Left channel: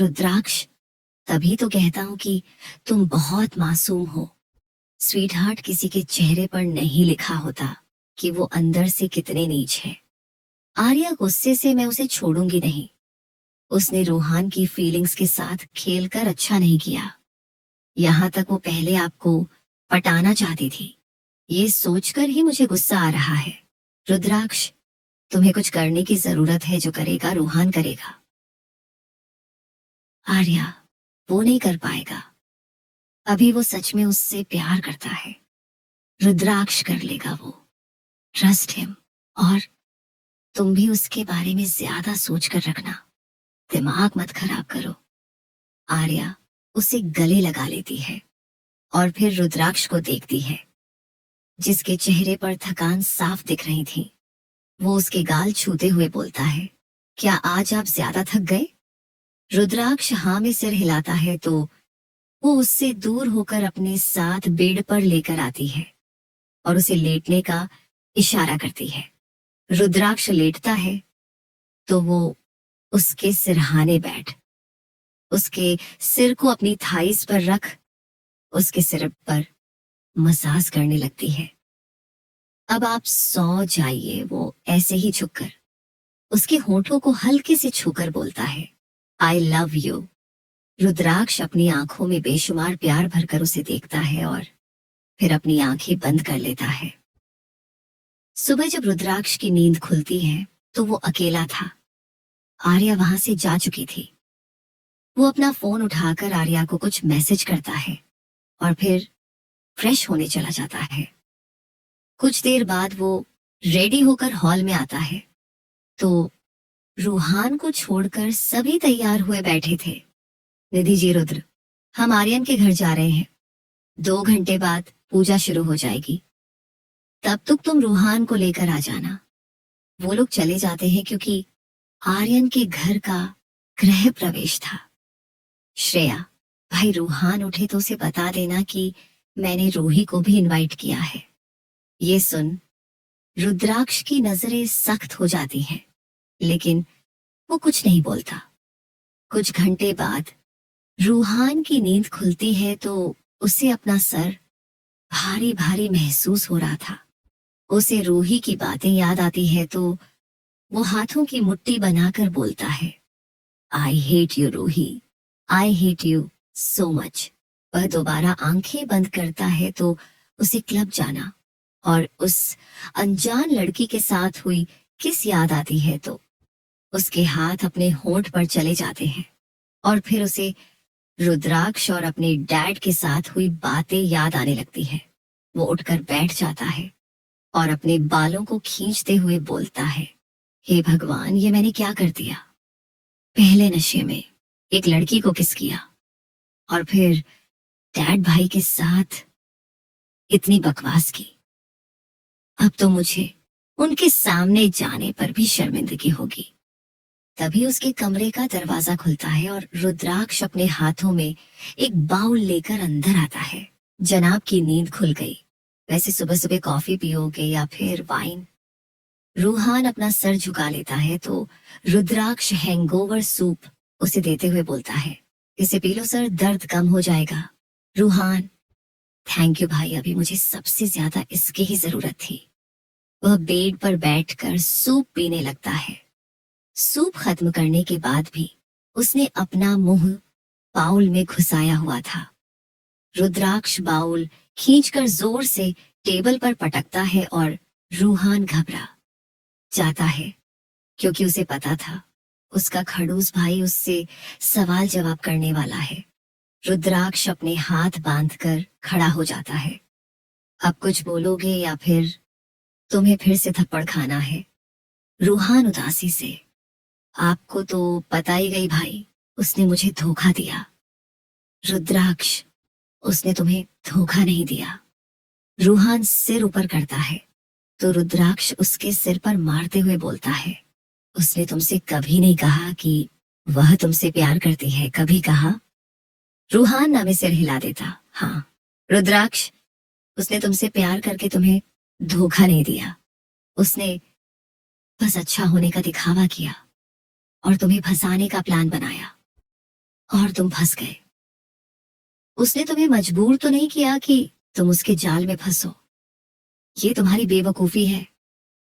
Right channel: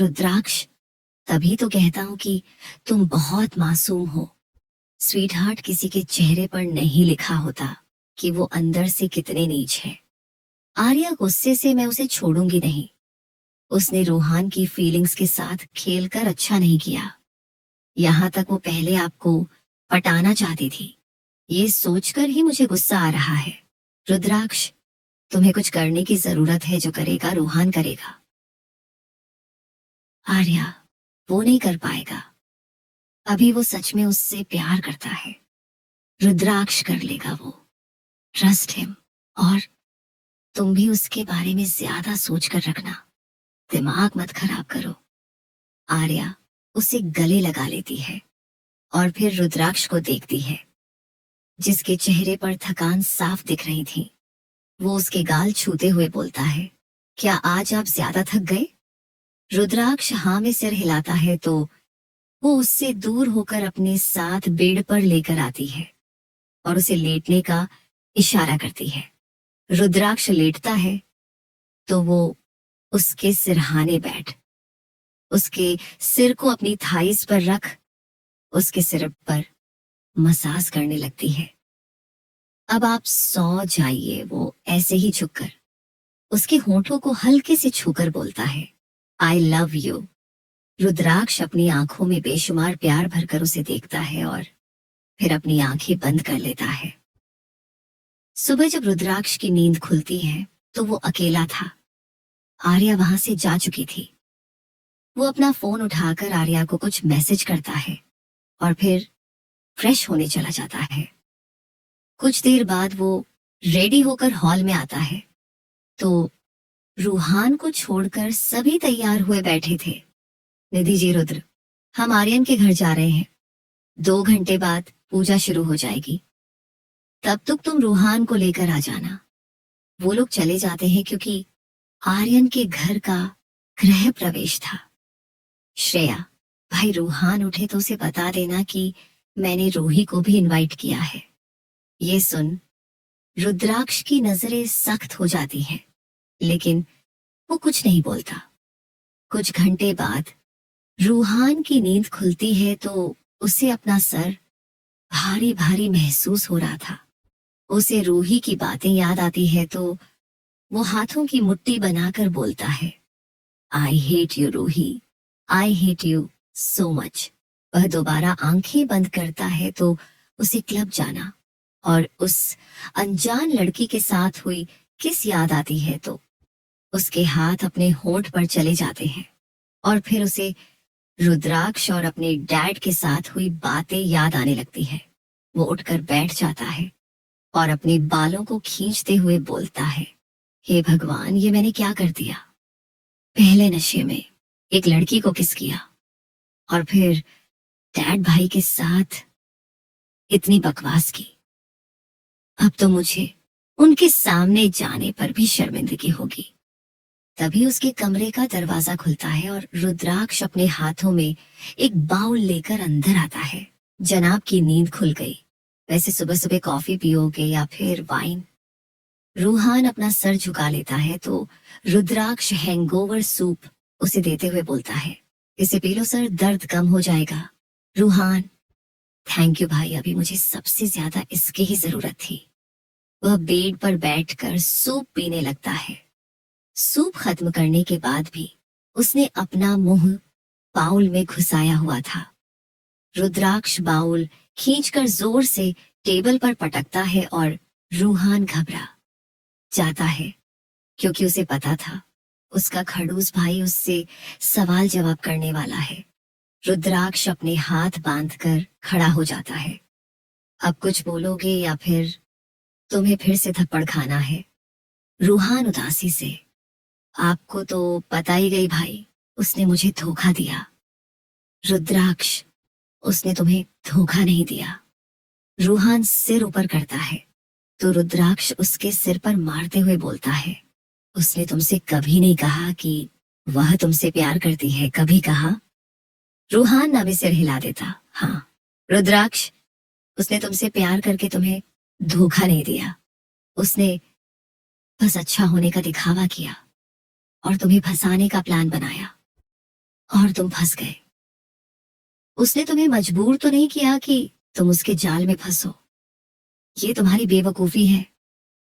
रुद्राक्ष, तभी तो कहता हूँ कि तुम बहुत मासूम हो। स्वीट हार्ट किसी के चेहरे पर नहीं लिखा होता कि वो अंदर से कितने नीच है। आर्या गुस्से से मैं उसे छोड़ूंगी नहीं। उसने रूहान की फीलिंग्स के साथ खेलकर अच्छा नहीं किया। यहाँ तक वो पहले आपको पटाना चाहती थी। ये सोचकर ही मुझे गुस्सा आ रहा है। रुद्राक्ष, तुम्हें कुछ करने की जरूरत है, जो करेगा रूहान करेगा। आर्या, वो नहीं कर पाएगा। अभी वो सच में उससे प्यार करता है। रुद्राक्ष कर लेगा वो। Trust him. और तुम भी उसके बारे में ज्यादा सोच कर रखना। दिमाग मत खराब करो। आर्या उसे गले लगा लेती है और फिर रुद्राक्ष को देखती है, जिसके चेहरे पर थकान साफ दिख रही थी। वो उसके गाल छूते हुए बोलता है, क्या आज आप ज्यादा थक गए? रुद्राक्ष हाँ में सिर हिलाता है तो वो उससे दूर होकर अपने साथ बेड पर लेकर आती है और उसे लेटने का इशारा करती है। रुद्राक्ष लेटता है तो वो उसके सिरहाने बैठ उसके सिर को अपनी थाइस पर रख उसके सिर पर मसाज करने लगती है। अब आप सो जाइए, वो ऐसे ही झुककर उसके होठों को हल्के से छूकर बोलता है, आई लव यू। रुद्राक्ष अपनी आंखों में बेशुमार प्यार भरकर उसे देखता है और फिर अपनी आंखें बंद कर लेता है। सुबह जब रुद्राक्ष की नींद खुलती है तो वो अकेला था। आर्या वहां से जा चुकी थी। वो अपना फोन उठाकर आर्या को कुछ मैसेज करता है और फिर फ्रेश होने चला जाता है। कुछ देर बाद वो रेडी होकर हॉल में आता है तो रूहान को छोड़कर सभी तैयार हुए बैठे थे। निधि जी, रुद्र, हम आर्यन के घर जा रहे हैं। 2 घंटे बाद पूजा शुरू हो जाएगी। तब तक तुम रूहान को लेकर आ जाना। वो लोग चले जाते हैं क्योंकि आर्यन के घर का गृह प्रवेश था। श्रेया, भाई रूहान उठे तो उसे बता देना कि मैंने रूही को भी इनवाइट किया है। ये सुन रुद्राक्ष की नजरें सख्त हो जाती हैं, लेकिन वो कुछ नहीं बोलता। कुछ घंटे बाद रूहान की नींद खुलती है तो उसे अपना सर भारी भारी महसूस हो रहा था। उसे रूही की बातें याद आती है तो वो हाथों की मुट्ठी बनाकर बोलता है, I hate you Roohi, I hate you so much. वह दोबारा आंखें बंद करता है तो उसे क्लब जाना और उस अनजान लड़की के साथ हुई किस याद आती है तो उसके हाथ अपने होंठ पर चले जाते हैं और फिर उसे रुद्राक्ष और अपने डैड के साथ हुई बातें याद आने लगती है। वो उठकर बैठ जाता है और अपने बालों को खींचते हुए बोलता है, हे भगवान, ये मैंने क्या कर दिया? पहले नशे में एक लड़की को किस किया और फिर डैड भाई के साथ इतनी बकवास की। अब तो मुझे उनके सामने जाने पर भी शर्मिंदगी होगी। तभी उसके कमरे का दरवाजा खुलता है और रुद्राक्ष अपने हाथों में एक बाउल लेकर अंदर आता है। जनाब की नींद खुल गई। वैसे सुबह सुबह कॉफी पियोगे या फिर वाइन? रूहान अपना सर झुका लेता है तो रुद्राक्ष हैंगओवर सूप उसे देते हुए बोलता है, इसे पी लो सर, दर्द कम हो जाएगा। रूहान, थैंक यू भाई, अभी मुझे सबसे ज्यादा इसकी ही जरूरत थी। वह बेड पर बैठकर सूप पीने लगता है। सूप खत्म करने के बाद भी उसने अपना मुंह बाउल में घुसाया हुआ था। रुद्राक्ष बाउल खींचकर जोर से टेबल पर पटकता है और रूहान घबरा जाता है क्योंकि उसे पता था उसका खड़ूस भाई उससे सवाल जवाब करने वाला है। रुद्राक्ष अपने हाथ बांधकर खड़ा हो जाता है। अब कुछ बोलोगे या फिर तुम्हें फिर से थप्पड़ खाना है? रूहान उदासी से, आपको तो पता ही गई भाई, उसने मुझे धोखा दिया। रुद्राक्ष, उसने तुम्हें धोखा नहीं दिया। रूहान सिर ऊपर करता है तो रुद्राक्ष उसके सिर पर मारते हुए बोलता है, उसने तुमसे कभी नहीं कहा कि वह तुमसे प्यार करती है, कभी कहा? रूहान नामे सिर हिला देता, हाँ रुद्राक्ष, उसने तुमसे प्यार करके तुम्हें धोखा नहीं दिया। उसने बस अच्छा होने का दिखावा किया और तुम्हें फंसाने का प्लान बनाया। और तुम फंस गए। उसने तुम्हें मजबूर तो नहीं किया कि तुम उसके जाल में फंसो। ये तुम्हारी बेवकूफी है।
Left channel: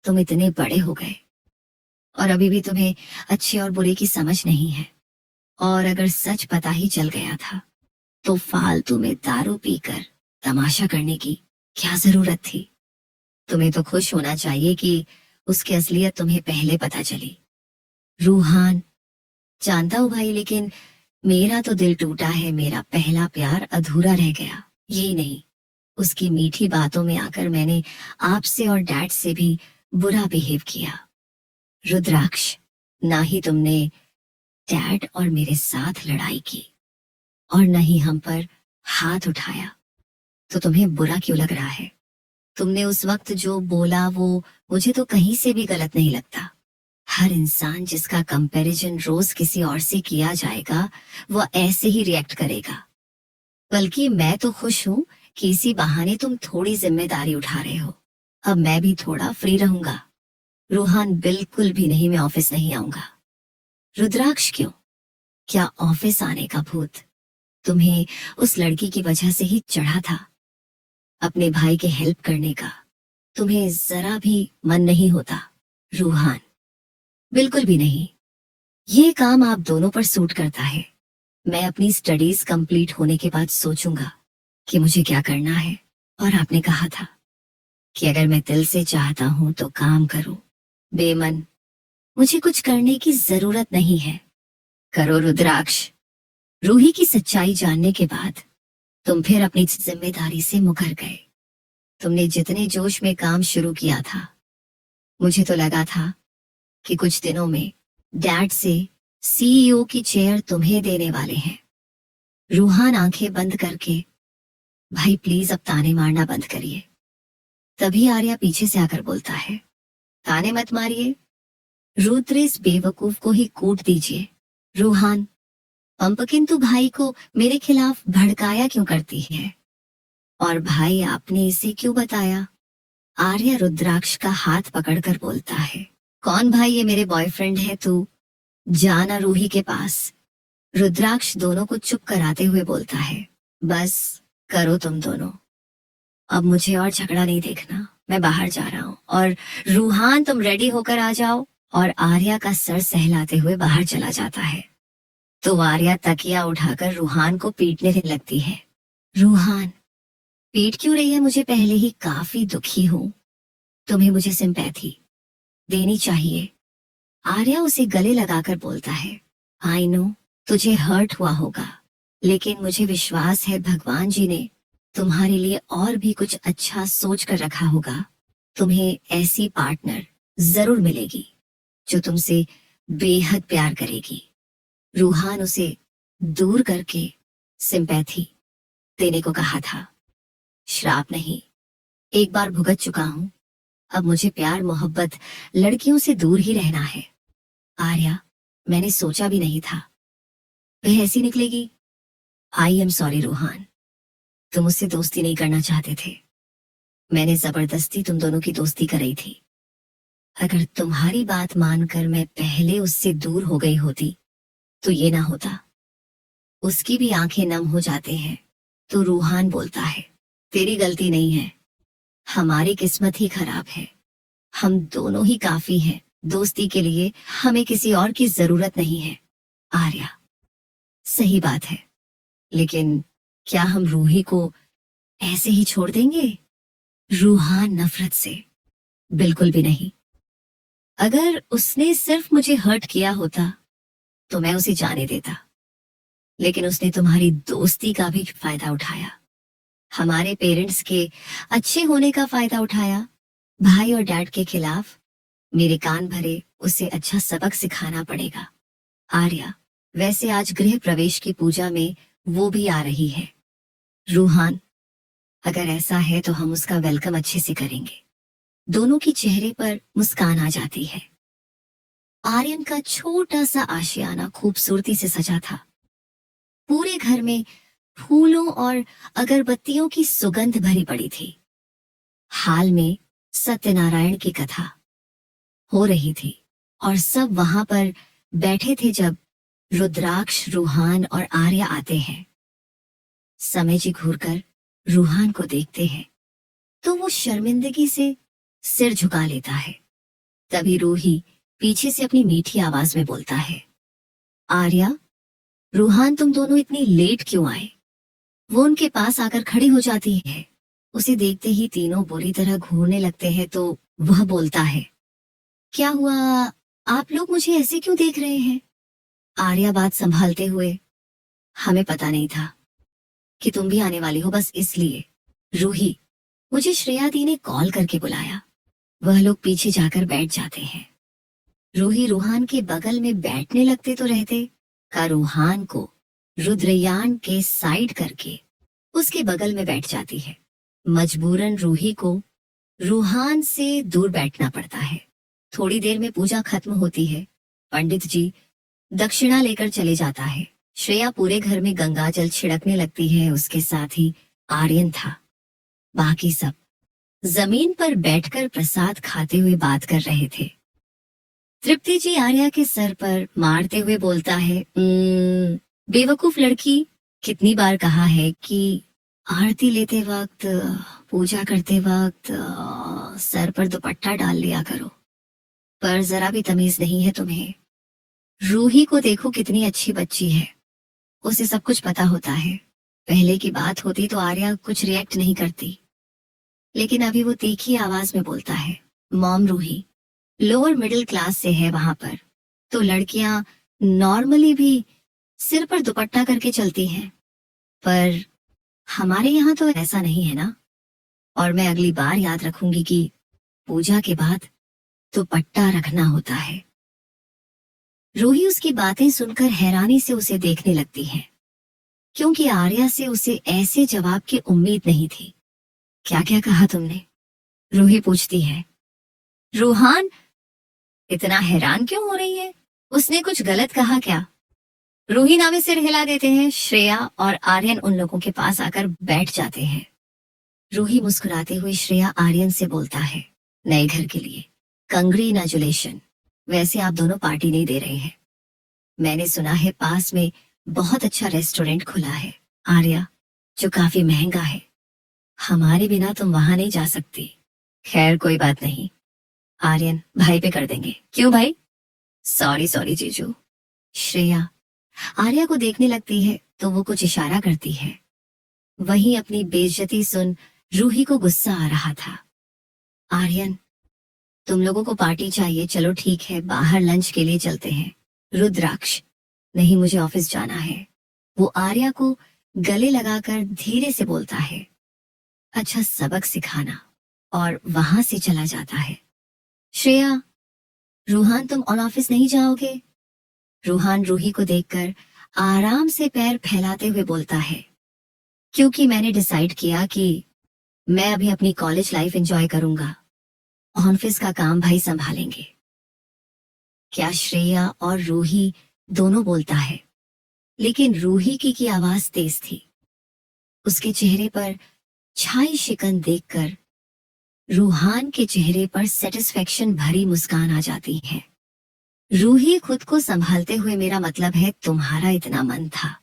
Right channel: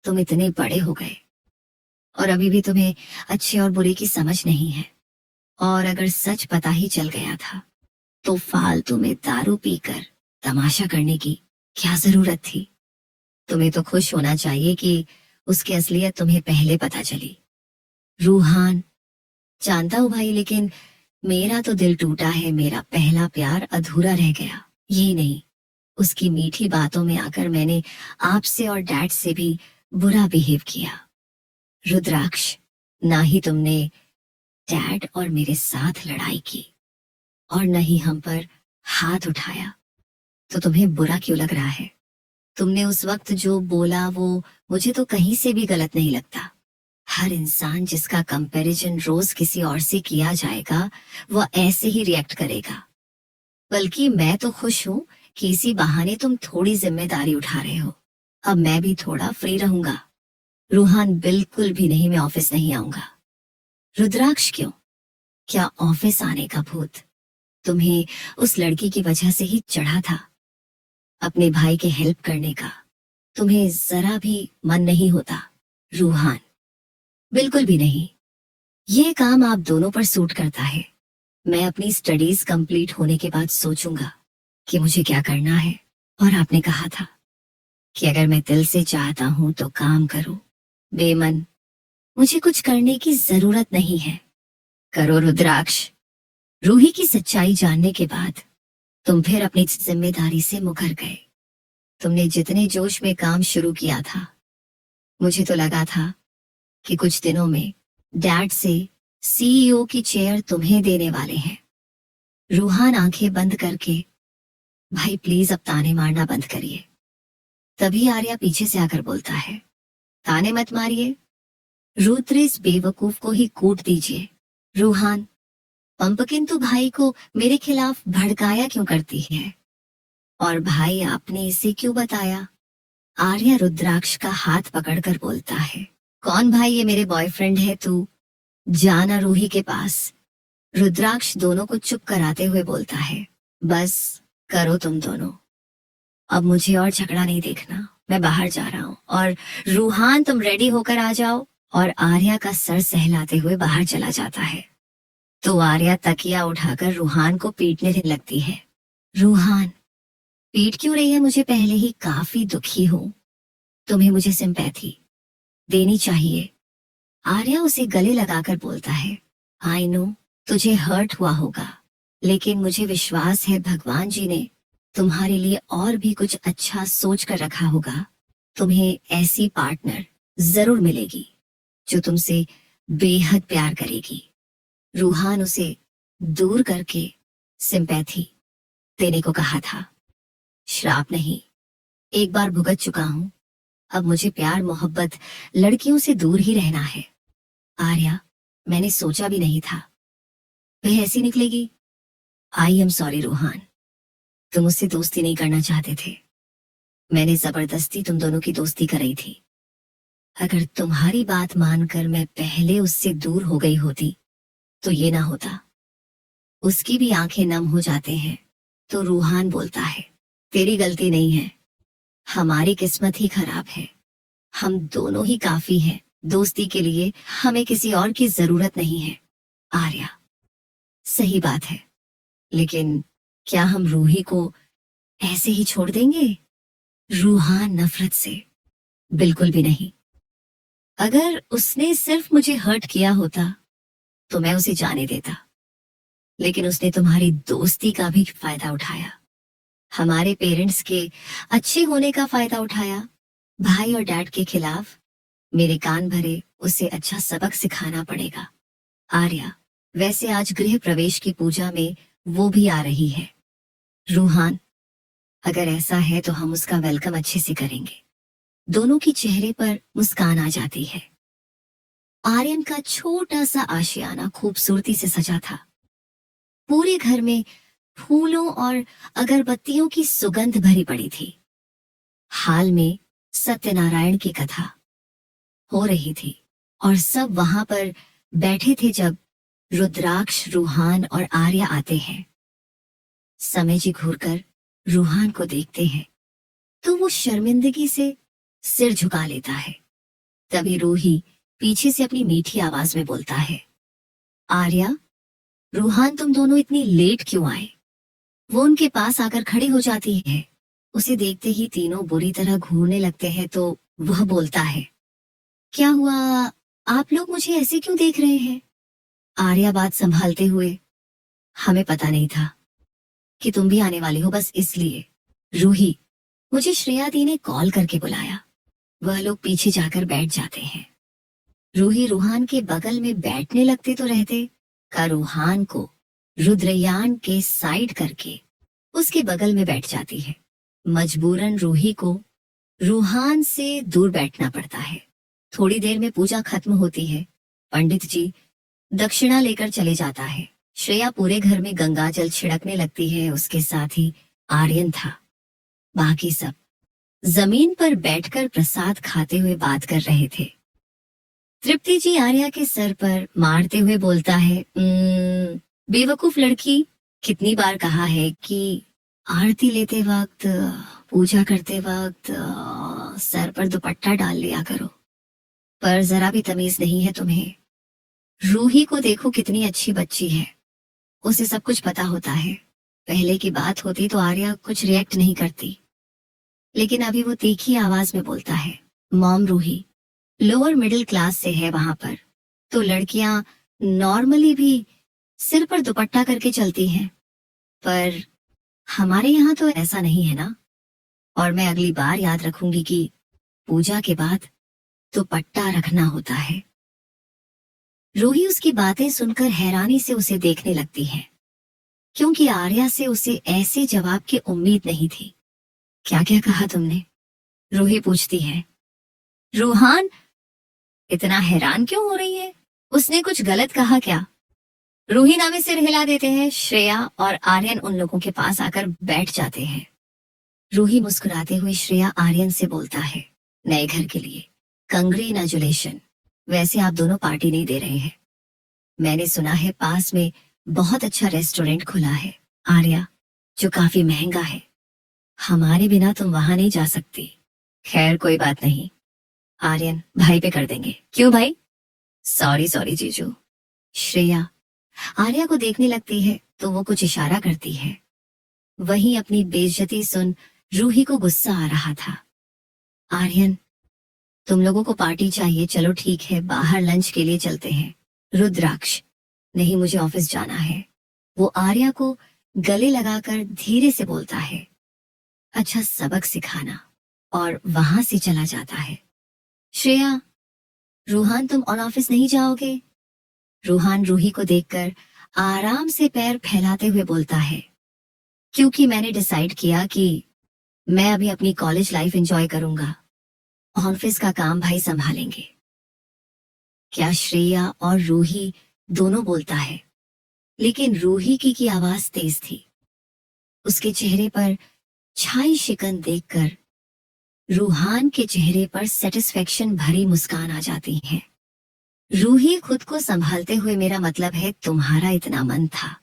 तुम इतने बड़े हो गए और अभी भी तुम्हें अच्छे और बुरे की समझ नहीं है। और अगर सच पता ही चल गया था तो फालतू में दारू पीकर तमाशा करने की क्या जरूरत थी। तुम्हें तो खुश होना चाहिए कि उसकी असलियत तुम्हें पहले पता चली। रूहान, जानता हूं भाई, लेकिन मेरा तो दिल टूटा है। मेरा पहला प्यार अधूरा रह गया। ये नहीं, उसकी मीठी बातों में आकर मैंने आपसे और डैड से भी बुरा बिहेव किया। रुद्राक्ष, ना ही तुमने डैड और मेरे साथ लड़ाई की और न ही हम पर हाथ उठाया, तो तुम्हें बुरा क्यों लग रहा है? तुमने उस वक्त जो बोला वो मुझे तो कहीं से भी गलत नहीं लगता। हर इंसान जिसका कंपैरिजन रोज किसी और से किया जाएगा वो ऐसे ही रिएक्ट करेगा। बल्कि मैं तो खुश हूं कि इसी बहाने तुम थोड़ी जिम्मेदारी उठा रहे हो। अब मैं भी थोड़ा फ्री रहूंगा। रूहान, बिल्कुल भी नहीं, मैं ऑफिस नहीं आऊंगा। रुद्राक्ष, क्यों? क्या ऑफिस आने का भूत तुम्हें उस लड़की की वजह से ही चढ़ा था? अपने भाई के हेल्प करने का तुम्हें जरा भी मन नहीं होता? रूहान, बिल्कुल भी नहीं। ये काम आप दोनों पर सूट करता है। मैं अपनी स्टडीज कंप्लीट होने के बाद सोचूंगा कि मुझे क्या करना है। और आपने कहा था कि अगर मैं दिल से चाहता हूं तो काम करूं। बेमन, मुझे कुछ करने की जरूरत नहीं है। करो रुद्राक्ष। रूही की सच्चाई जानने के बाद तुम फिर अपनी जिम्मेदारी से मुकर गए। तुमने जितने जोश में काम शुरू किया था, मुझे तो लगा था कि कुछ दिनों में डैड से सीईओ की चेयर तुम्हें देने वाले हैं। रूहान आंखें बंद करके, भाई प्लीज अब ताने मारना बंद करिए। तभी आर्या पीछे से आकर बोलता है, ताने मत मारिए, रुद्र इस बेवकूफ को ही कूट दीजिए। रूहान, पंपकिन तो भाई को मेरे खिलाफ भड़काया क्यों करती है? और भाई आपने इसे क्यों बताया? आर्या रुद्राक्ष का हाथ पकड़कर बोलता है, कौन भाई? ये मेरे बॉयफ्रेंड है, तू जाना रूही के पास। रुद्राक्ष दोनों को चुप कराते हुए बोलता है, बस करो तुम दोनों, अब मुझे और झगड़ा नहीं देखना। मैं बाहर जा रहा हूँ। और रूहान, तुम रेडी होकर आ जाओ। और आर्या का सर सहलाते हुए बाहर चला जाता है तो आर्या तकिया उठाकर रूहान को पीटने लगती है। रूहान, पीट क्यों रही है मुझे? पहले ही काफी दुखी हूँ। तुम्हें मुझे सिंपैथी देनी चाहिए। आर्या उसे गले लगाकर बोलता है, आई नो तुझे हर्ट हुआ होगा, लेकिन मुझे विश्वास है भगवान जी ने तुम्हारे लिए और भी कुछ अच्छा सोच कर रखा होगा। तुम्हें ऐसी पार्टनर जरूर मिलेगी जो तुमसे बेहद प्यार करेगी। रूहान उसे दूर करके सिंपैथी देने को कहा था। श्राप नहीं, एक बार भुगत चुका हूं। अब मुझे प्यार मोहब्बत लड़कियों से दूर ही रहना है। आर्या, मैंने सोचा भी नहीं था वह ऐसी निकलेगी। आई एम सॉरी रूहान, तुम मुझसे दोस्ती नहीं करना चाहते थे। मैंने जबरदस्ती तुम दोनों की दोस्ती कराई थी। अगर तुम्हारी बात मानकर मैं पहले उससे दूर हो गई होती तो ये ना होता। उसकी भी आंखें नम हो जाते हैं तो रूहान बोलता है, तेरी गलती नहीं है, हमारी किस्मत ही खराब है। हम दोनों ही काफी हैं दोस्ती के लिए, हमें किसी और की जरूरत नहीं है। आर्या, सही बात है, लेकिन क्या हम रूही को ऐसे ही छोड़ देंगे? रूहान नफरत से, बिल्कुल भी नहीं। अगर उसने सिर्फ मुझे हर्ट किया होता तो मैं उसे जाने देता, लेकिन उसने तुम्हारी दोस्ती का भी फायदा उठाया, हमारे पेरेंट्स के अच्छे होने का फायदा उठाया। भाई और डैड के खिलाफ मेरे कान भरे, उसे अच्छा सबक सिखाना पड़ेगा। आर्या, वैसे आज गृह प्रवेश की पूजा में वो भी आ रही है। रूहान, अगर ऐसा है तो हम उसका वेलकम अच्छे से करेंगे। दोनों के चेहरे पर मुस्कान आ जाती है। आर्यन का छोटा सा आशियाना खूबसूरती से सजा था। पूरे घर में फूलों और अगरबत्तियों की सुगंध भरी पड़ी थी। हाल में सत्यनारायण की कथा हो रही थी और सब वहां पर बैठे थे जब रुद्राक्ष, रूहान और आर्या आते हैं। समय जी घूरकर रूहान को देखते हैं तो वो शर्मिंदगी से सिर झुका लेता है। तभी रूही पीछे से अपनी मीठी आवाज में बोलता है, आर्या, रूहान, तुम दोनों इतनी लेट क्यों आए? वो उनके पास आकर खड़ी हो जाती है। उसे देखते ही तीनों बुरी तरह घूरने लगते हैं तो वह बोलता है, क्या हुआ? आप लोग मुझे ऐसे क्यों देख रहे हैं? आर्या बात संभालते हुए, हमें पता नहीं था कि तुम भी आने वाली हो, बस इसलिए। रूही, मुझे श्रेया दी ने कॉल करके बुलाया। वह लोग पीछे जाकर बैठ जाते हैं। रूही रूहान के बगल में बैठने लगते तो रहते, का रूहान को रुद्रयान के साइड करके उसके बगल में बैठ जाती है। मजबूरन रूही को रूहान से दूर बैठना पड़ता है। थोड़ी देर में पूजा खत्म होती है। पंडित जी दक्षिणा लेकर चले जाता है। श्रेया पूरे घर में गंगा जल छिड़कने लगती है। उसके साथ ही आर्यन था। बाकी सब जमीन पर बैठकर प्रसाद खाते हुए बात कर रहे थे। तृप्ति जी आर्या के सर पर मारते हुए बोलता है, बेवकूफ लड़की, कितनी बार कहा है कि आरती लेते वक्त, पूजा करते वक्त सर पर दुपट्टा डाल लिया करो, पर जरा भी तमीज नहीं है तुम्हें। रूही को देखो, कितनी अच्छी बच्ची है, उसे सब कुछ पता होता है। पहले की बात होती तो आर्या कुछ रिएक्ट नहीं करती, लेकिन अभी वो तीखी आवाज में बोलता है, mom, Roohi lower middle class से है वहां पर, तो लड़कियां नॉर्मली भी सिर पर दुपट्टा करके चलती हैं, पर हमारे यहाँ तो ऐसा नहीं है ना। और मैं अगली बार याद रखूंगी कि पूजा के बाद दुपट्टा रखना होता है। रूही उसकी बातें सुनकर हैरानी से उसे देखने लगती है, क्योंकि आर्या से उसे ऐसे जवाब की उम्मीद नहीं थी। क्या क्या कहा तुमने? रूही पूछती है। रूहान इतना हैरान क्यों हो रही है? उसने कुछ गलत कहा क्या? रूही नावे सिर हिला देते हैं। श्रेया और आर्यन उन लोगों के पास आकर बैठ जाते हैं। रूही मुस्कुराते हुए श्रेया आर्यन से बोलता है, नए घर के लिए कंग्रेचुलेशन। वैसे आप दोनों पार्टी नहीं दे रहे हैं। मैंने सुना है पास में बहुत अच्छा रेस्टोरेंट खुला है, आर्या, जो काफी महंगा है। हमारे बिना तुम वहां नहीं जा सकती। खैर कोई बात नहीं, आर्यन भाई पे कर देंगे। क्यों भाई? सॉरी सॉरी जीजू। श्रेया आर्या को देखने लगती है तो वो कुछ इशारा करती है। वहीं अपनी बेइज्जती सुन रूही को गुस्सा आ रहा था। आर्यन, तुम लोगों को पार्टी चाहिए, चलो ठीक है, बाहर लंच के लिए चलते हैं। रुद्राक्ष, नहीं, मुझे ऑफिस जाना है। वो आर्या को गले लगाकर धीरे से बोलता है, अच्छा सबक सिखाना, और वहां से चला जाता है। श्रेया, रूहान तुम और ऑफिस नहीं जाओगे? रूहान रूही को देखकर आराम से पैर फैलाते हुए बोलता है, क्योंकि मैंने डिसाइड किया कि मैं अभी अपनी कॉलेज लाइफ एंजॉय करूंगा, ऑफिस का काम भाई संभालेंगे। क्या श्रेया और रूही दोनों बोलता है, लेकिन रूही की आवाज तेज थी। उसके चेहरे पर छाई शिकन देखकर रूहान के चेहरे पर सेटिस्फेक्शन भरी मुस्कान आ जाती है। रूही खुद को संभालते हुए, मेरा मतलब है तुम्हारा इतना मन था।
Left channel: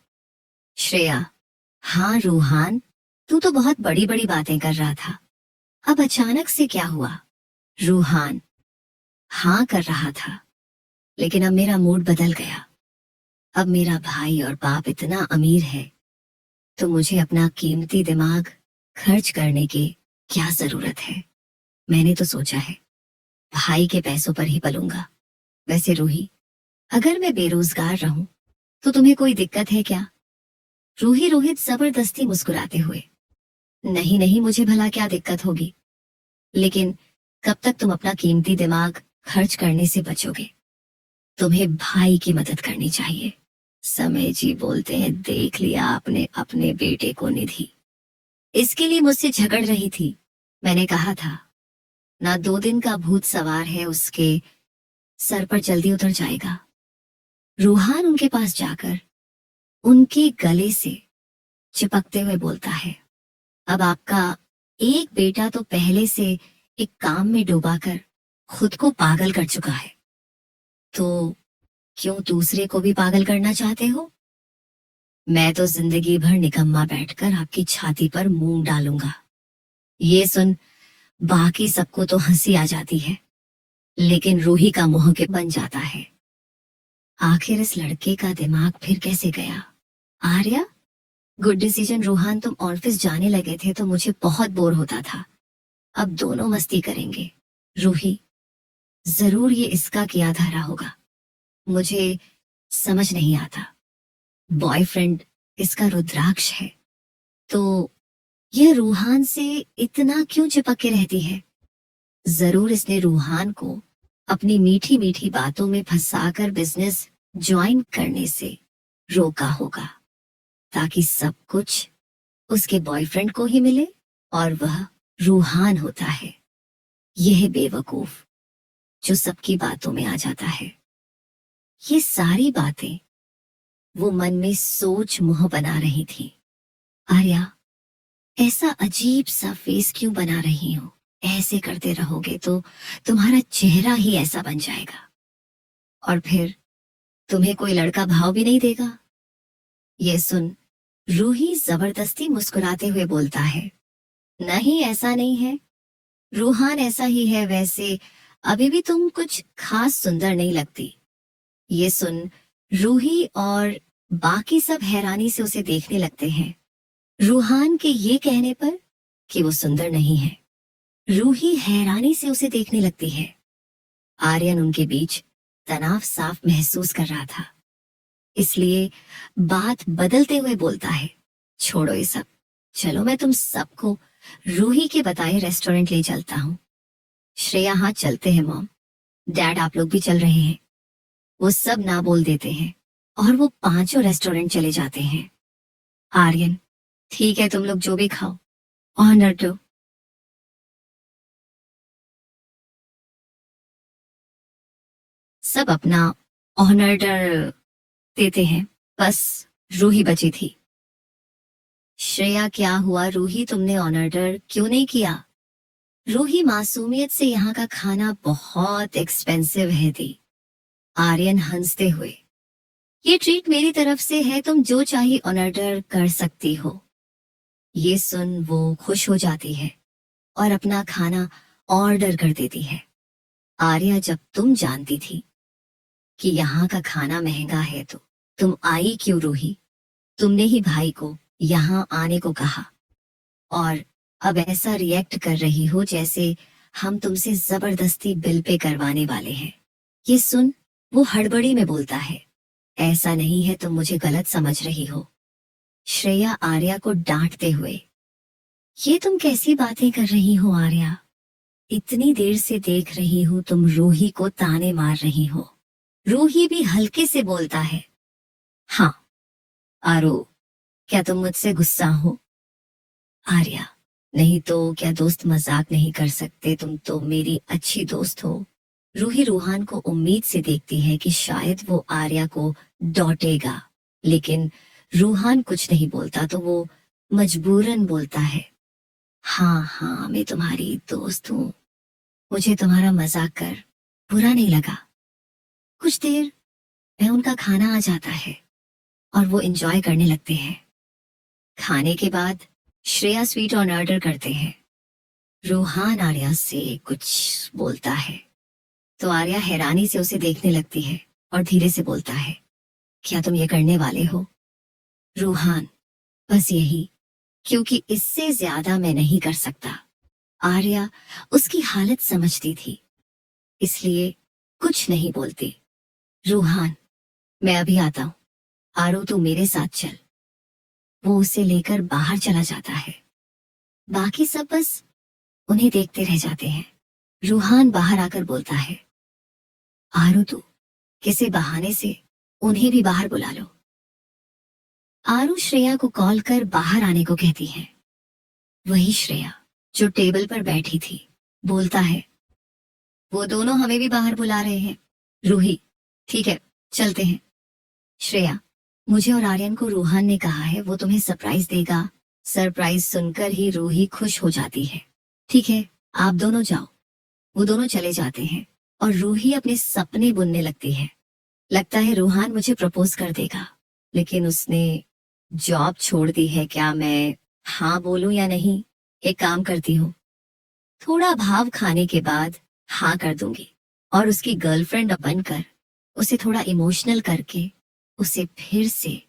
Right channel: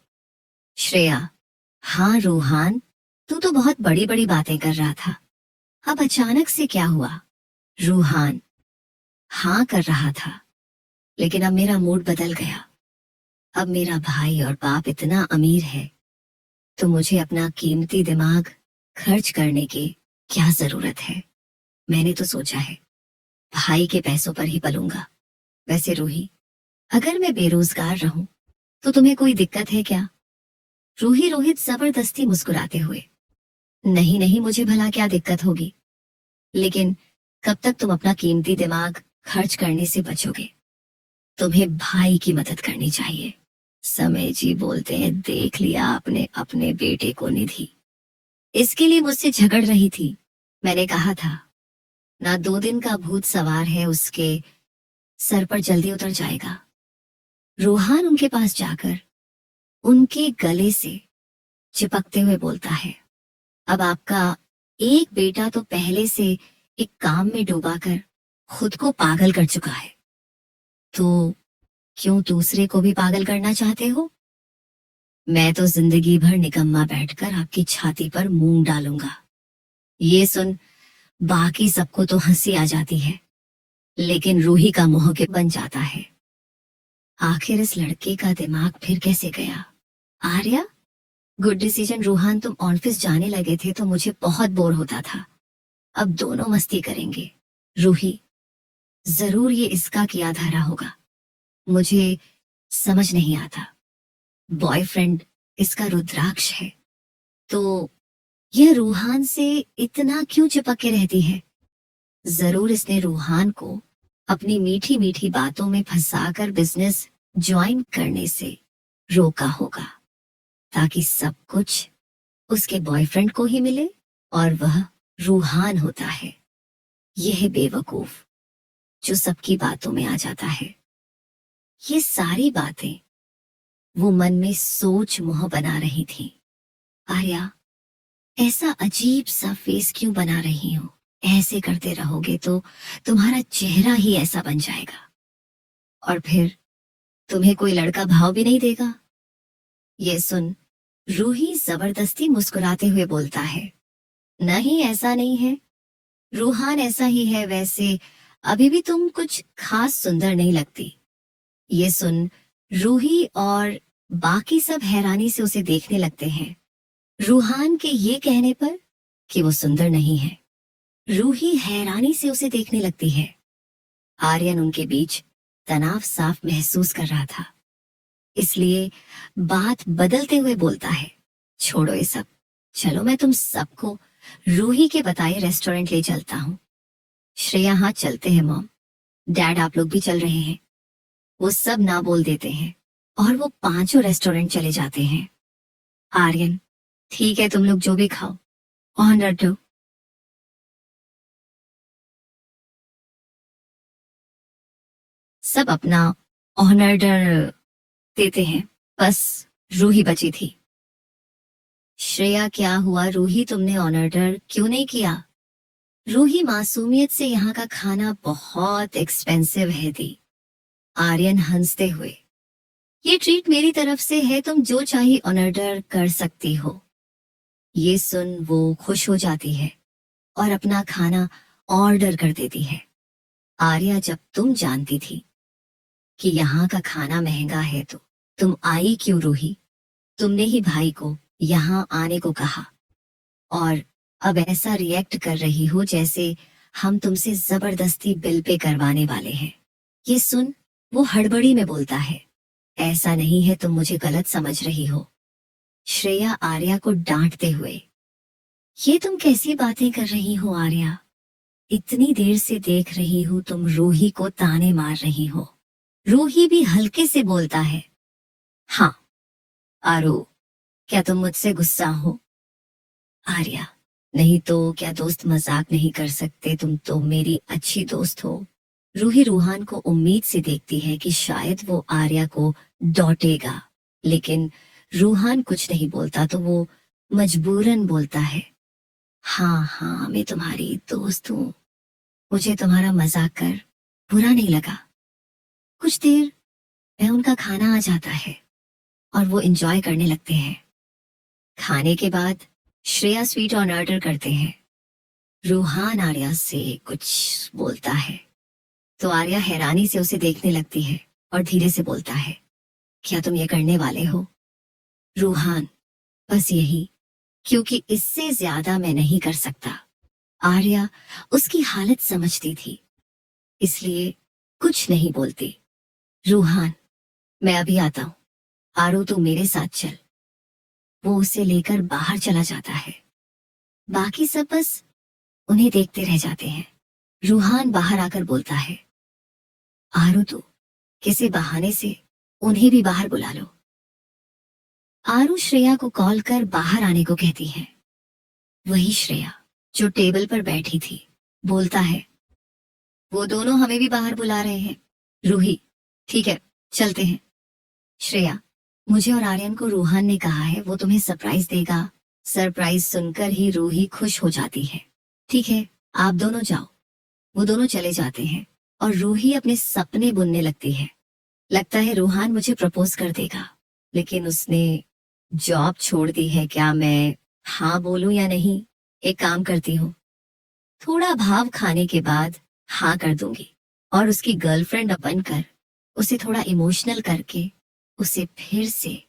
श्रेया, हाँ रूहान, तू तो बहुत बड़ी बड़ी बातें कर रहा था, अब अचानक से क्या हुआ? रूहान, हाँ कर रहा था, लेकिन अब मेरा मूड बदल गया। अब मेरा भाई और बाप इतना अमीर है तो मुझे अपना कीमती दिमाग खर्च करने की क्या जरूरत है। मैंने तो सोचा है भाई के पैसों पर ही पलूंगा। वैसे रूही, अगर मैं बेरोजगार रहूं तो तुम्हें कोई दिक्कत है क्या? रूही रोहित जबरदस्ती मुस्कुराते हुए, नहीं नहीं, मुझे भला क्या दिक्कत होगी, लेकिन कब तक तुम अपना कीमती दिमाग खर्च करने से बचोगे? तुम्हें भाई की मदद करनी चाहिए। समय जी बोलते हैं, देख लिया आपने अपने बेटे को निधि इसके लिए मुझसे झगड़ रही थी। मैंने कहा था ना, 2 दिन का भूत सवार है, उसके सर पर जल्दी उतर जाएगा। रूहान उनके पास जाकर उनके गले से चिपकते हुए बोलता है, अब आपका एक बेटा तो पहले से एक काम में डूबाकर खुद को पागल कर चुका है, तो क्यों दूसरे को भी पागल करना चाहते हो? मैं तो जिंदगी भर निकम्मा बैठकर आपकी छाती पर मूंग डालूंगा। ये सुन बाकी सबको तो हंसी आ जाती है, लेकिन रूही का मुंह के बन जाता है। आखिर इस लड़के का दिमाग फिर कैसे गया? Arya, good decision. रोहान, तुम ऑफिस जाने लगे थे तो मुझे बहुत बोर होता था। अब दोनों मस्ती करेंगे। रूही, जरूर ये इसका किया धरा होगा। मुझे समझ नहीं आता। बॉयफ्रेंड इसका रुद्राक्ष है, तो यह रूहान से इतना क्यों चिपक के रहती है? जरूर इसने रूहान को अपनी मीठी मीठी बातों में फंसाकर बिजनेस ज्वाइन करने से रोका होगा, ताकि सब कुछ उसके बॉयफ्रेंड को ही मिले और वह रूहान होता है। यह बेवकूफ जो सबकी बातों में आ जाता है। ये सारी बातें वो मन में सोच मुंह बना रही थी। आर्या, ऐसा अजीब सा फेस क्यों बना रही हो? ऐसे करते रहोगे तो तुम्हारा चेहरा ही ऐसा बन जाएगा, और फिर तुम्हें कोई लड़का भाव भी नहीं देगा। ये सुन रूही जबरदस्ती मुस्कुराते हुए बोलता है, नहीं ऐसा नहीं है, रूहान ऐसा ही है। वैसे अभी भी तुम कुछ खास सुंदर नहीं लगती। ये सुन रूही और बाकी सब हैरानी से उसे देखने लगते हैं, रूहान के ये कहने पर कि वो सुंदर नहीं है। रूही हैरानी से उसे देखने लगती है। आर्यन उनके बीच तनाव साफ महसूस कर रहा था, इसलिए बात बदलते हुए बोलता है, छोड़ो ये सब, चलो मैं तुम सबको रूही के बताए रेस्टोरेंट ले चलता हूँ। श्रेया, हाँ चलते हैं मॉम। डैड, आप लोग भी चल रहे हैं? वो सब ना बोल देते हैं और वो पांचों रेस्टोरेंट चले जाते हैं। आर्यन, ठीक है तुम लोग जो भी खाओ, ऑनर दो। सब अपना ऑनर देते हैं, बस रूही बची थी। श्रेया, क्या हुआ रूही, तुमने ऑनर क्यों नहीं किया? रूही मासूमियत से, यहाँ का खाना बहुत एक्सपेंसिव है दी। आर्यन हंसते हुए, ये ट्रीट मेरी तरफ से है, तुम जो चाहिए ऑनर कर सकती हो। ये सुन वो खुश हो जाती है और अपना खाना ऑर्डर कर देती है। आर्या, जब तुम जानती थी कि यहाँ का खाना महंगा है तो तुम आई क्यों रूही? तुमने ही भाई को यहाँ आने को कहा, और अब ऐसा रिएक्ट कर रही हो जैसे हम तुमसे जबरदस्ती बिल पे करवाने वाले हैं। ये सुन वो हड़बड़ी में बोलता है, ऐसा नहीं है, तुम मुझे गलत समझ रही हो। श्रेया आर्या को डांटते हुए, ये तुम कैसी बातें कर रही हो आर्या? इतनी देर से देख रही हूँ तुम रूही को ताने मार रही हो। रूही भी हल्के से बोलता है, हाँ आरो, क्या तुम मुझसे गुस्सा हो? आर्या, नहीं तो क्या दोस्त मजाक नहीं कर सकते, तुम तो मेरी अच्छी दोस्त हो। रूही रूहान को उम्मीद से देखती है कि शायद वो आर्या को डांटेगा, लेकिन रूहान कुछ नहीं बोलता तो वो मजबूरन बोलता है, हाँ हाँ मैं तुम्हारी दोस्त हूँ, मुझे तुम्हारा मजाक कर बुरा नहीं लगा। कुछ देर में उनका खाना आ जाता है और वो एंजॉय करने लगते हैं। खाने के बाद श्रेया स्वीट ऑर्डर करते हैं। रूहान आर्या से कुछ बोलता है तो आर्या हैरानी से उसे देखने लगती है और धीरे से बोलता है, क्या तुम ये करने वाले हो? रूहान, बस यही, क्योंकि इससे ज्यादा मैं नहीं कर सकता। आर्या उसकी हालत समझती थी, इसलिए कुछ नहीं बोलती। रूहान, मैं अभी आता हूँ, आरू तू मेरे साथ चल। वो उसे लेकर बाहर चला जाता है। बाकी सब बस उन्हें देखते रह जाते हैं। रूहान बाहर आकर बोलता है, आरू तू किसी बहाने से उन्हें भी बाहर बुला लो। आरू श्रेया को कॉल कर बाहर आने को कहती है। वही श्रेया जो टेबल पर बैठी थी बोलता है, वो दोनों हमें भी बाहर बुला रहे हैं। रूही, ठीक है चलते हैं। श्रेया, मुझे और आर्यन को रूहान ने कहा है वो तुम्हें सरप्राइज देगा। सरप्राइज सुनकर ही रूही खुश हो जाती है। ठीक है आप दोनों जाओ। वो दोनों चले जाते हैं और रूही अपने सपने बुनने लगती है। लगता है रूहान मुझे प्रपोज कर देगा, लेकिन उसने जॉब छोड़ दी है। क्या मैं हाँ बोलूं या नहीं? एक काम करती हूँ, थोड़ा भाव खाने के बाद हाँ कर दूंगी और उसकी गर्लफ्रेंड बनकर उसे थोड़ा इमोशनल करके उसे फिर से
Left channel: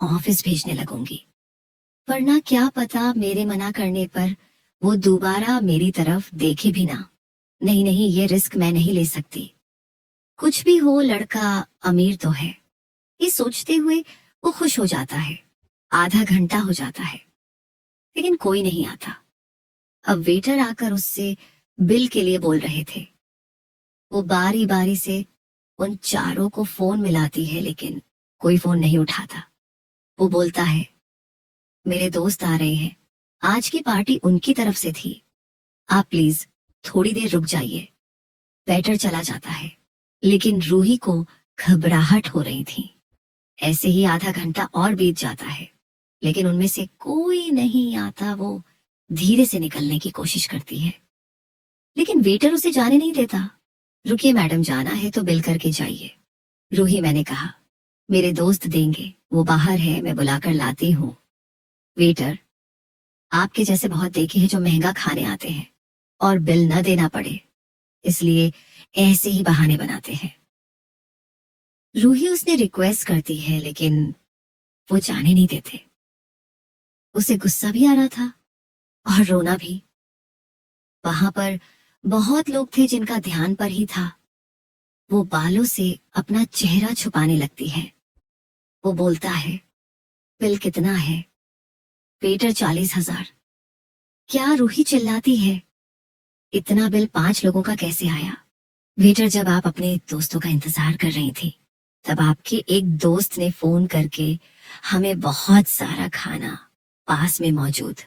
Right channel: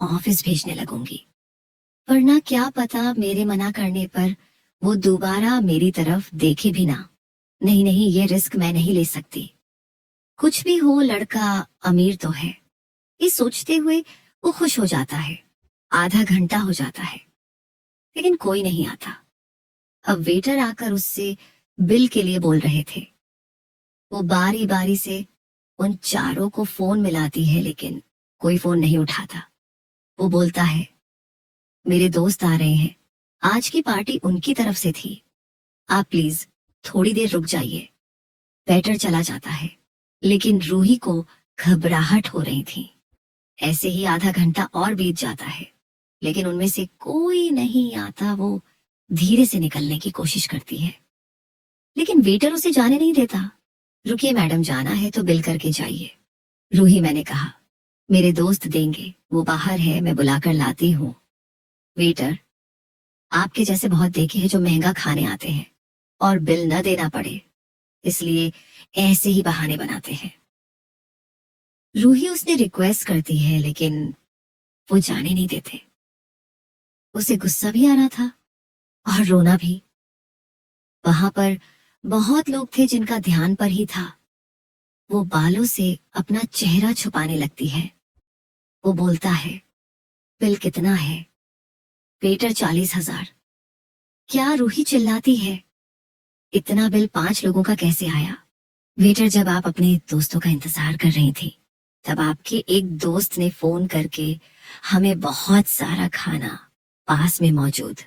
ऑफिस भेजने लगूंगी। वरना क्या पता मेरे मना करने पर वो दोबारा मेरी तरफ देखे भी ना। नहीं नहीं, ये रिस्क मैं नहीं ले सकती। कुछ भी हो, लड़का अमीर तो है, ये सोचते हुए वो खुश हो जाता है। आधा घंटा हो जाता है, लेकिन कोई नहीं आता। अब वेटर आकर उससे बिल के लिए बोल रहे थे। वो बारी बारी से उन चारों को फोन मिलाती है, लेकिन कोई फोन नहीं उठाता। वो बोलता है, मेरे दोस्त आ रहे हैं, आज की पार्टी उनकी तरफ से थी, आप प्लीज थोड़ी देर रुक जाइए। वेटर चला जाता है, लेकिन रूही को घबराहट हो रही थी। ऐसे ही आधा घंटा और बीत जाता है, लेकिन उनमें से कोई नहीं आता। वो धीरे से निकलने की कोशिश करती है, लेकिन वेटर उसे जाने नहीं देता। रुकिए मैडम, जाना है तो बिल करके जाइए। रूही, मैंने कहा मेरे दोस्त देंगे, वो बाहर है, मैं बुलाकर लाती हूँ। वेटर, आपके जैसे बहुत देखे हैं जो महंगा खाने आते हैं और बिल न देना पड़े, इसलिए ऐसे ही बहाने बनाते हैं। रूही उसने रिक्वेस्ट करती है, लेकिन वो जाने नहीं देते। उसे गुस्सा भी आ रहा था और रोना भी। वहां पर बहुत लोग थे जिनका ध्यान पर ही था। वो बालों से अपना चेहरा छुपाने लगती है। वो बोलता है, बिल कितना है? वेटर, 40,000। क्या? रूही चिल्लाती है, इतना बिल 5 लोगों का कैसे आया? वेटर, जब आप अपने दोस्तों का इंतजार कर रही थी, तब आपके एक दोस्त ने फोन करके हमें बहुत सारा खाना पास में मौजूद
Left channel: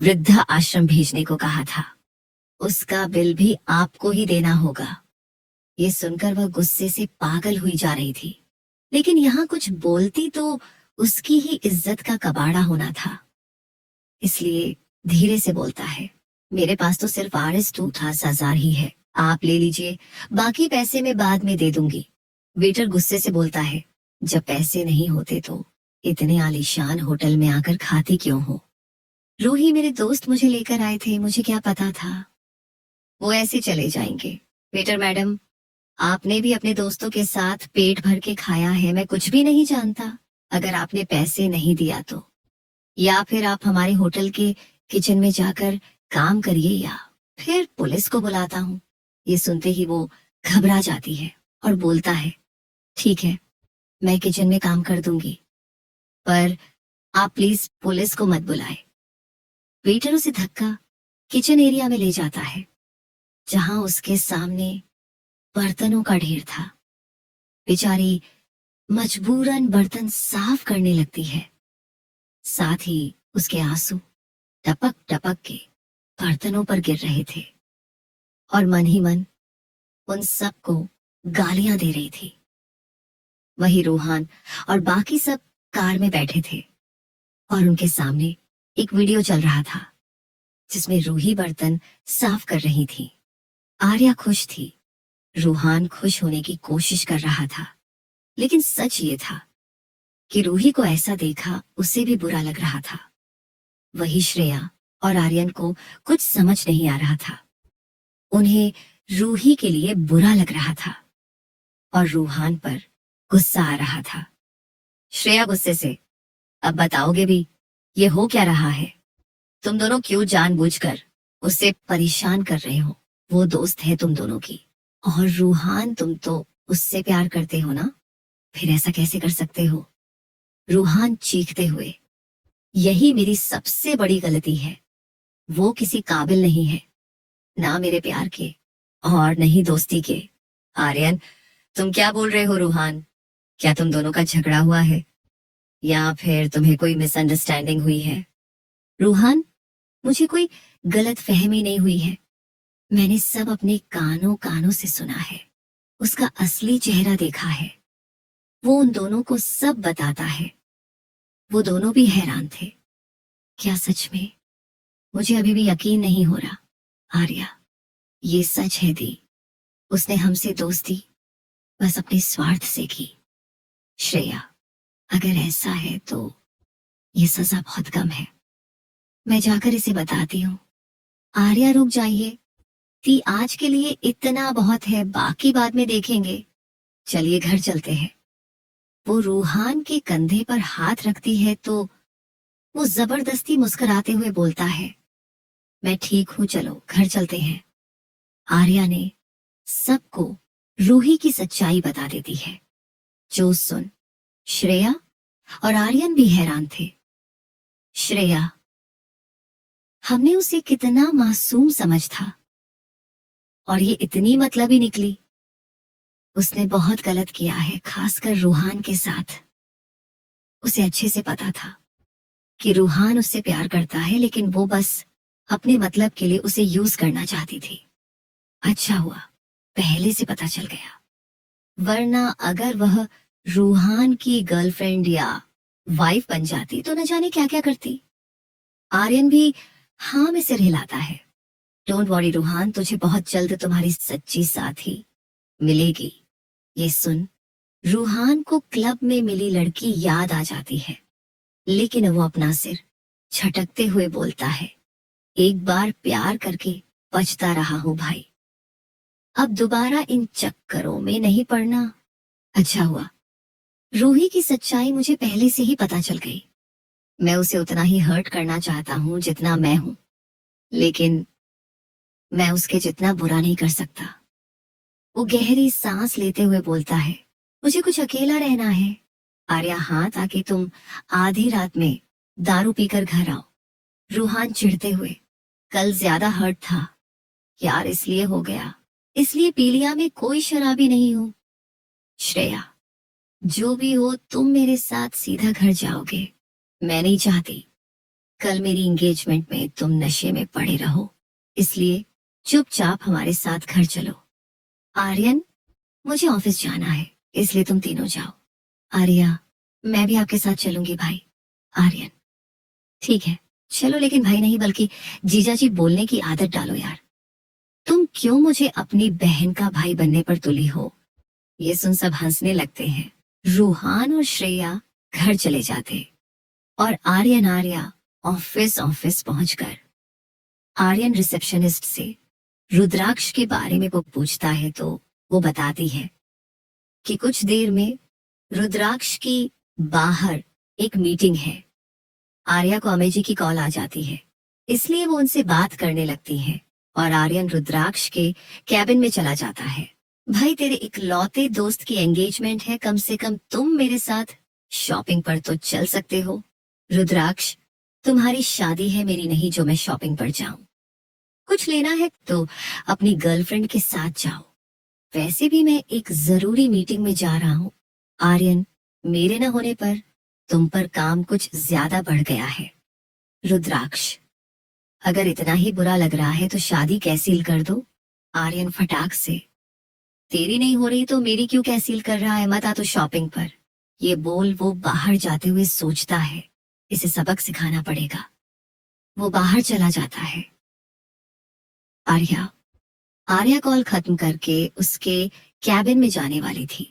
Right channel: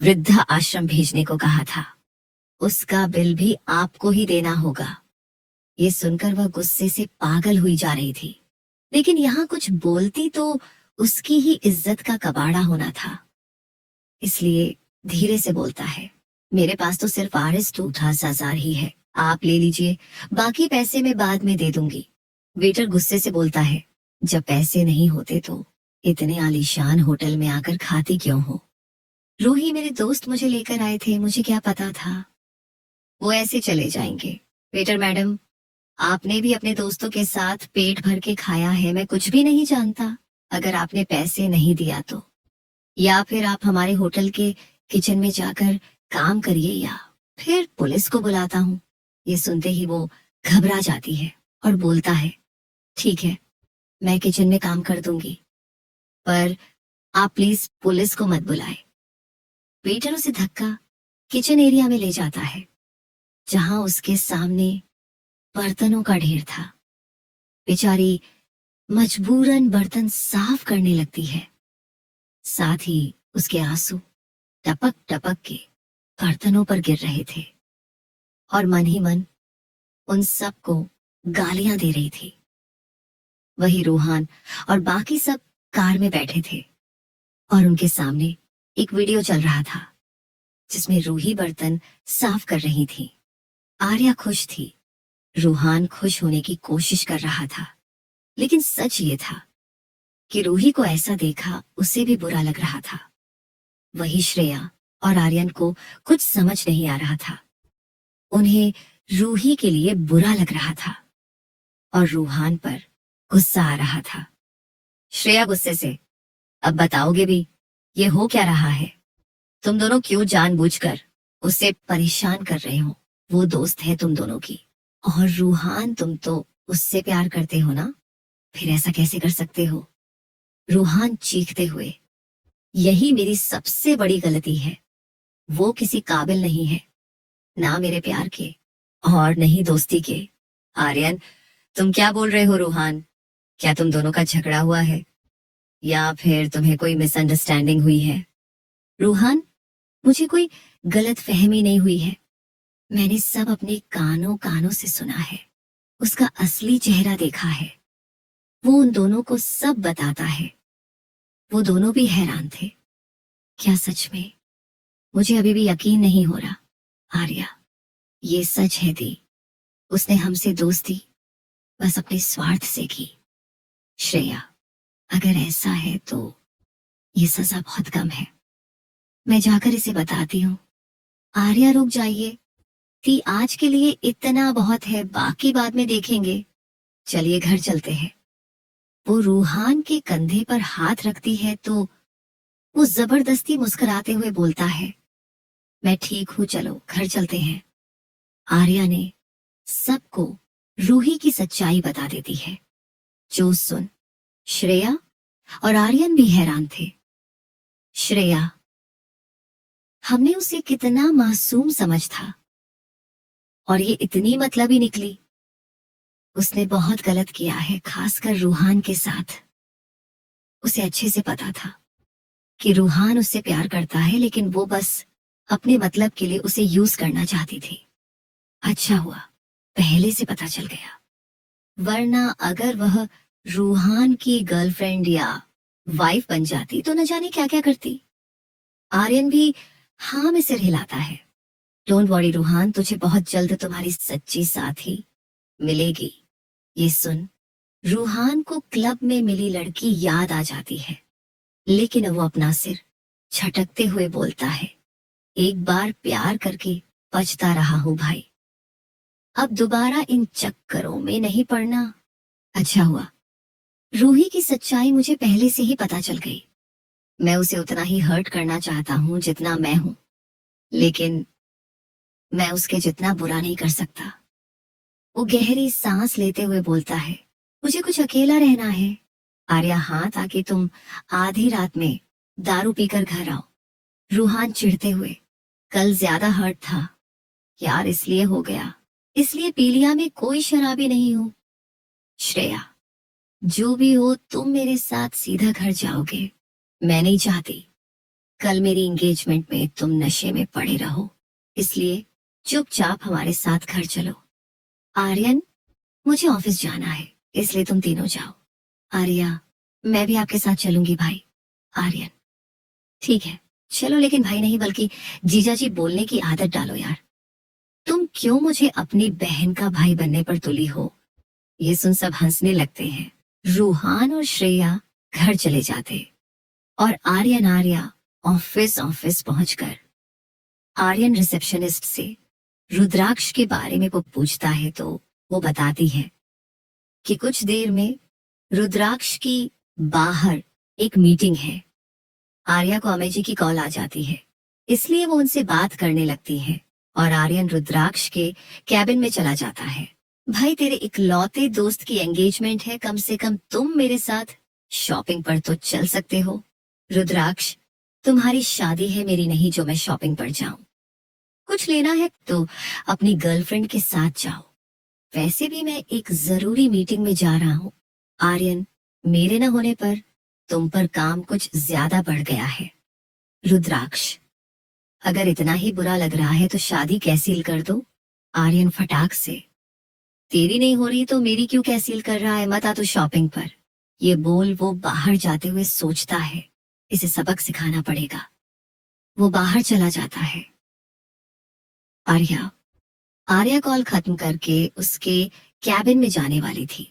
वृद्धा आश्रम भेजने को कहा था। उसका बिल भी आपको ही देना होगा। ये सुनकर वह गुस्से से पागल हुई जा रही थी, लेकिन यहाँ कुछ बोलती तो उसकी ही इज्जत का कबाड़ा होना था। इसलिए धीरे से बोलता है, मेरे पास तो सिर्फ RS 2,000 ही है, आप ले लीजिए, बाकी पैसे मैं बाद में दे दूंगी। वेटर गुस्से से बोलता है, जब पैसे नहीं होते तो इतने आलीशान होटल में आकर खाती क्यों हो? रूही, मेरे दोस्त मुझे लेकर आए थे, मुझे क्या पता था वो ऐसे चले जाएंगे। वेटर, मैडम, आपने भी अपने दोस्तों के साथ पेट भर के खाया है, मैं कुछ भी नहीं जानता। अगर आपने पैसे नहीं दिया तो, या फिर आप हमारे होटल के किचन में जाकर काम करिए, या फिर पुलिस को बुलाता हूँ। ये सुनते ही वो घबरा जाती है और बोलता है, ठीक है, मैं किचन में काम कर दूंगी, पर आप प्लीज पुलिस को मत बुलाए। वेटर उसे धक्का किचन एरिया में ले जाता है, जहां उसके सामने बर्तनों का ढेर था। बेचारी मजबूरन बर्तन साफ करने लगती है, साथ ही उसके आंसू टपक टपक के बर्तनों पर गिर रहे थे और मन ही मन उन सबको गालियां दे रही थी। वही रूहान और बाकी सब कार में बैठे थे और उनके सामने एक वीडियो चल रहा था, जिसमें रूही बर्तन साफ कर रही थी। आर्या खुश थी, रूहान खुश होने की कोशिश कर रहा था, लेकिन सच ये था कि रूही को ऐसा देखा उसे भी बुरा लग रहा था। वही श्रेया और आर्यन को कुछ समझ नहीं आ रहा था। उन्हें रूही के लिए बुरा लग रहा था और रूहान पर गुस्सा आ रहा था। श्रेया गुस्से से, अब बताओगे भी, ये हो क्या रहा है? तुम दोनों क्यों जानबूझकर उसे परेशान कर रहे हो? वो दोस्त है तुम दोनों की। और रूहान, तुम तो उससे प्यार करते हो ना, फिर ऐसा कैसे कर सकते हो? रूहान चीखते हुए, यही मेरी सबसे बड़ी गलती है। वो किसी काबिल नहीं है, ना मेरे प्यार के और नहीं दोस्ती के। आर्यन, तुम क्या बोल रहे हो? रूहान, क्या तुम दोनों का झगड़ा हुआ है या फिर तुम्हें कोई मिसअंडरस्टैंडिंग हुई है? रूहान, मुझे कोई गलत फहमी नहीं हुई है, मैंने सब अपने कानों कानों से सुना है, उसका असली चेहरा देखा है। वो उन दोनों को सब बताता है। वो दोनों भी हैरान थे। क्या सच में? मुझे अभी भी यकीन नहीं हो रहा। आर्या, ये सच है दी, उसने हमसे दोस्ती बस अपने स्वार्थ से की। श्रेया, अगर ऐसा है तो ये सजा बहुत कम है। मैं जाकर इसे बताती हूँ। आर्या, रुक जाइए। ती आज के लिए इतना बहुत है, बाकी बाद में देखेंगे। चलिए घर चलते हैं। वो रूहान के कंधे पर हाथ रखती है तो वो जबरदस्ती मुस्कुराते हुए बोलता है, मैं ठीक हूँ, चलो घर चलते हैं। आर्या ने सबको रूही की सच्चाई बता देती है, जो सुन श्रेया और आर्यन भी हैरान थे। श्रेया, हमने उसे कितना मासूम समझ था और ये इतनी मतलबी निकली। उसने बहुत गलत किया है, खासकर रूहान के साथ। उसे अच्छे से पता था कि रूहान उससे प्यार करता है, लेकिन वो बस अपने मतलब के लिए उसे यूज करना चाहती थी। अच्छा हुआ पहले से पता चल गया, वरना अगर वह रूहान की गर्लफ्रेंड या वाइफ बन जाती तो न जाने क्या क्या करती। आर्यन भी हाँ में सिर हिलाता है। डोंट वरी रूहान, तुझे बहुत जल्द तुम्हारी सच्ची साथी मिलेगी। ये सुन रूहान को क्लब में मिली लड़की याद आ जाती है, लेकिन वो अपना सिर झटकते हुए बोलता है, एक बार प्यार करके पछता रहा हूँ भाई, अब दोबारा इन चक्करों में नहीं पड़ना। अच्छा हुआ रूही की सच्चाई मुझे पहले से ही पता चल गई। मैं उसे उतना ही हर्ट करना चाहता हूँ जितना मैं हूँ, लेकिन मैं उसके जितना बुरा नहीं कर सकता। वो गहरी सांस लेते हुए बोलता है, मुझे कुछ अकेला रहना है। आर्या, हाँ, ताकि तुम आधी रात में दारू पीकर घर आओ। रूहान चिढ़ते हुए, कल ज्यादा हर्ट था यार, इसलिए हो गया, इसलिए पी लिया, में कोई शराबी नहीं हूँ। श्रेया, जो भी हो तुम मेरे साथ सीधा घर जाओगे। मैं नहीं चाहती कल मेरी एंगेजमेंट में तुम नशे में पड़े रहो, इसलिए चुपचाप हमारे साथ घर चलो। आर्यन, मुझे ऑफिस जाना है, इसलिए तुम तीनों जाओ। आर्या, मैं भी आपके साथ चलूंगी भाई। आर्यन, ठीक है चलो, लेकिन भाई नहीं बल्कि जीजा जी बोलने की आदत डालो यार। तुम क्यों मुझे अपनी बहन का भाई बनने पर तुली हो? ये सुन सब हंसने लगते हैं। रूहान और श्रेया घर चले जाते और आर्या ऑफिस ऑफिस पहुंचकर आर्यन रिसेप्शनिस्ट से रुद्राक्ष के बारे में वो पूछता है तो वो बताती है कि कुछ देर में रुद्राक्ष की बाहर एक मीटिंग है। आर्या को अमेय जी की कॉल आ जाती है, इसलिए वो उनसे बात करने लगती है और आर्यन रुद्राक्ष के कैबिन में चला जाता है। भाई, तेरे इकलौते दोस्त की एंगेजमेंट है, कम से कम तुम मेरे साथ शॉपिंग पर तो चल सकते हो। रुद्राक्ष, तुम्हारी शादी है, मेरी नहीं, जो मैं शॉपिंग पर जाऊं। कुछ लेना है तो अपनी गर्लफ्रेंड के साथ जाओ, वैसे भी मैं एक जरूरी मीटिंग में जा रहा हूँ। आर्यन, मेरे न होने पर तुम पर काम कुछ ज्यादा बढ़ गया है। रुद्राक्ष, अगर इतना ही बुरा लग रहा है तो शादी कैंसिल कर दो। आर्यन फटाक से, तेरी नहीं हो रही तो मेरी क्यों कैंसिल कर रहा है, मत आ तो शॉपिंग पर। ये बोल वो बाहर जाते हुए सोचता है, इसे सबक सिखाना पड़ेगा। वो बाहर चला जाता है। आर्या आर्या कॉल खत्म करके उसके कैबिन में जाने वाली थी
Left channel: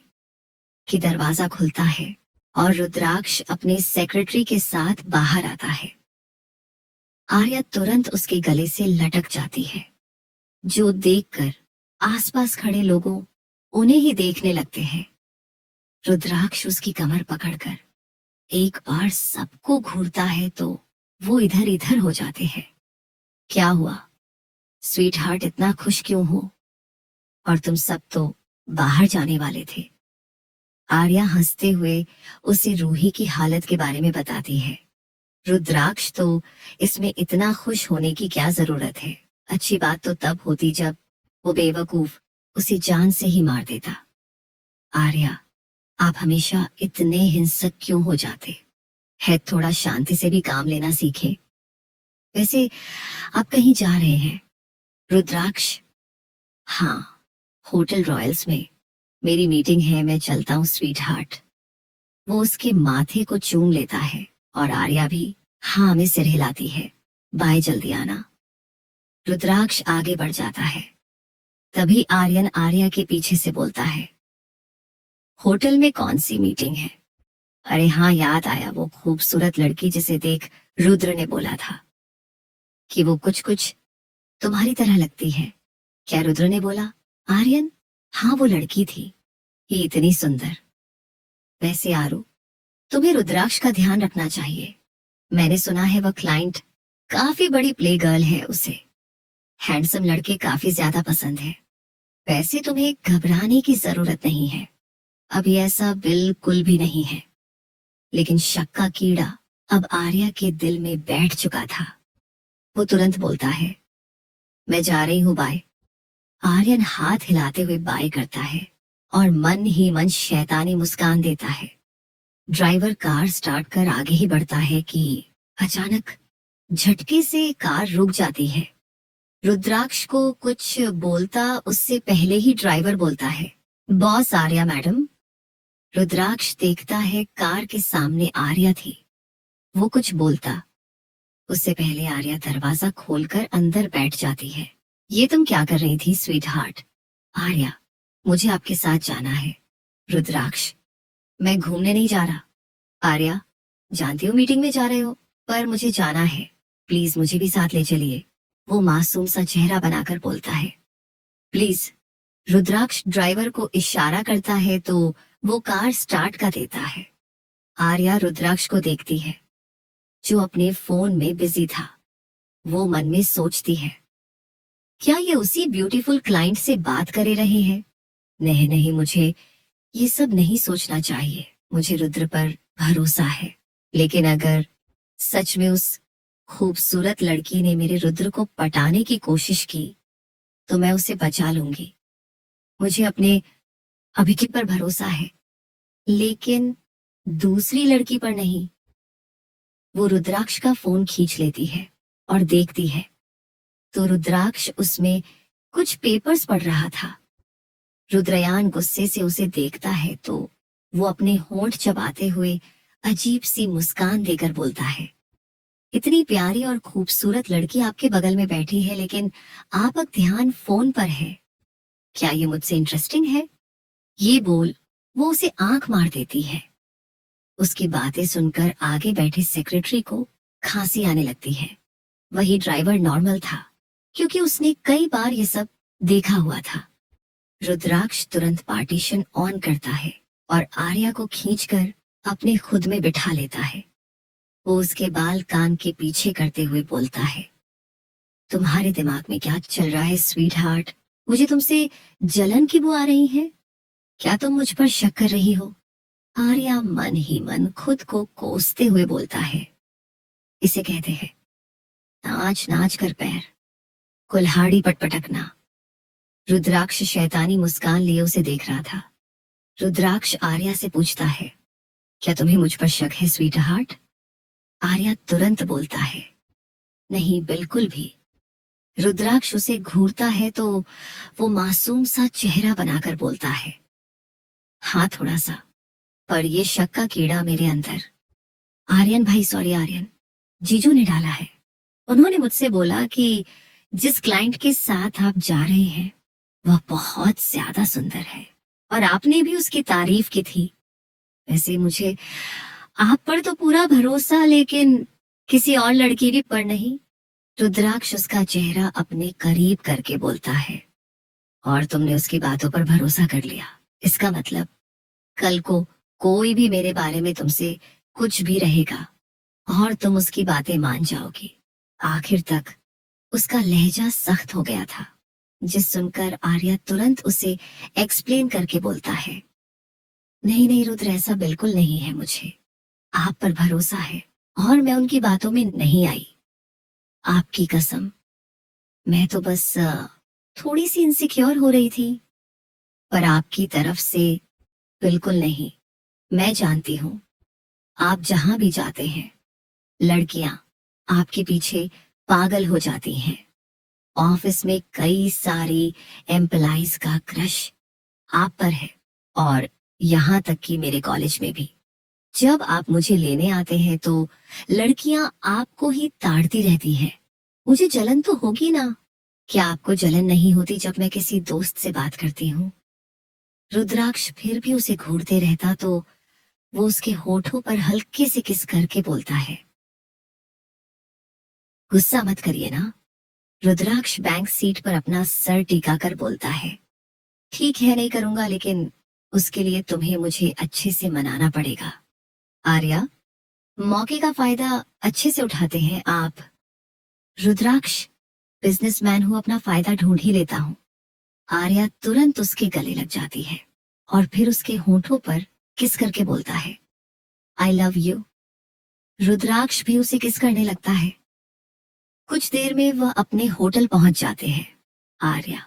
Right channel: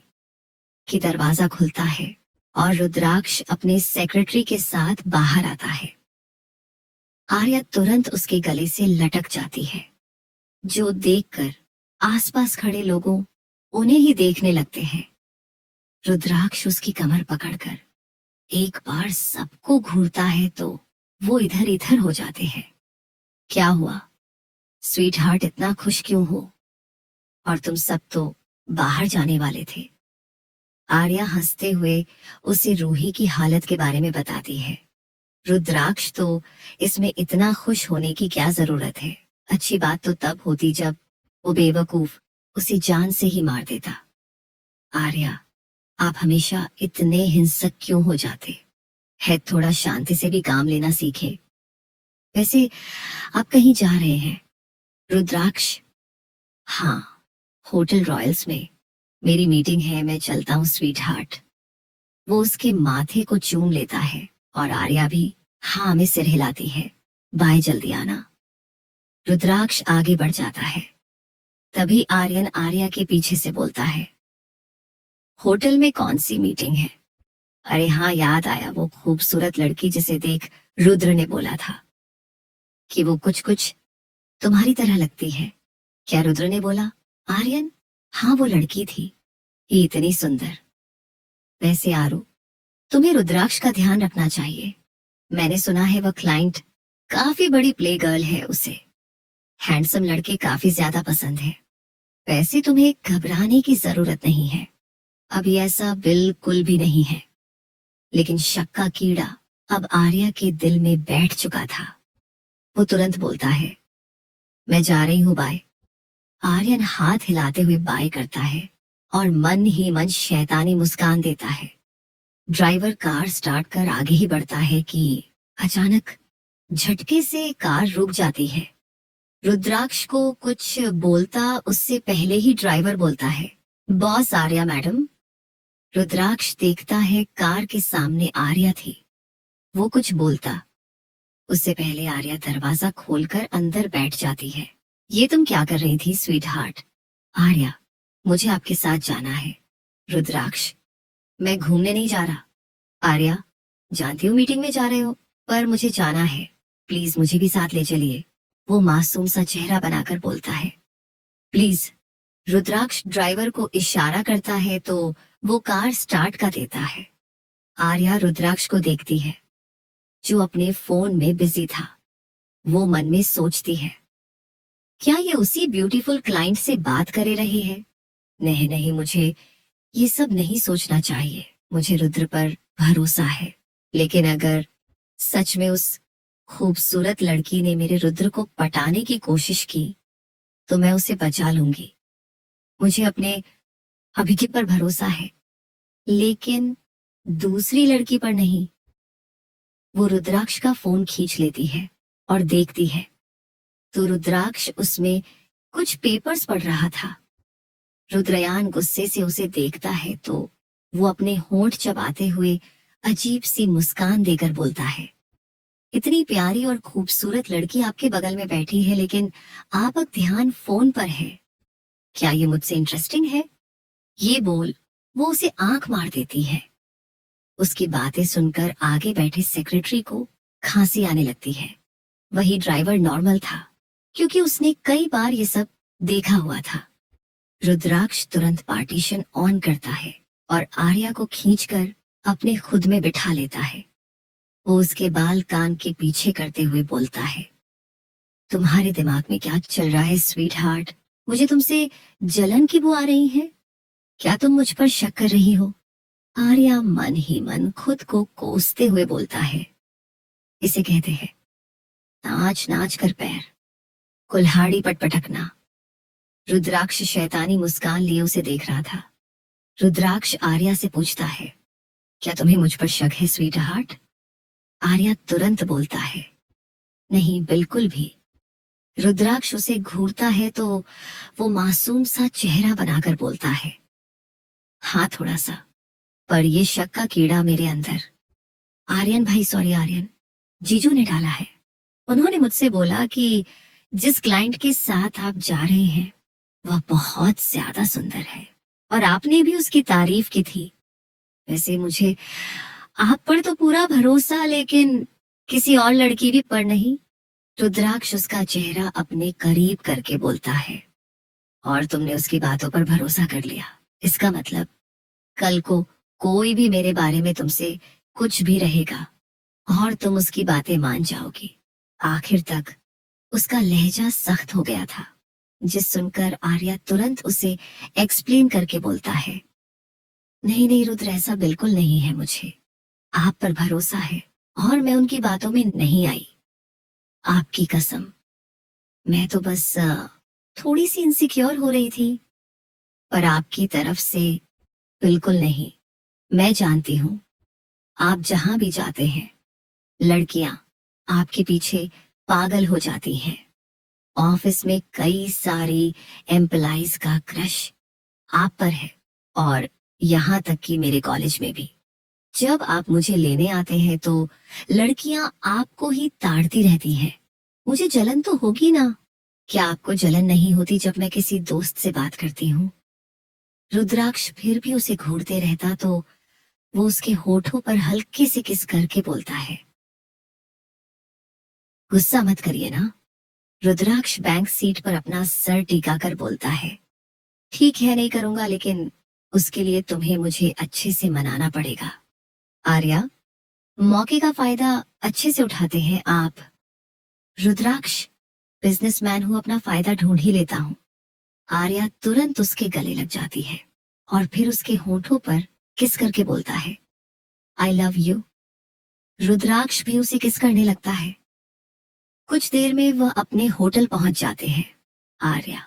कि दरवाजा खुलता है और रुद्राक्ष अपने सेक्रेटरी के साथ बाहर आता है। आर्या तुरंत उसके गले से लटक जाती है, जो देखकर आसपास खड़े लोगों उन्हें ही देखने लगते हैं। रुद्राक्ष उसकी कमर पकड़कर एक बार सबको घूरता है तो वो इधर इधर हो जाते हैं। क्या हुआ स्वीट हार्ट, इतना खुश क्यों हो? और तुम सब तो बाहर जाने वाले थे। आर्या हंसते हुए उसे रूही की हालत के बारे में बताती है। रुद्राक्ष तो इसमें इतना खुश होने की क्या जरूरत है, अच्छी बात तो तब होती जब वो बेवकूफ उसे जान से ही मार देता। आर्या, आप हमेशा इतने हिंसक क्यों हो जाते हैं? थोड़ा शांति से भी काम लेना सीखे। वैसे आप कहीं जा रहे हैं? रुद्राक्ष, हाँ, होटल रॉयल्स में मेरी मीटिंग है, मैं चलता हूँ स्वीट हार्ट। वो उसके माथे को चूम लेता है और आर्या भी हाँ में सिर हिलाती है। बाय, जल्दी आना। रुद्राक्ष आगे बढ़ जाता है। तभी आर्यन आर्या के पीछे से बोलता है, होटल में कौन सी मीटिंग है? अरे हाँ, याद आया वो खूबसूरत लड़की जिसे देख रुद्र ने बोला था कि वो कुछ कुछ तुम्हारी तरह लगती है। क्या रुद्र ने बोला? आर्यन, हाँ वो लड़की थी, ये इतनी सुंदर। वैसे आरू, तुम्हें रुद्राक्ष का ध्यान रखना चाहिए। मैंने सुना है वह क्लाइंट काफी बड़ी प्ले गर्ल है, उसे हैंडसम लड़के काफी ज्यादा पसंद है। वैसे तुम्हें घबराने की जरूरत नहीं है, अभी ऐसा बिल्कुल भी नहीं है। लेकिन शक का कीड़ा अब आर्या के दिल में बैठ चुका था। वो तुरंत बोलता है, मैं जा रही हूँ, बाय। आर्यन हाथ हिलाते हुए बाय करता है और मन ही मन शैतानी मुस्कान देता है। ड्राइवर कार स्टार्ट कर आगे ही बढ़ता है कि अचानक झटके से कार रुक जाती है। रुद्राक्ष को कुछ बोलता उससे पहले ही ड्राइवर बोलता है, बॉस आर्या मैडम। रुद्राक्ष देखता है कार के सामने आर्या थी। वो कुछ बोलता उससे पहले आर्या दरवाजा खोलकर अंदर बैठ जाती है। ये तुम क्या कर रही थी स्वीट हार्ट? आर्या, मुझे आपके साथ जाना है। रुद्राक्ष, मैं घूमने नहीं जा रहा। आर्या, जानती हूँ मीटिंग में जा रहे हो, पर मुझे जाना है, प्लीज मुझे भी साथ ले चलिए। वो मासूम सा चेहरा बनाकर बोलता है, प्लीज। रुद्राक्ष ड्राइवर को इशारा करता है तो वो कार स्टार्ट कर देता है। आर्या रुद्राक्ष को देखती है, जो अपने फोन में बिजी था। वो मन में सोचती है, क्या ये उसी ब्यूटीफुल क्लाइंट से बात करे रही है? नहीं नहीं, मुझे ये सब नहीं सोचना चाहिए। मुझे रुद्र पर भरोसा है। लेकिन अगर सच में उस खूबसूरत लड़की ने मेरे रुद्र को पटाने की कोशिश की तो मैं उसे बचा लूंगी। मुझे अपने अभिजीत पर भरोसा है, लेकिन दूसरी लड़की पर नहीं। वो रुद्राक्ष का फोन खींच लेती है और देखती है तो रुद्राक्ष उसमें कुछ पेपर्स पढ़ रहा था। रुद्रयान गुस्से से उसे देखता है तो वो अपने होंठ चबाते हुए अजीब सी मुस्कान देकर बोलता है, इतनी प्यारी और खूबसूरत लड़की आपके बगल में बैठी है, लेकिन आपका ध्यान फोन पर है। क्या ये मुझसे इंटरेस्टिंग है? ये बोल वो उसे आंख मार देती है। उसकी बातें सुनकर आगे बैठे सेक्रेटरी को खांसी आने लगती है। वही ड्राइवर नॉर्मल था, क्योंकि उसने कई बार ये सब देखा हुआ था। रुद्राक्ष तुरंत पार्टीशन ऑन करता है और आर्या को खींचकर अपने खुद में बिठा लेता है। वो उसके बाल कान के पीछे करते हुए बोलता है, तुम्हारे दिमाग में क्या चल रहा है स्वीट हार्ट? मुझे तुमसे जलन की वो आ रही है? क्या तुम मुझ पर शक कर रही हो? आर्या मन ही मन खुद को कोसते हुए बोलता है, इसे कहते हैं नाच नाच कर पैर, कुल्हाड़ी पटपटकना। रुद्राक्ष शैतानी मुस्कान लिए उसे देख रहा था। रुद्राक्ष आर्या से पूछता है, क्या तुम्हें मुझ पर शक है स्वीट हार्ट? आर्या तुरंत बोलता है, नहीं बिल्कुल भी। रुद्राक्ष उसे घूरता है तो वो मासूम सा चेहरा बनाकर बोलता है, हाँ थोड़ा सा, पर ये शक का कीड़ा मेरे अंदर। आर्यन भाई, सॉरी आर्यन, जीजू ने डाला है। उन्होंने मुझसे बोला कि जिस क्लाइंट के साथ आप जा रहे हैं वह बहुत ज्यादा सुंदर है, और आपने भी उसकी तारीफ की थी। वैसे मुझे आप पर तो पूरा भरोसा, लेकिन किसी और लड़की भी पर नहीं। रुद्राक्ष उसका चेहरा अपने करीब करके बोलता है, और तुमने उसकी बातों पर भरोसा कर लिया। इसका मतलब कल को कोई भी मेरे बारे में तुमसे कुछ भी रहेगा और तुम उसकी बातें मान जाओगी। आखिर तक उसका लहजा सख्त हो गया था, जिस सुनकर आर्या तुरंत उसे एक्सप्लेन करके बोलता है, नहीं नहीं रुद्र, ऐसा बिल्कुल नहीं है। मुझे आप पर भरोसा है और मैं उनकी बातों में नहीं आई। आपकी कसम, मैं तो बस थोड़ी सी इनसिक्योर हो रही थी, पर आपकी तरफ से बिल्कुल नहीं। मैं जानती हूँ आप जहां भी जाते हैं लड़कियां आपके पीछे पागल हो जाती हैं। ऑफिस में कई सारी एम्प्लॉइज का क्रश आप पर है, और यहाँ तक कि मेरे कॉलेज में भी। जब आप मुझे लेने आते हैं तो लड़कियां आपको ही ताड़ती रहती हैं। मुझे जलन तो होगी ना? क्या आपको जलन नहीं होती जब मैं किसी दोस्त से बात करती हूँ? रुद्राक्ष फिर भी उसे घूरते रहता तो वो उसके होठों पर हल्के से किस करके बोलता है। गुस्सा मत करिए ना। रुद्राक्ष बैंक सीट पर अपना सर टिकाकर बोलता है। ठीक है, नहीं करूंगा, लेकिन उसके लिए तुम्हें मुझे अच्छे से मनाना पड़ेगा। आर्या, मौके का फायदा अच्छे से उठाते हैं आप। रुद्राक्ष, बिजनेसमैन हूं, अपना फायदा ढूंढ ही लेता हूँ। आर्या तुरंत उसके गले लग जाती है और फिर उसके होठों पर किस करके बोलता है, आई लव यू। रुद्राक्ष भी उसे किस करने लगता है। कुछ देर में वह अपने होटल पहुंच जाते हैं। आर्या,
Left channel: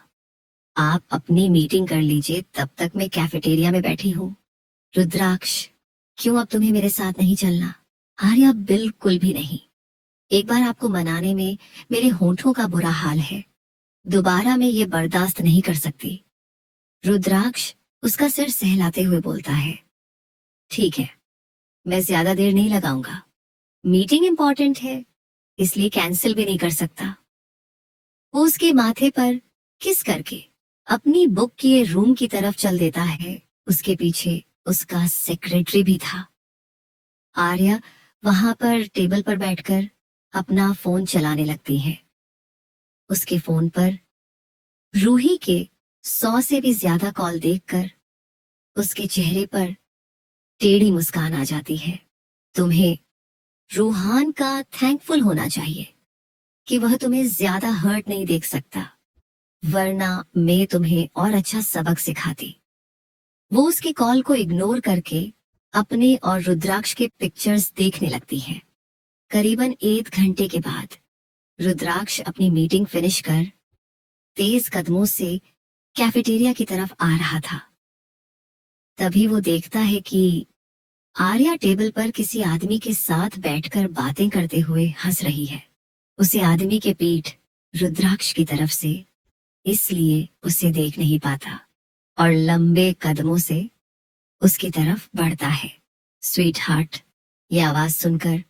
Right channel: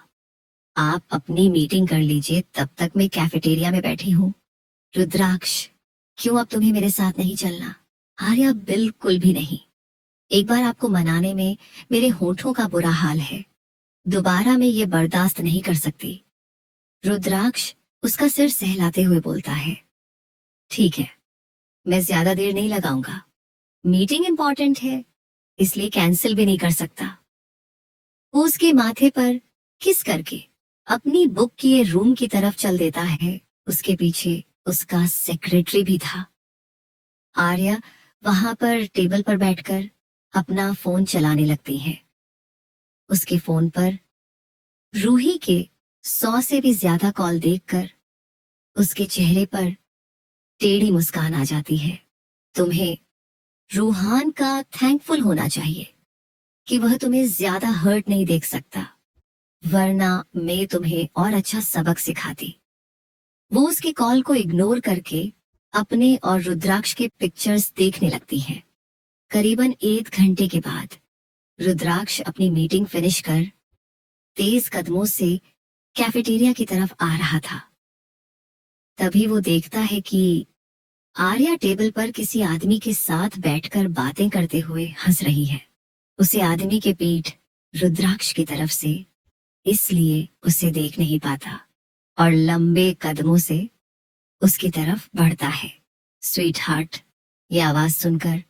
आप अपनी मीटिंग कर लीजिए, तब तक मैं कैफेटेरिया में बैठी हूँ। रुद्राक्ष, क्यों अब तुम्हें मेरे साथ नहीं चलना। आर्या, बिल्कुल भी नहीं। एक बार आपको मनाने में मेरे होठों का बुरा हाल है, दोबारा मैं ये बर्दाश्त नहीं कर सकती। रुद्राक्ष उसका सिर सहलाते हुए बोलता है, ठीक है, मैं ज्यादा देर नहीं लगाऊंगा। मीटिंग इंपॉर्टेंट है, इसलिए कैंसिल भी नहीं कर सकता। वो उसके माथे पर किस करके अपनी बुक किए रूम की तरफ चल देता है। उसके पीछे उसका सेक्रेटरी भी था। आर्या वहां पर टेबल पर बैठकर अपना फोन चलाने लगती है। उसके फोन पर रूही के 100 से भी ज्यादा कॉल देखकर उसके चेहरे पर टेढ़ी मुस्कान आ जाती है। तुम्हें रूहान का थैंकफुल होना चाहिए कि वह तुम्हें ज्यादा हर्ट नहीं देख सकता, वरना मैं तुम्हें और अच्छा सबक सिखाती। वो उसके कॉल को इग्नोर करके अपने और रुद्राक्ष के पिक्चर्स देखने लगती है। करीबन 1 घंटे के बाद रुद्राक्ष अपनी मीटिंग फिनिश कर तेज कदमों से कैफेटेरिया की तरफ आ रहा था। तभी वो देखता है कि आर्या टेबल पर किसी आदमी के साथ बैठकर बातें करते हुए हंस रही है। उसे आदमी के पीठ रुद्राक्ष की तरफ से, इसलिए उसे देख नहीं पाता और लंबे कदमों से उसकी तरफ बढ़ता है। स्वीट हार्ट, ये आवाज सुनकर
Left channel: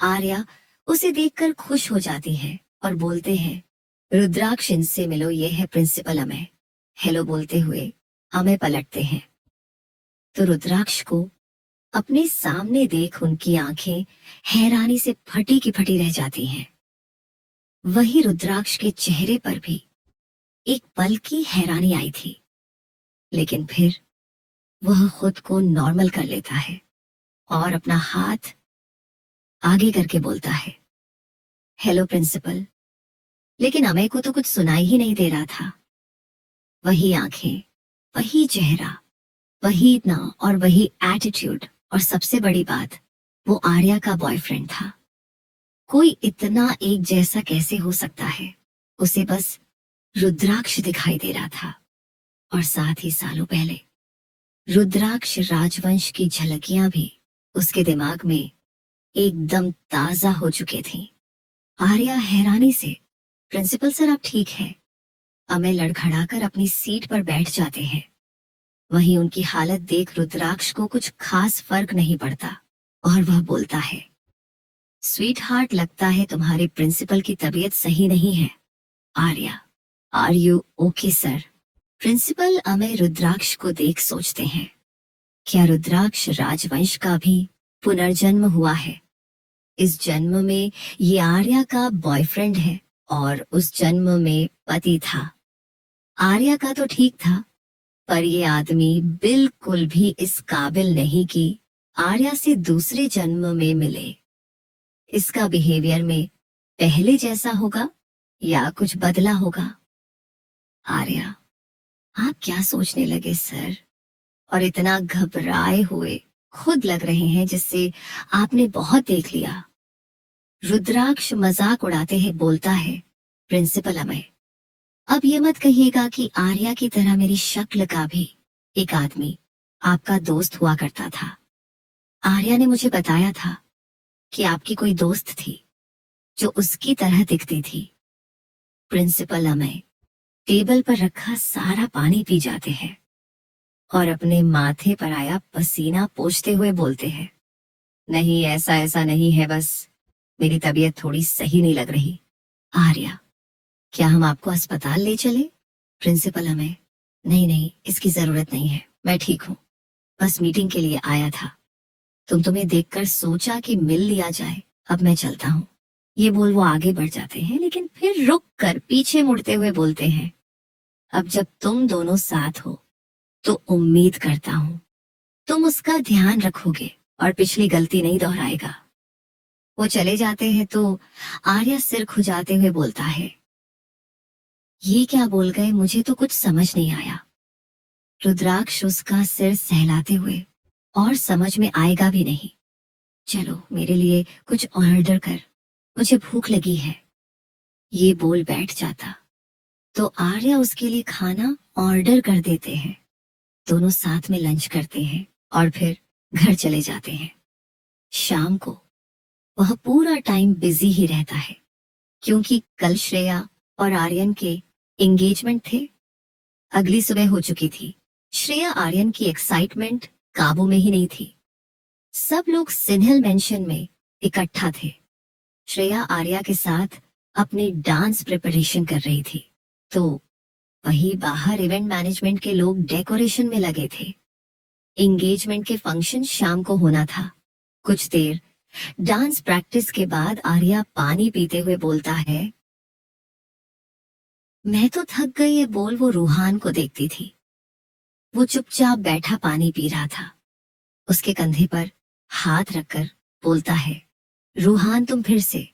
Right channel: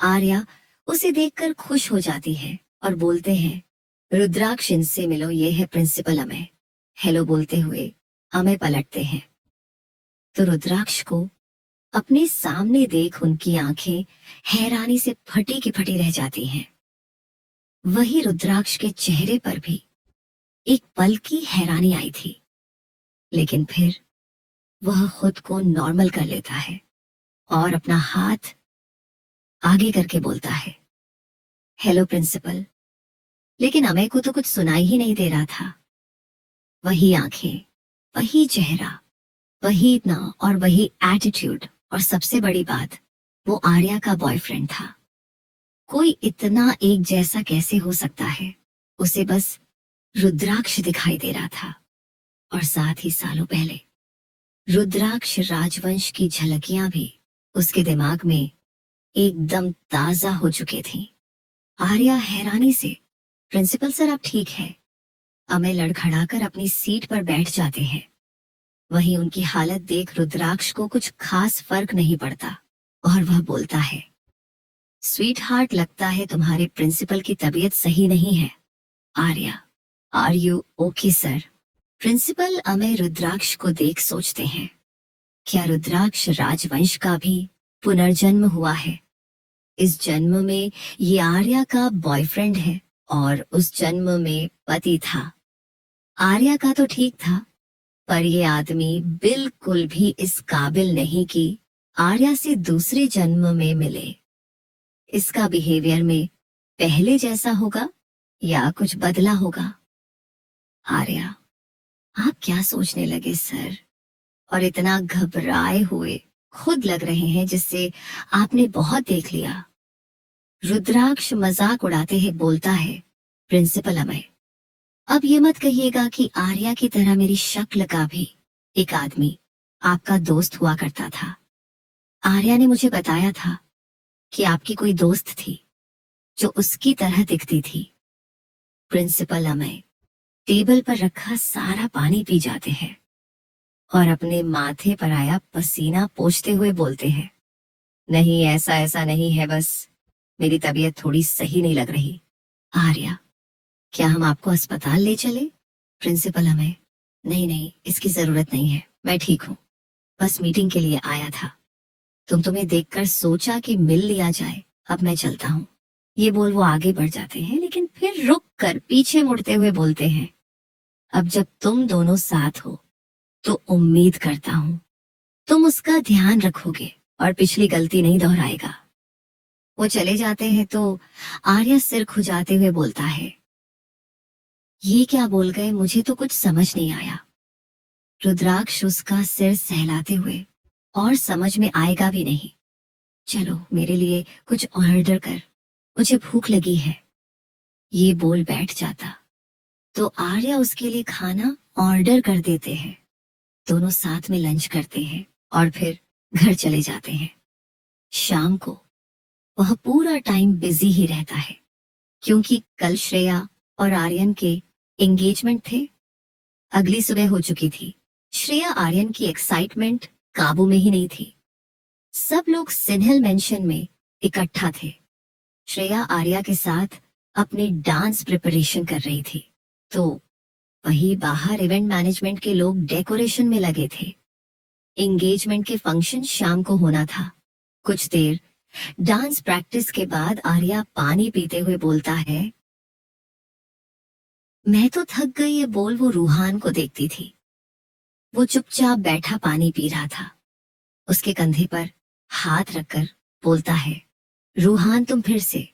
आर्या उसे देखकर खुश हो जाती है और बोलते हैं, रुद्राक्ष, इनसे मिलो, ये है प्रिंसिपल अमय। हेलो बोलते हुए अमय पलटते हैं तो रुद्राक्ष को अपने सामने देख उनकी आंखें हैरानी से फटी की फटी रह जाती हैं। वही रुद्राक्ष के चेहरे पर भी एक पल की हैरानी आई थी, लेकिन फिर वह खुद को नॉर्मल कर लेता है और अपना हाथ आगे करके बोलता है, हेलो प्रिंसिपल। लेकिन अमय को तो कुछ सुनाई ही नहीं दे रहा था। वही आंखें, वही चेहरा, वही नाम और वही एटीट्यूड, और सबसे बड़ी बात, वो आर्या का बॉयफ्रेंड था। कोई इतना एक जैसा कैसे हो सकता है। उसे बस रुद्राक्ष दिखाई दे रहा था और साथ ही सालों पहले रुद्राक्ष राजवंश की झलकियां भी उसके दिमाग में एकदम ताजा हो चुके थी। आर्या हैरानी से, प्रिंसिपल सर आप ठीक है। अमय लड़खड़ाकर अपनी सीट पर बैठ जाते हैं। वहीं उनकी हालत देख रुद्राक्ष को कुछ खास फर्क नहीं पड़ता और वह बोलता है, स्वीट हार्ट, लगता है तुम्हारे प्रिंसिपल की तबीयत सही नहीं है। Arya, are you okay sir. Principal Amay Rudraksh को देख सोचते हैं, क्या रुद्राक्ष राजवंश का भी पुनर्जन्म हुआ है। इस जन्म में ये आर्या का बॉयफ्रेंड है और उस जन्म में पति था। आर्या का तो ठीक था, पर ये आदमी बिल्कुल भी इस काबिल नहीं कि आर्या से दूसरे जन्म में मिले। इसका बिहेवियर में पहले जैसा होगा या कुछ बदला होगा। आर्या, आप क्या सोचने लगे सर, और इतना घबराए हुए खुद लग रहे हैं जिससे आपने बहुत देख लिया। रुद्राक्ष मजाक उड़ाते हुए बोलता है, प्रिंसिपल अमय, अब ये मत कहिएगा कि आर्या की तरह मेरी शक्ल का भी एक आदमी आपका दोस्त हुआ करता था। आर्या ने मुझे बताया था कि आपकी कोई दोस्त थी जो उसकी तरह दिखती थी। प्रिंसिपल अमय टेबल पर रखा सारा पानी पी जाते हैं और अपने माथे पर आया पसीना पोंछते हुए बोलते हैं, नहीं, ऐसा ऐसा नहीं है, बस मेरी तबीयत थोड़ी सही नहीं लग रही। आर्या, क्या हम आपको अस्पताल ले चले। प्रिंसिपल अमय, नहीं नहीं, इसकी जरूरत नहीं है, मैं ठीक हूँ, बस मीटिंग के लिए आया था। तुम्हें देखकर सोचा कि मिल लिया जाए, अब मैं चलता हूँ। ये बोल वो आगे बढ़ जाते हैं, लेकिन फिर रुक कर पीछे मुड़ते हुए बोलते हैं, अब जब तुम दोनों साथ हो तो उम्मीद करता हूँ तुम उसका ध्यान रखोगे और पिछली गलती नहीं दोहराएगा। वो चले जाते हैं तो आर्या सिर खुजाते हुए बोलता है, ये क्या बोल गए, मुझे तो कुछ समझ नहीं आया। रुद्राक्ष उसका सिर सहलाते हुए, और समझ में आएगा भी नहीं। चलो मेरे लिए कुछ ऑर्डर कर, मुझे भूख लगी है। ये बोल बैठ जाता तो आर्या उसके लिए खाना ऑर्डर कर देते हैं। दोनों साथ में लंच करते हैं और फिर घर चले जाते हैं। शाम को वह पूरा टाइम बिजी ही रहता है, क्योंकि कल श्रेया और आर्यन के एंगेजमेंट थे। अगली सुबह हो चुकी थी। श्रेया आर्यन की एक्साइटमेंट काबू में ही नहीं थी। सब लोग सिन्हल मेंशन में इकट्ठा थे। श्रेया आर्या के साथ अपनी डांस प्रिपरेशन कर रही थी, तो वहीं बाहर इवेंट मैनेजमेंट के लोग डेकोरेशन में लगे थे। एंगेजमेंट के फंक्शन शाम को होना था। कुछ देर डांस प्रैक्टिस के बाद आर्या पानी पीते हुए बोलता है, मैं तो थक गई। ये बोल वो रूहान को देखती थी। वो चुपचाप बैठा पानी पी रहा था। उसके कंधे पर हाथ रखकर बोलता है, रूहान तुम फिर से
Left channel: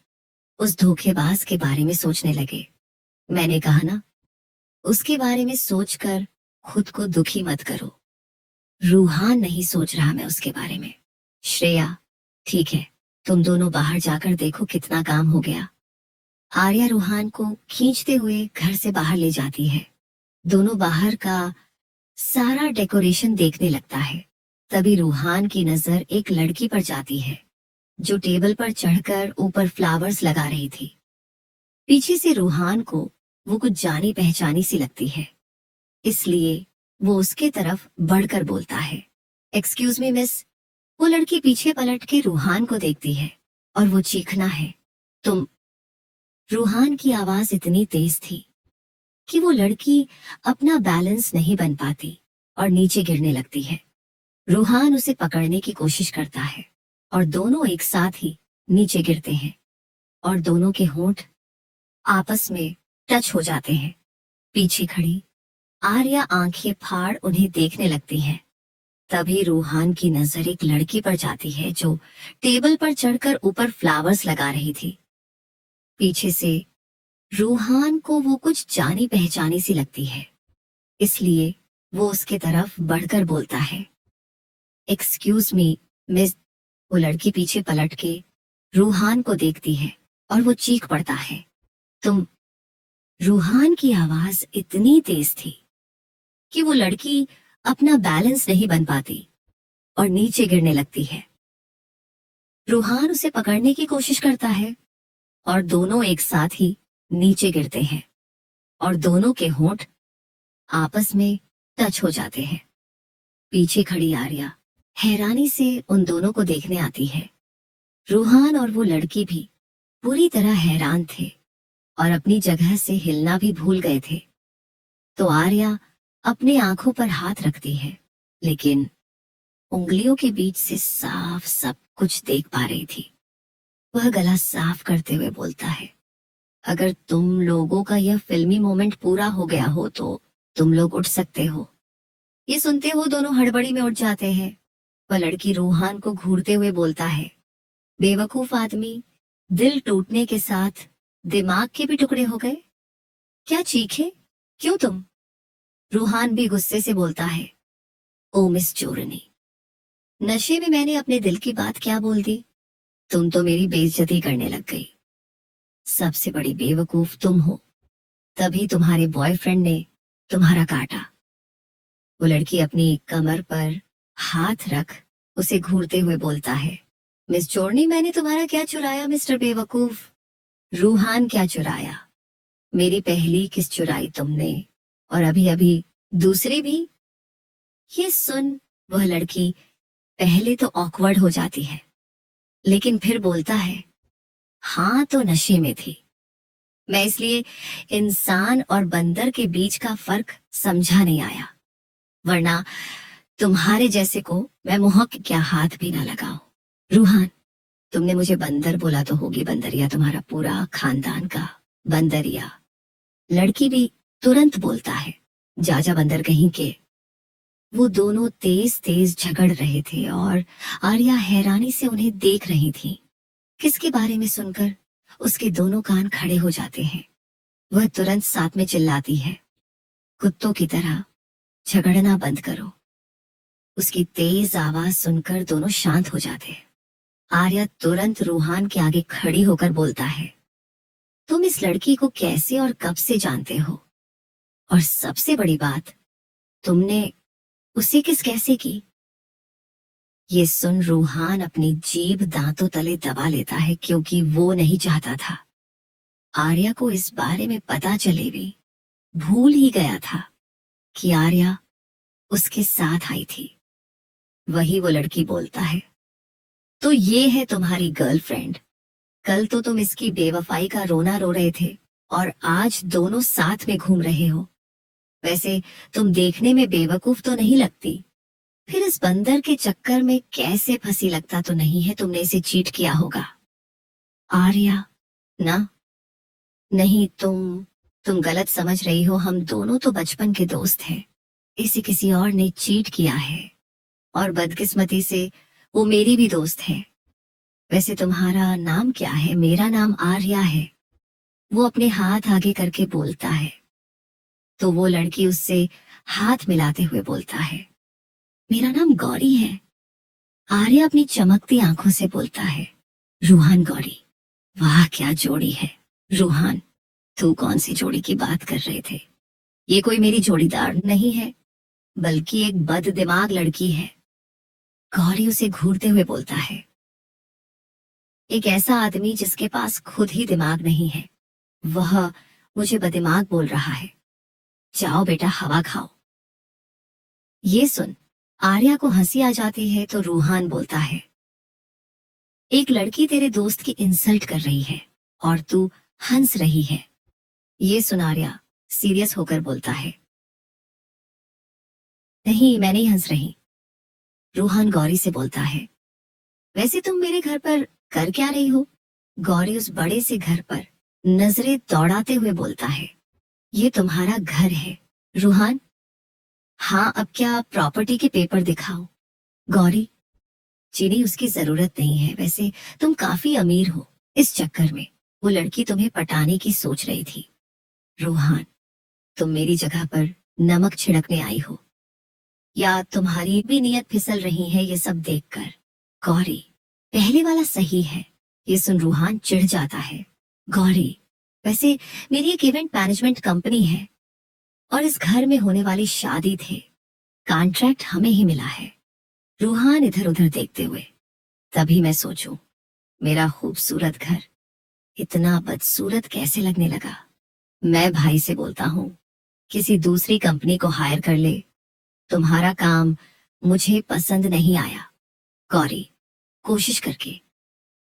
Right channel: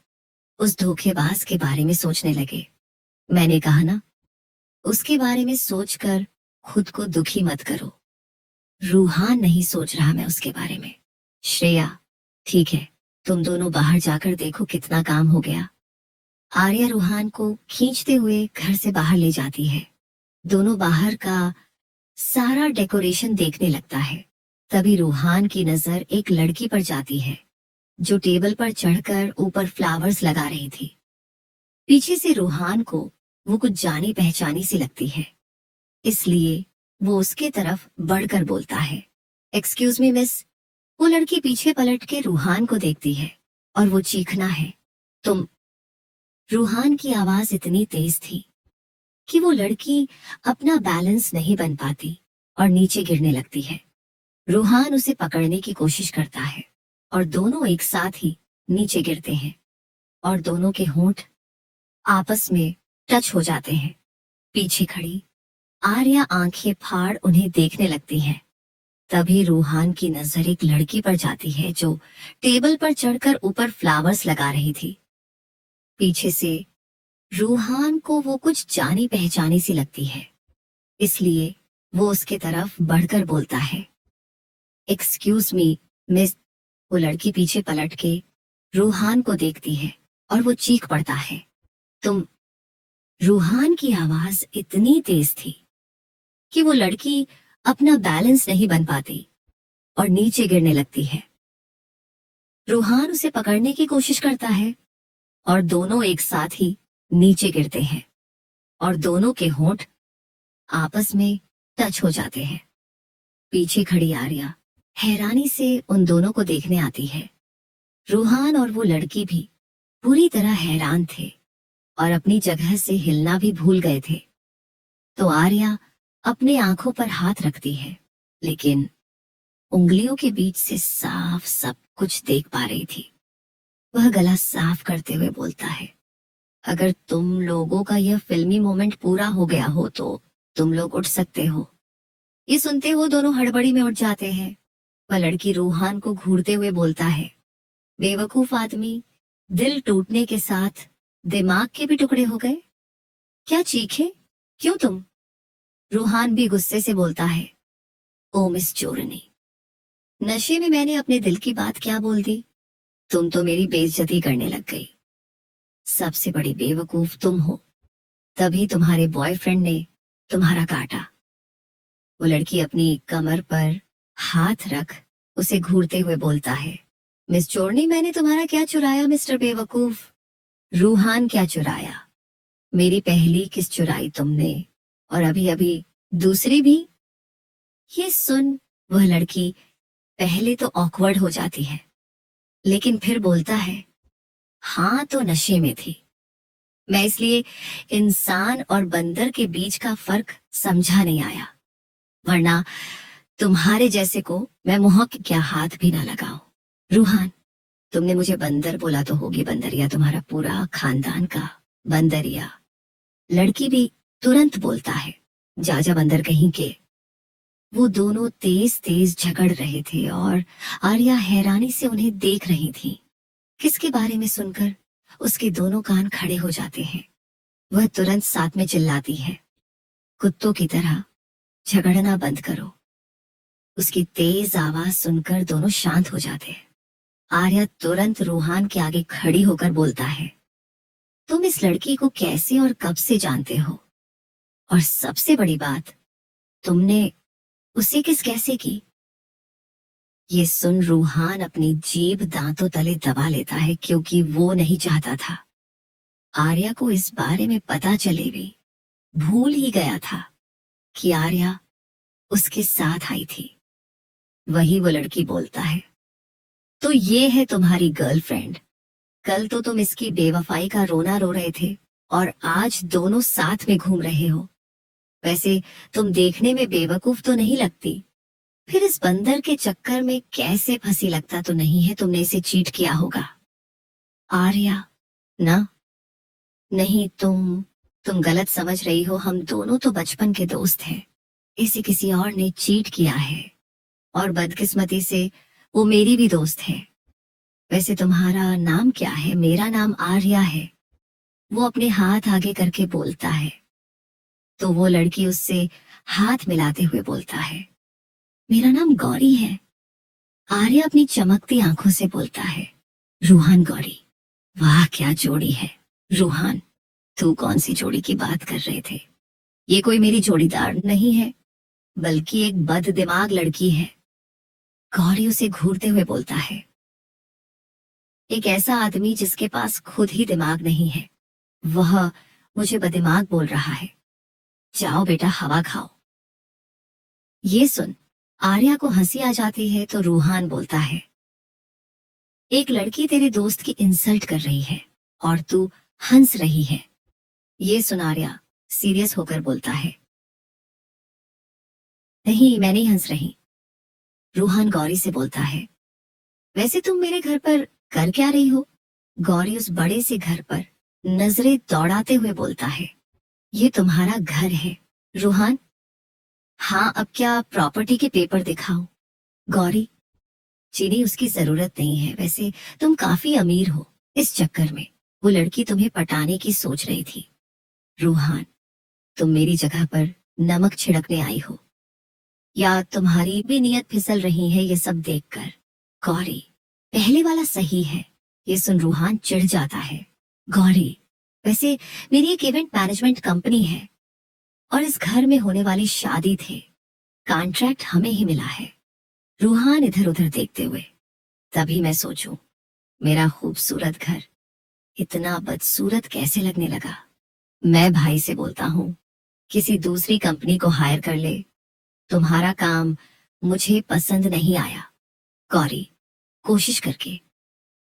उस धोखेबाज के बारे में सोचने लगे। मैंने कहा ना, उसके बारे में सोचकर खुद को दुखी मत करो। रूहान नहीं सोच रहा मैं उसके बारे में। श्रेया, ठीक है, तुम दोनों बाहर जाकर देखो कितना काम हो गया। आर्या रूहान को खींचते हुए घर से बाहर ले जाती है। दोनों बाहर का सारा डेकोरेशन देखने लगता है। तभी रूहान की नजर एक लड़की पर जाती है, जो टेबल पर चढ़कर ऊपर फ्लावर्स लगा रही थी। पीछे से रूहान को वो कुछ जानी पहचानी सी लगती है, इसलिए वो उसके तरफ बढ़कर बोलता है, एक्सक्यूज मी मिस। वो लड़की पीछे पलट के रूहान को देखती है और वो चीखना है, तुम। रूहान की आवाज इतनी तेज थी कि वो लड़की अपना बैलेंस नहीं बन पाती और नीचे गिरने लगती है। रूहान उसे पकड़ने की कोशिश करता है और दोनों एक साथ ही नीचे गिरते हैं और दोनों के होंठ आपस में टच हो जाते हैं। पीछे खड़ी आर्या आंखें फाड़ उन्हें देखने लगती है। तभी रूहान की नजर एक लड़की पर जाती है, जो टेबल पर चढ़कर ऊपर फ्लावर्स लगा रही थी। पीछे से रूहान को वो कुछ जानी पहचानी सी लगती है, इसलिए वो उसके तरफ बढ़कर बोलता है, एक्सक्यूज मी मिस। वो लड़की पीछे पलट के रूहान को देखती है और वो चीख पड़ता है, तुम। रूहान की आवाज इतनी तेज थी कि वो लड़की अपना बैलेंस नहीं बन पाती और नीचे गिरने लगती है। रूहान उसे पकड़ने की कोशिश करता है और दोनों एक साथ ही नीचे गिरते हैं और दोनों के होंठ आपस में टच हो जाते हैं। पीछे खड़ी आर्या हैरानी से उन दोनों को देखने आती है। रूहान और वो लड़की भी पूरी तरह हैरान थे और अपनी जगह से हिलना भी भूल गए थे। तो आर्या अपनी आंखों पर हाथ रखती है, लेकिन उंगलियों के बीच से साफ सब कुछ देख पा रही थी। वह गला साफ करते हुए बोलता है, अगर तुम लोगों का यह फिल्मी मोमेंट पूरा हो गया हो तो तुम लोग उठ सकते हो। ये सुनते हो दोनों हड़बड़ी में उठ जाते हैं। वह लड़की रूहान को घूरते हुए बोलता है, बेवकूफ आदमी, दिल टूटने के साथ दिमाग के भी टुकड़े हो गए। क्या चीखे, क्यों तुम? रूहान भी गुस्से से बोलता है, ओ मिस चोरनी, नशे में मैंने अपने दिल की बात क्या बोल दी। तुम तो मेरी बेइज्जती करने लग गई। सबसे बड़ी बेवकूफ तुम हो, तभी तुम्हारे बॉयफ्रेंड ने तुम्हारा काटा। वो लड़की अपनी कमर पर हाथ रख उसे घूरते हुए बोलता है, मिस चोरनी, मैंने तुम्हारा क्या चुराया मिस्टर बेवकूफ? रूहान क्या चुराया? मेरी पहली किस चुराई तुमने, और अभी अभी दूसरी भी। ये सुन वह लड़की पहले तो ऑकवर्ड हो जाती है, लेकिन फिर बोलता है, हाँ तो नशे में थी मैं, इसलिए इंसान और बंदर के बीच का फर्क समझा नहीं आया, वरना तुम्हारे जैसे को मैं मुंह के क्या हाथ भी ना लगाऊं। रूहान, तुमने मुझे बंदर बोला तो होगी बंदरिया तुम्हारा पूरा खानदान का बंदरिया। लड़की भी तुरंत बोलता है, जा जा बंदर कहीं के। वो दोनों तेज तेज झगड़ रहे थे और आर्या हैरानी से उन्हें देख रही थी। किसके बारे में सुनकर उसके दोनों कान खड़े हो जाते हैं। वह तुरंत साथ में चिल्लाती है, कुत्तों की तरह झगड़ना बंद करो। उसकी तेज आवाज सुनकर दोनों शांत हो जाते हैं। आर्या तुरंत रूहान के आगे खड़ी होकर बोलता है, तुम इस लड़की को कैसे और कब से जानते हो? और सबसे बड़ी बात, तुमने उसे किस कैसे की? ये सुन रूहान अपनी जीभ दांतों तले दबा लेता है, क्योंकि वो नहीं चाहता था आर्या को इस बारे में पता चले भी। भूल ही गया था कि आर्या उसके साथ आई थी। वही वो लड़की बोलता है, तो ये है तुम्हारी गर्लफ्रेंड। कल तो तुम इसकी बेवफाई का रोना रो रहे थे और आज दोनों साथ में घूम रहे हो। वैसे तुम देखने में बेवकूफ तो नहीं लगती, फिर इस बंदर के चक्कर में कैसे फंसी लगता तो नहीं है तुमने इसे चीट किया होगा। आर्या, ना, नहीं, तुम गलत समझ रही हो। हम दोनों तो बचपन के दोस्त हैं। इसे किसी और ने चीट किया है और बदकिस्मती से वो मेरी भी दोस्त है। वैसे तुम्हारा नाम क्या है? मेरा नाम आर्या है। वो अपने हाथ आगे करके बोलता है। तो वो लड़की उससे हाथ मिलाते हुए बोलता है, मेरा नाम गौरी है। आर्या अपनी चमकती आंखों से बोलता है, रूहान गौरी, वाह क्या जोड़ी है। रूहान, तू कौन सी जोड़ी की बात कर रहे थे? ये कोई मेरी जोड़ीदार नहीं है, बल्कि एक बद दिमाग लड़की है। गौरी उसे घूरते हुए बोलता है, एक ऐसा आदमी जिसके पास खुद ही दिमाग नहीं है, वह मुझे बदिमाग बोल रहा है। जाओ बेटा, हवा खाओ। ये सुन आर्या को हंसी आ जाती है, तो रूहान बोलता है, एक लड़की तेरे दोस्त की इंसल्ट कर रही है और तू हंस रही है। ये सुन आर्या सीरियस होकर बोलता है, नहीं मैं नहीं हंस रही। रूहान गौरी से बोलता है, वैसे तुम मेरे घर पर कर क्या रही हो? गौरी उस बड़े से घर पर नजरें दौड़ाते हुए बोलता है, ये तुम्हारा घर है। रूहान, हाँ, अब क्या प्रॉपर्टी के पेपर दिखाओ। गौरी, चीनी उसकी जरूरत नहीं है। वैसे तुम काफी अमीर हो, इस चक्कर में वो लड़की तुम्हें पटाने की सोच रही थी। रूहान, तुम मेरी जगह पर नमक छिड़कने आई हो, या तुम्हारी भी नीयत फिसल रही है ये सब देखकर? गौरी, पहले वाला सही है। ये सुन रूहान चिढ़ जाता है, गौरी, वैसे मेरी एक इवेंट मैनेजमेंट कंपनी है और इस घर में होने वाली शादी थे, कॉन्ट्रैक्ट हमें ही मिला है। रूहान इधर उधर देखते हुए, तभी मैं सोचूं, मेरा खूबसूरत घर इतना बदसूरत कैसे लगने लगा। मैं भाई से बोलता हूँ किसी दूसरी कंपनी को हायर कर ले। तुम्हारा काम मुझे पसंद नहीं आया। गौरी, कोशिश करके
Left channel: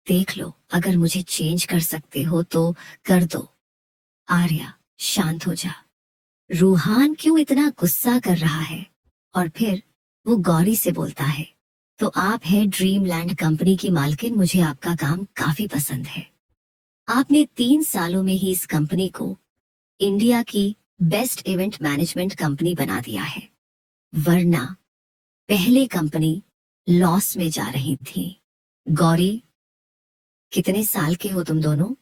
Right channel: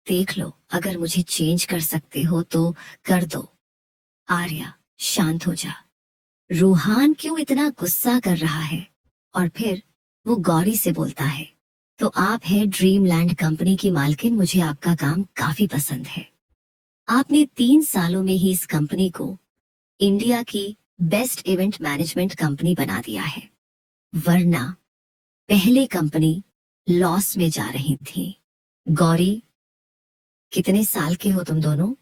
देख लो, अगर मुझे चेंज कर सकते हो तो कर दो। आर्या, शांत हो जा। रूहान क्यों इतना गुस्सा कर रहा है? और फिर वो गौरी से बोलता है, तो आप है ड्रीमलैंड कंपनी की मालकिन, मुझे आपका काम काफी पसंद है। आपने 3 सालों में ही इस कंपनी को इंडिया की बेस्ट इवेंट मैनेजमेंट कंपनी बना दिया है, वरना पहले कंपनी लॉस में जा रही थी। गौरी, कितने साल के हो तुम दोनों?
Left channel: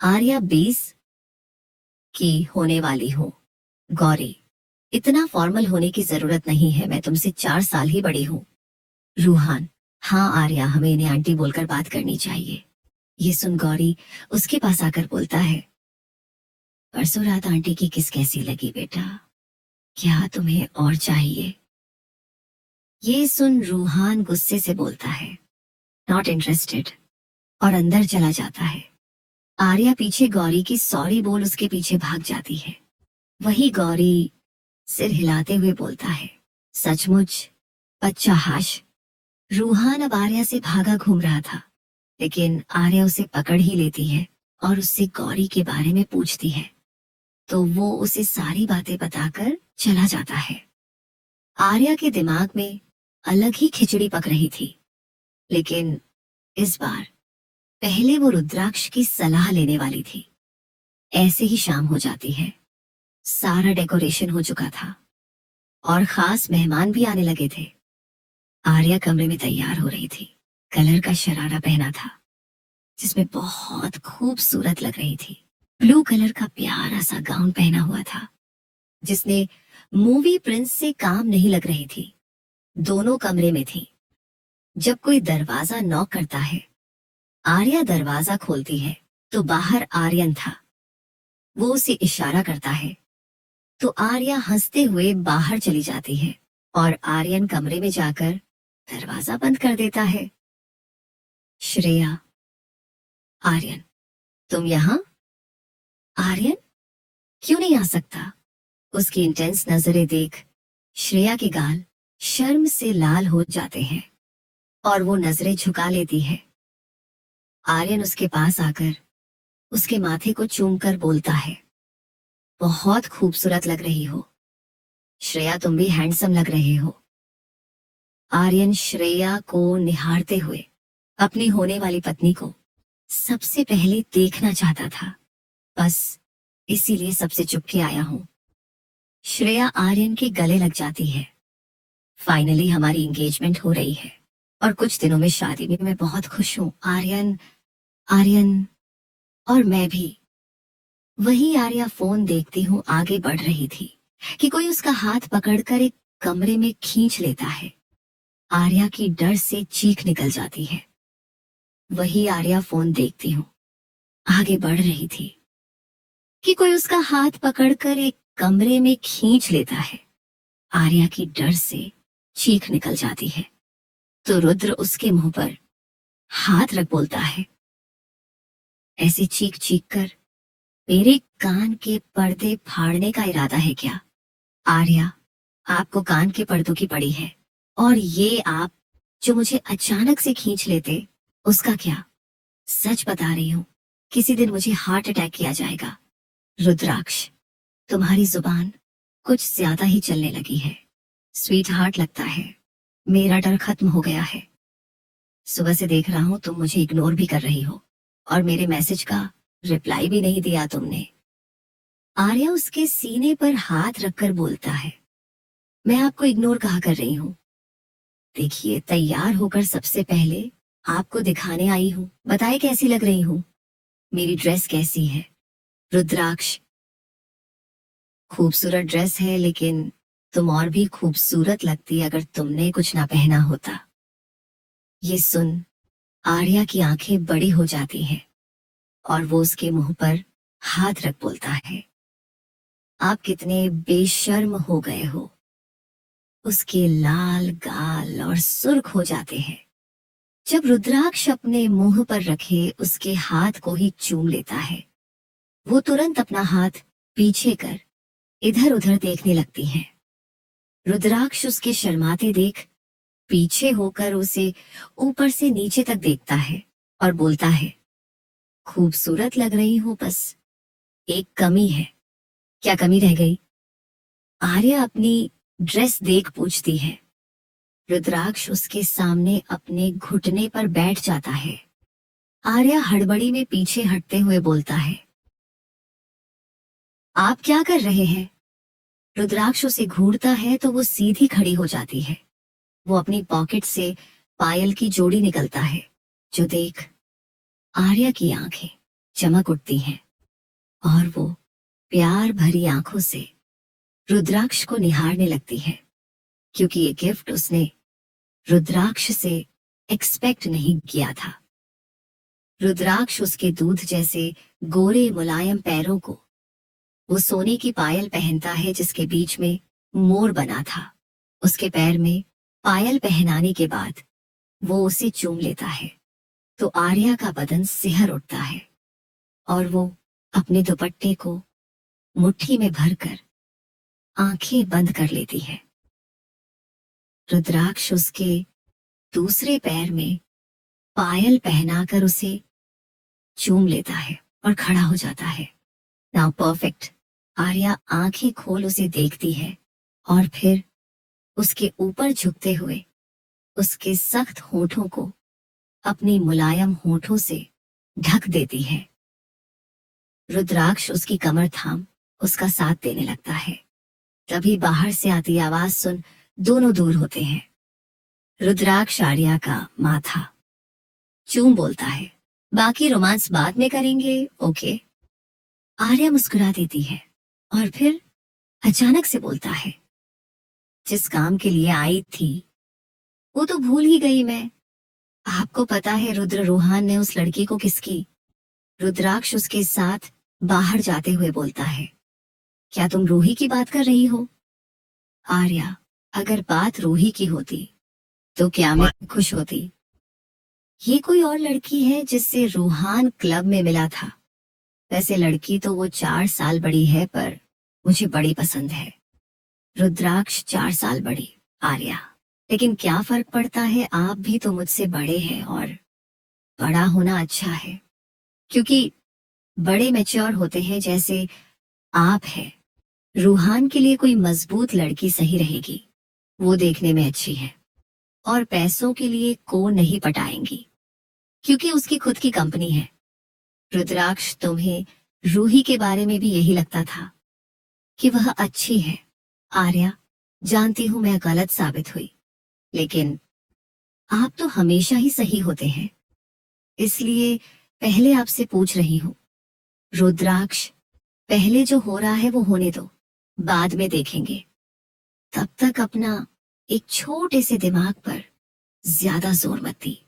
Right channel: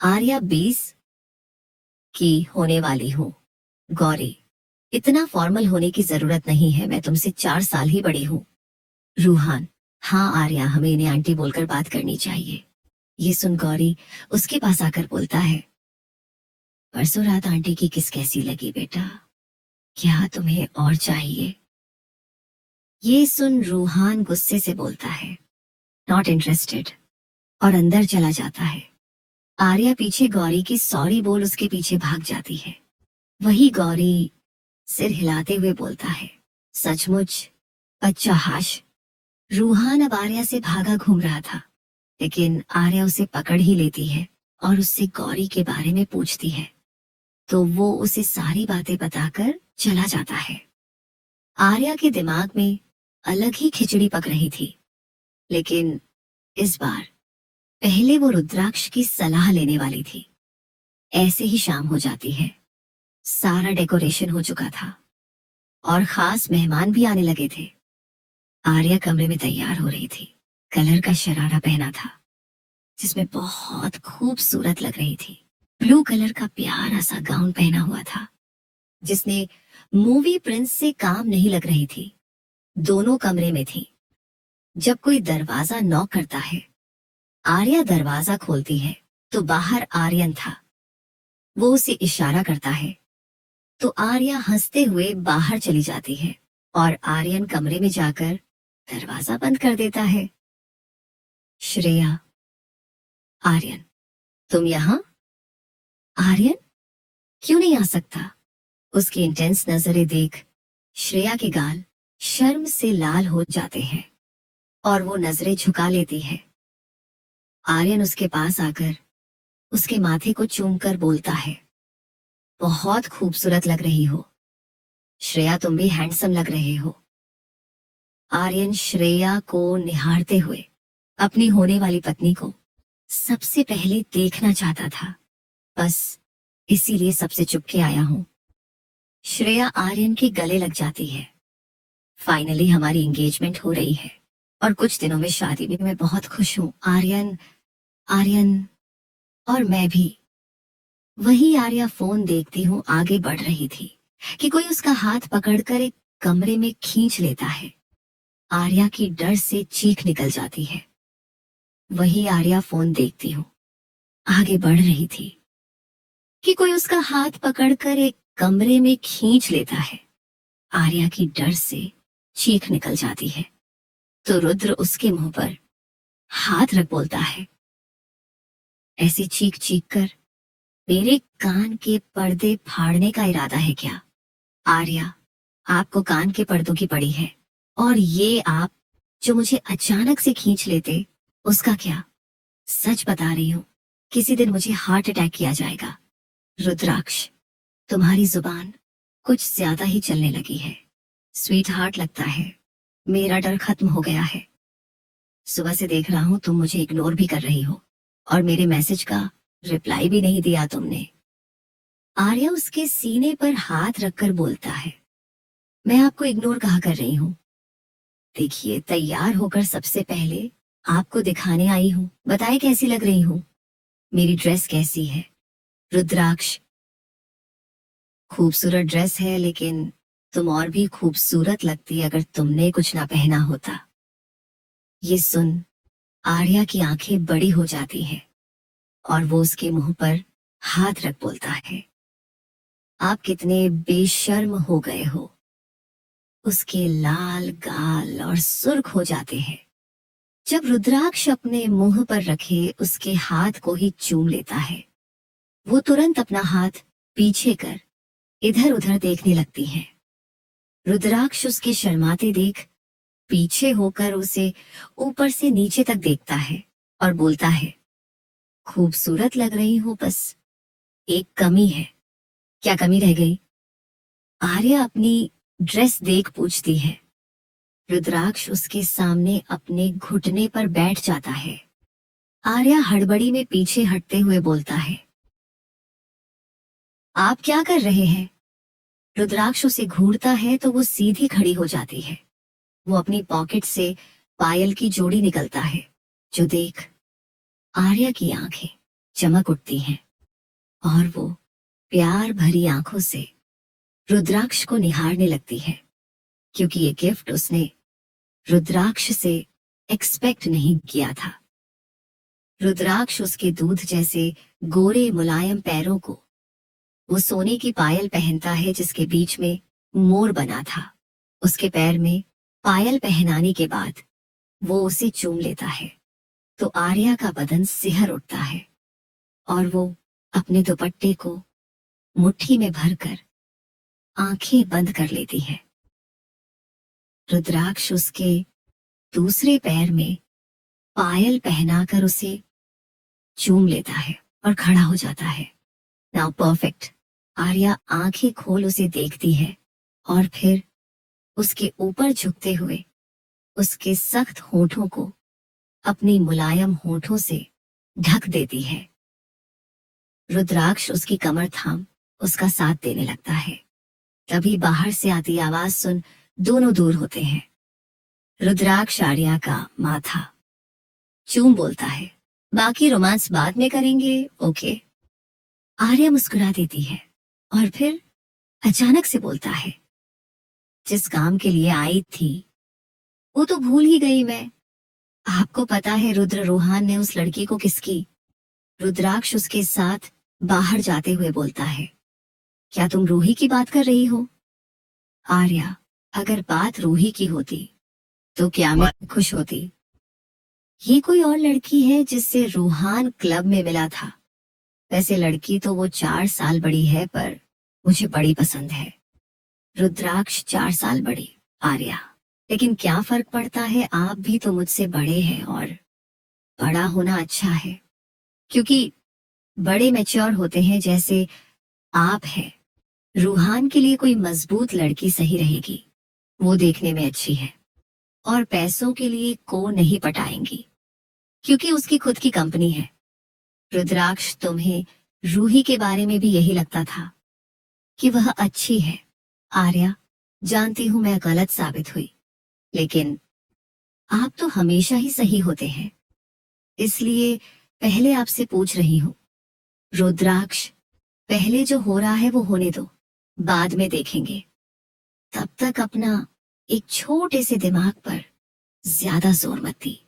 आर्या 20 की होने वाली हूँ। गौरी, इतना फॉर्मल होने की जरूरत नहीं है, मैं तुमसे 4 साल ही बड़ी हूँ। रूहान, हाँ आर्या, हमें इन्हें आंटी बोलकर बात करनी चाहिए। ये सुन गौरी उसके पास आकर बोलता है, परसों रात आंटी की किस कैसी लगी बेटा? क्या तुम्हें और चाहिए? ये सुन रूहान गुस्से से बोलता है, नॉट इंटरेस्टेड, और अंदर चला जाता है। आर्या पीछे गौरी की सॉरी बोल उसके पीछे भाग जाती है। वही गौरी सिर हिलाते हुए बोलता है, सचमुच अच्छा हाश। रूहान अब आर्या से भागा घूम रहा था, लेकिन आर्या उसे पकड़ ही लेती है और उससे गौरी के बारे में पूछती है, तो वो उसे सारी बातें बताकर चला जाता है। आर्या के दिमाग में अलग ही खिचड़ी पक रही थी, लेकिन इस बार पहले वो रुद्राक्ष की सलाह लेने वाली थी। ऐसे ही शाम हो जाती है। सारा डेकोरेशन हो चुका था और खास मेहमान भी आने लगे थे। आर्या कमरे में तैयार हो रही थी। कलर का शरारा पहना था जिसमें बहुत खूबसूरत लग रही थी। ब्लू कलर का प्यारा सा गाउन पहना हुआ था जिसने मूवी प्रिंस से काम नहीं लग रही थी। दोनों कमरे में थी। जब कोई दरवाजा नॉक करता है, आर्या दरवाजा खोलती है तो बाहर आर्यन था। वो उसे इशारा करता है तो आर्या हंसते हुए बाहर चली जाती है और आर्यन कमरे में जाकर दरवाजा बंद कर देता है। श्रेया, आर्यन, तुम यहाँ? आर्यन क्यों नहीं आ सकता? उसकी इंटेंस नजरें देख श्रेया के गाल शर्म से लाल हो जाते हैं और वो नजरें झुका लेती है। आर्यन उसके पास आकर उसके माथे को चूमकर बोलता है, बहुत खूबसूरत लग रही हो श्रेया, तुम भी हैंडसम लग रहे हो। आर्यन श्रेया को निहारते हुए अपनी होने वाली पत्नी को सबसे पहले देखना चाहता था। बस इसीलिए सबसे चुपके आया हूं। श्रेया आर्यन के गले लग जाती है। फाइनली हमारी एंगेजमेंट हो रही है और कुछ दिनों में शादी में मैं बहुत खुश हूँ। आर्यन, आर्यन और मैं भी। वही आर्या फोन देखती हूँ आगे बढ़ रही थी कि कोई उसका हाथ पकड़कर एक कमरे में खींच लेता है। आर्या की डर से चीख निकल जाती है। वही आर्या फोन देखती हूँ आगे बढ़ रही थी कि कोई उसका हाथ पकड़कर एक कमरे में खींच लेता है। आर्या की डर से चीख निकल जाती है तो रुद्र उसके मुंह पर हाथ रख बोलता है, ऐसी चीख चीख कर मेरे कान के पर्दे फाड़ने का इरादा है क्या? आर्या, आपको कान के पर्दों की पड़ी है और ये आप जो मुझे अचानक से खींच लेते, उसका क्या? सच बता रही हूँ, किसी दिन मुझे हार्ट अटैक किया जाएगा। रुद्राक्ष, तुम्हारी जुबान कुछ ज्यादा ही चलने लगी है। स्वीट हार्ट, लगता है मेरा डर खत्म हो गया है। सुबह से देख रहा हूँ तुम मुझे इग्नोर भी कर रही हो और मेरे मैसेज का रिप्लाई भी नहीं दिया तुमने। आर्या उसके सीने पर हाथ रखकर बोलता है, मैं आपको इग्नोर कहाँ कर रही हूँ? देखिए, तैयार होकर सबसे पहले आपको दिखाने आई हूँ। बताए कैसी लग रही हूँ? मेरी ड्रेस कैसी है? रुद्राक्ष, खूबसूरत ड्रेस है, लेकिन तुम और भी खूबसूरत लगती अगर तुमने कुछ ना पहना होता। ये सुन आर्या की आंखें बड़ी हो जाती हैं और वो उसके मुंह पर हाथ रख बोलता है, आप कितने बेशर्म हो गए हो। उसके लाल गाल और सुर्ख हो जाते हैं जब रुद्राक्ष अपने मुंह पर रखे उसके हाथ को ही चूम लेता है। वो तुरंत अपना हाथ पीछे कर इधर उधर देखने लगती है। रुद्राक्ष उसके शर्माते देख पीछे होकर उसे ऊपर से नीचे तक देखता है और बोलता है, खूबसूरत लग रही हूं, बस एक कमी है। क्या कमी रह गई? आर्या अपनी ड्रेस देख पूछती है। रुद्राक्ष उसके सामने अपने घुटने पर बैठ जाता है। आर्या हड़बड़ी में पीछे हटते हुए बोलता है, आप क्या कर रहे हैं? रुद्राक्ष उसे घूरता है तो वो सीधी खड़ी हो जाती है। वो अपनी पॉकेट से पायल की जोड़ी निकलता है जो देख आर्या की आंखें चमक उठती हैं और वो प्यार भरी आंखों से रुद्राक्ष को निहारने लगती है, क्योंकि ये गिफ्ट उसने रुद्राक्ष से एक्सपेक्ट नहीं किया था। रुद्राक्ष उसके दूध जैसे गोरे मुलायम पैरों को वो सोने की पायल पहनता है जिसके बीच में मोर बना था। उसके पैर में पायल पहनाने के बाद वो उसे चूम लेता है तो आर्या का बदन सिहर उठता है और वो अपने दुपट्टे को मुट्ठी में भरकर आंखें बंद कर लेती है। रुद्राक्ष उसके दूसरे पैर में पायल पहनाकर उसे चूम लेता है और खड़ा हो जाता है। Now perfect. आर्या आंखें खोल उसे देखती है और फिर उसके ऊपर झुकते हुए उसके सख्त होठों को अपनी मुलायम होठों से ढक देती है। रुद्राक्ष उसकी कमर थाम उसका साथ देने लगता है। तभी बाहर से आती आवाज सुन दोनों दूर होते हैं। रुद्राक्ष आर्या का माथा चूम बोलता है, बाकी रोमांस बाद में करेंगे, ओके। आर्या मुस्कुरा देती है और फिर अचानक से बोलता है, जिस काम के लिए आई थी वो तो भूल ही गई मैं। आपको पता है रुद्र रोहान ने उस लड़की को किसकी? रुद्राक्ष उसके साथ बाहर जाते हुए बोलता है, क्या तुम रूही की बात कर रही हो? आर्या, अगर बात रूही की होती तो क्या मैं खुश होती? ये कोई और लड़की है जिससे रूहान क्लब में मिला था। वैसे लड़की तो वो 4 साल बड़ी है, पर मुझे बड़ी पसंद है। रुद्राक्ष 4 साल बड़ी, आर्या, लेकिन क्या फर्क पड़ता है, आप भी तो मुझसे बड़े हैं और बड़ा होना अच्छा है, क्योंकि बड़े मैच्योर होते हैं जैसे आप हैं। रूहान के लिए कोई मजबूत लड़की सही रहेगी, वो देखने में अच्छी है और पैसों के लिए को नहीं पटाएंगी, क्योंकि उसकी खुद की कंपनी है। रुद्राक्ष, तुम्हें रूही के बारे में भी यही लगता था कि वह अच्छी है। आर्या, जानती हूं मैं गलत साबित हुई, लेकिन आप तो हमेशा ही सही होते हैं, इसलिए पहले आपसे पूछ रही हूं। रुद्राक्ष, पहले जो हो रहा है वो होने दो, बाद में देखेंगे। तब तक अपना एक छोटे से दिमाग पर ज्यादा जोर मत दी।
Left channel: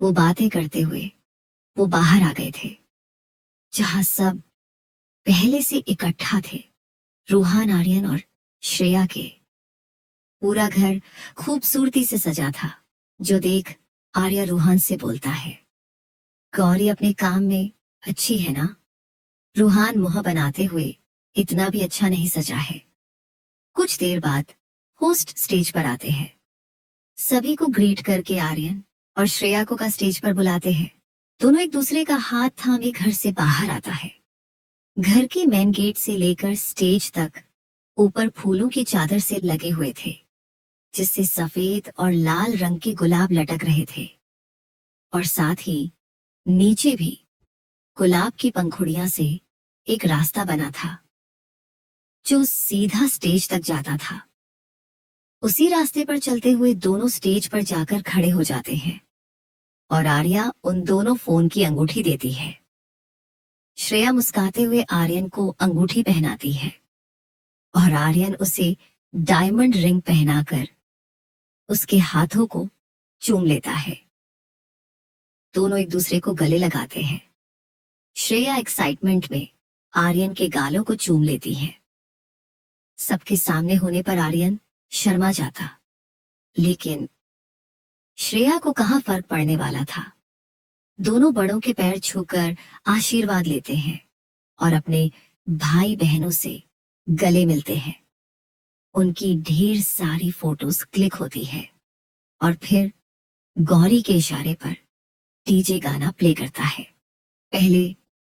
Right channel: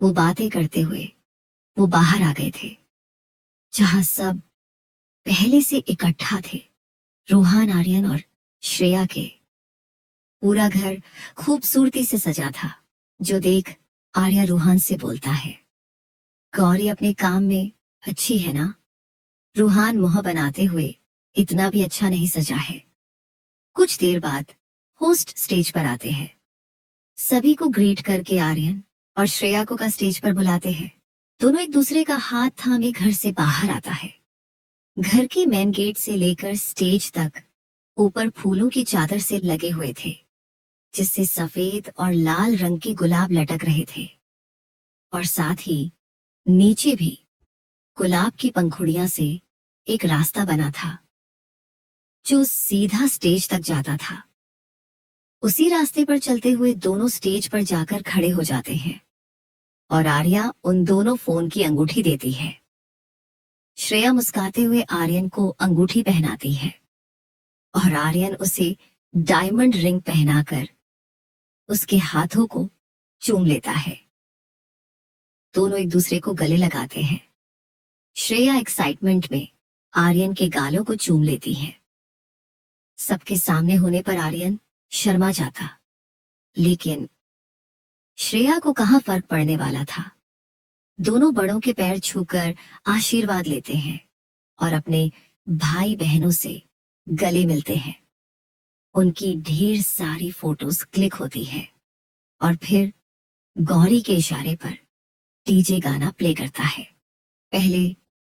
वो बातें करते हुए वो बाहर आ गए थे, जहां सब पहले से इकट्ठा थे। रूहान, आर्यन और श्रेया के। पूरा घर खूबसूरती से सजा था, जो देख आर्या रूहान से बोलता है, गौरी अपने काम में अच्छी है ना? रूहान मुंह बनाते हुए, इतना भी अच्छा नहीं सजा है। कुछ देर बाद होस्ट स्टेज पर आते हैं। सभी को ग्रीट करके आर्यन और श्रेया को का स्टेज पर बुलाते हैं। दोनों एक दूसरे का हाथ थामे घर से बाहर आता है। घर के मेन गेट से लेकर स्टेज तक ऊपर फूलों की चादर से लगे हुए थे, जिससे सफेद और लाल रंग के गुलाब लटक रहे थे, और साथ ही नीचे भी गुलाब की पंखुड़ियां से एक रास्ता बना था, जो सीधा स्टेज तक जाता था। उसी रास्ते पर चलते हुए दोनों स्टेज पर जाकर खड़े हो जाते हैं और आर्या उन दोनों फोन की अंगूठी देती है। श्रेया मुस्कुराते हुए आर्यन को अंगूठी पहनाती है और आर्यन उसे डायमंड रिंग पहनाकर उसके हाथों को चूम लेता है। दोनों एक दूसरे को गले लगाते हैं। श्रेया एक्साइटमेंट में आर्यन के गालों को चूम लेती है। सबके सामने होने पर आर्यन शर्मा जाता, लेकिन श्रेया को कहाँ फर्क पड़ने वाला था। दोनों बड़ों के पैर छूकर आशीर्वाद लेते हैं और अपने भाई बहनों से गले मिलते हैं। उनकी ढेर सारी फोटोज क्लिक होती है और फिर गौरी के इशारे पर डीजे गाना प्ले करता है। पहले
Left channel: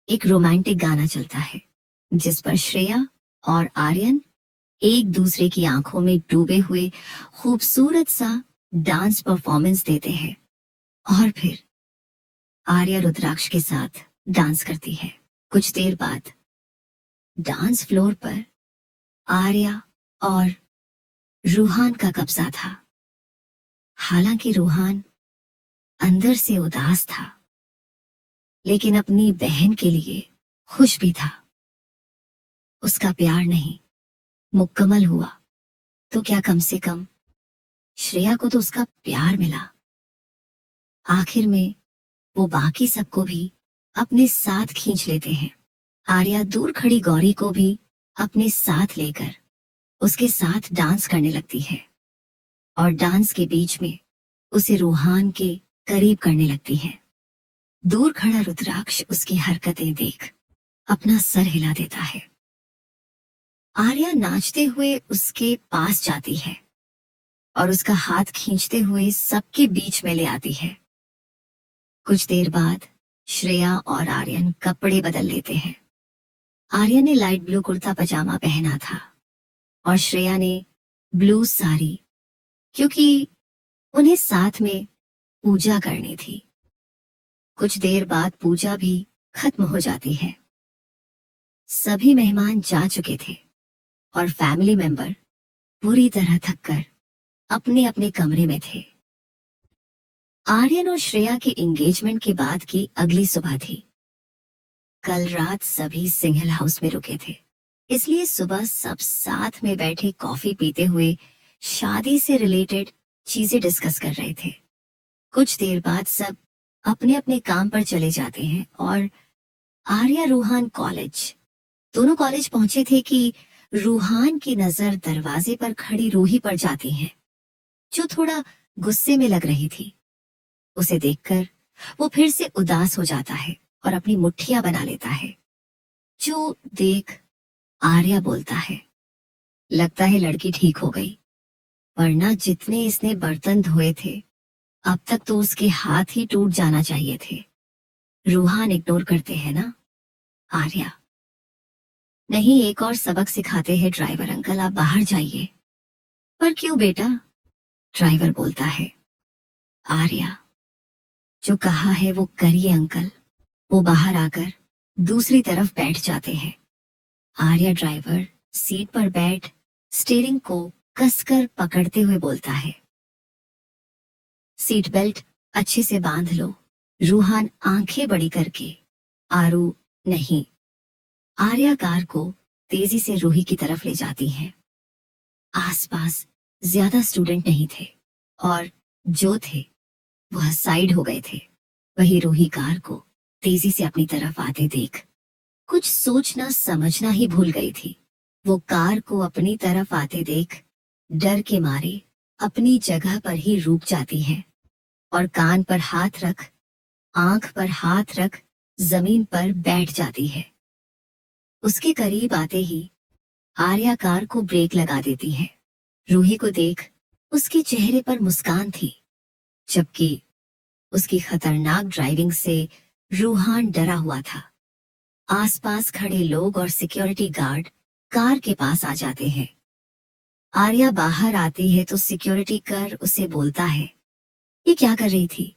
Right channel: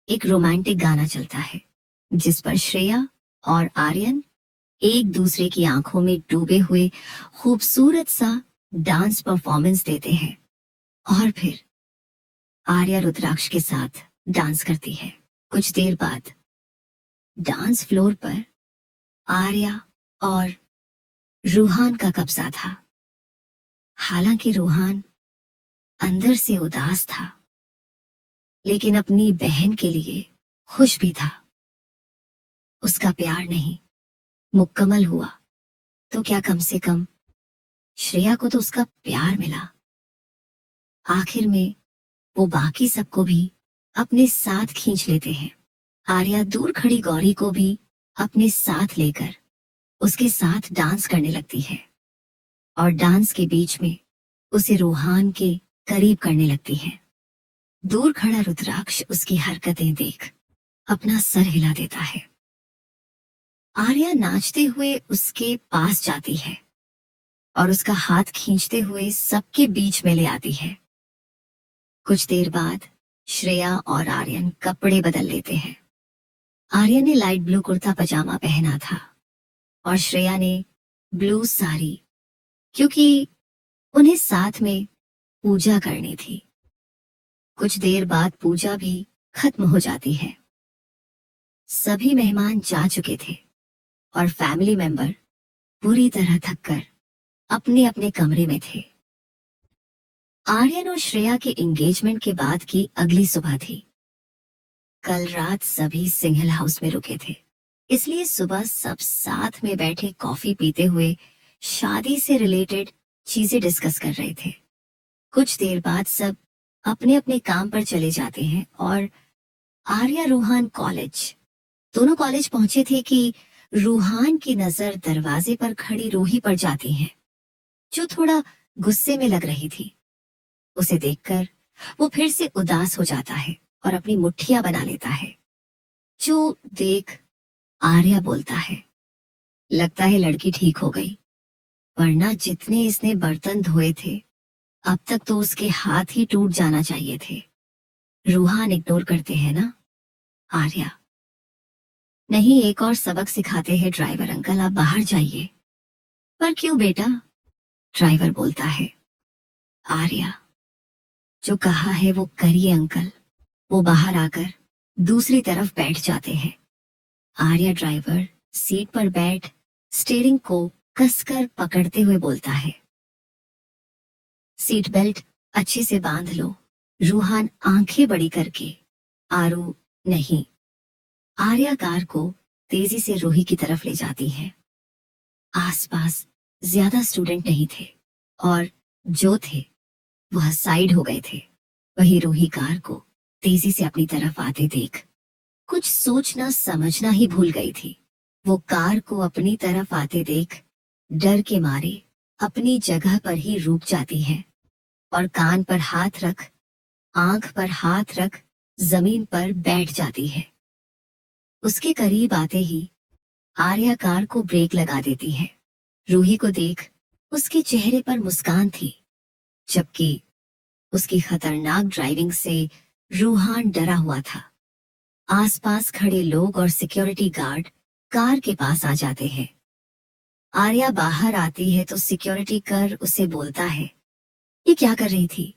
एक रोमांटिक गाना चलता है, जिस पर श्रेया और आर्यन एक दूसरे की आंखों में डूबे हुए खूबसूरत सा डांस परफॉर्मेंस देते हैं, और फिर आर्या रुद्राक्ष के साथ डांस करती है। कुछ देर बाद डांस फ्लोर पर आर्या और रूहान का कब्जा था। हालांकि रूहान अंदर से उदास था, लेकिन अपनी बहन के लिए खुश भी था। उसका प्यार नहीं मुकम्मल हुआ तो क्या, कम से कम श्रेया को तो उसका प्यार मिला। आखिर में वो बाकी सबको भी अपने साथ खींच लेते हैं। आर्या दूर खड़ी गौरी को भी अपने साथ लेकर उसके साथ डांस करने लगती है और डांस के बीच में उसे रूहान के करीब करने लगती है। दूर खड़ा रुद्राक्ष उसकी हरकतें देख अपना सर हिला देता है। आर्या नाचते हुए उसके पास जाती है और उसका हाथ खींचते हुए सबके बीच में ले आती है। कुछ देर बाद श्रेया और आर्यन कपड़े बदल लेते हैं। आर्यन ने लाइट ब्लू कुर्ता पजामा पहना था और श्रेया ने ब्लू साड़ी, क्योंकि उन्हें साथ में पूजा करनी थी। कुछ देर बाद पूजा भी खत्म हो जाती है। सभी मेहमान जा चुके थे और फैमिली मेंबर पूरी तरह थककर अपने अपने कमरे में थे। आर्यन और श्रेया के एंगेजमेंट के बाद की अगली सुबह थी। कल रात सभी सिंगल हाउस में रुके थे, इसलिए सुबह सब साथ में बैठे कॉफी पीते हुए शादी से रिलेटेड चीजें डिस्कस कर रहे थे। कुछ देर बाद सब अपने अपने काम पर चले जाते हैं और आर्या रूहान कॉलेज, दोनों कॉलेज पहुंचे थे कि रूहान की नजर दरवाजे पर खड़ी रूही पर जाती है, जो थोड़ा गुस्से में लग रही थी। उसे देखकर वो फिर से उदास हो जाता है और अपनी मुट्ठियां बना लेता है, जो देख आर्या बोलता है, लगता है लड़की ठीक हो गई, वरना जितने इसने बर्तन धोए थे अब तक तो उसके हाथ ही टूट जाना चाहिए थे। रूहान इग्नोर करते हैं ना? आर्या, नहीं, एक और सबक सिखाते हैं ड्राइवर अंकल, आप बाहर जाइए। पर क्यों बेटा? ड्राइवर बोलता है। आर्या, जो कहा है वो करिए अंकल। वो बाहर आकर दूसरी तरफ बैठ जाते हैं। आर्या ड्राइवर सीट पर बैठ स्टीयरिंग को कसकर पकड़ते हुए बोलता है, सीट बेल्ट अच्छे से बांध लो। रूहान आंखें बड़ी करके, आरू, नहीं। आर्या कार को तेजी से रूही की तरफ ले जाती है। आसपास ज्यादा स्टूडेंट नहीं थे और जो थे वह साइड हो गए थे। वही रूही कार को तेजी से अपनी तरफ आते देख कुछ सोचना समझना ही भूल गई थी। वो कार को अपनी तरफ आते देख डर के मारे अपनी जगह पर ही रुक जाती है और कान पर हाथ रख, आंख पर हाथ रख जमीन पर बैठ जाती है। उसके करीब आते ही आर्या कार को ब्रेक लगा देती है। रूही को देख उसके चेहरे पर मुस्कान थी, जबकि उसकी खतरनाक ड्राइविंग से रूहान डरा हुआ था। आसपास खड़े लोग और सिक्योरिटी गार्ड कार के पास आ जाते हैं। आर्या बाहर आती है तो सिक्योरिटी कर उसे बोलता है, ये क्या कर रही थी?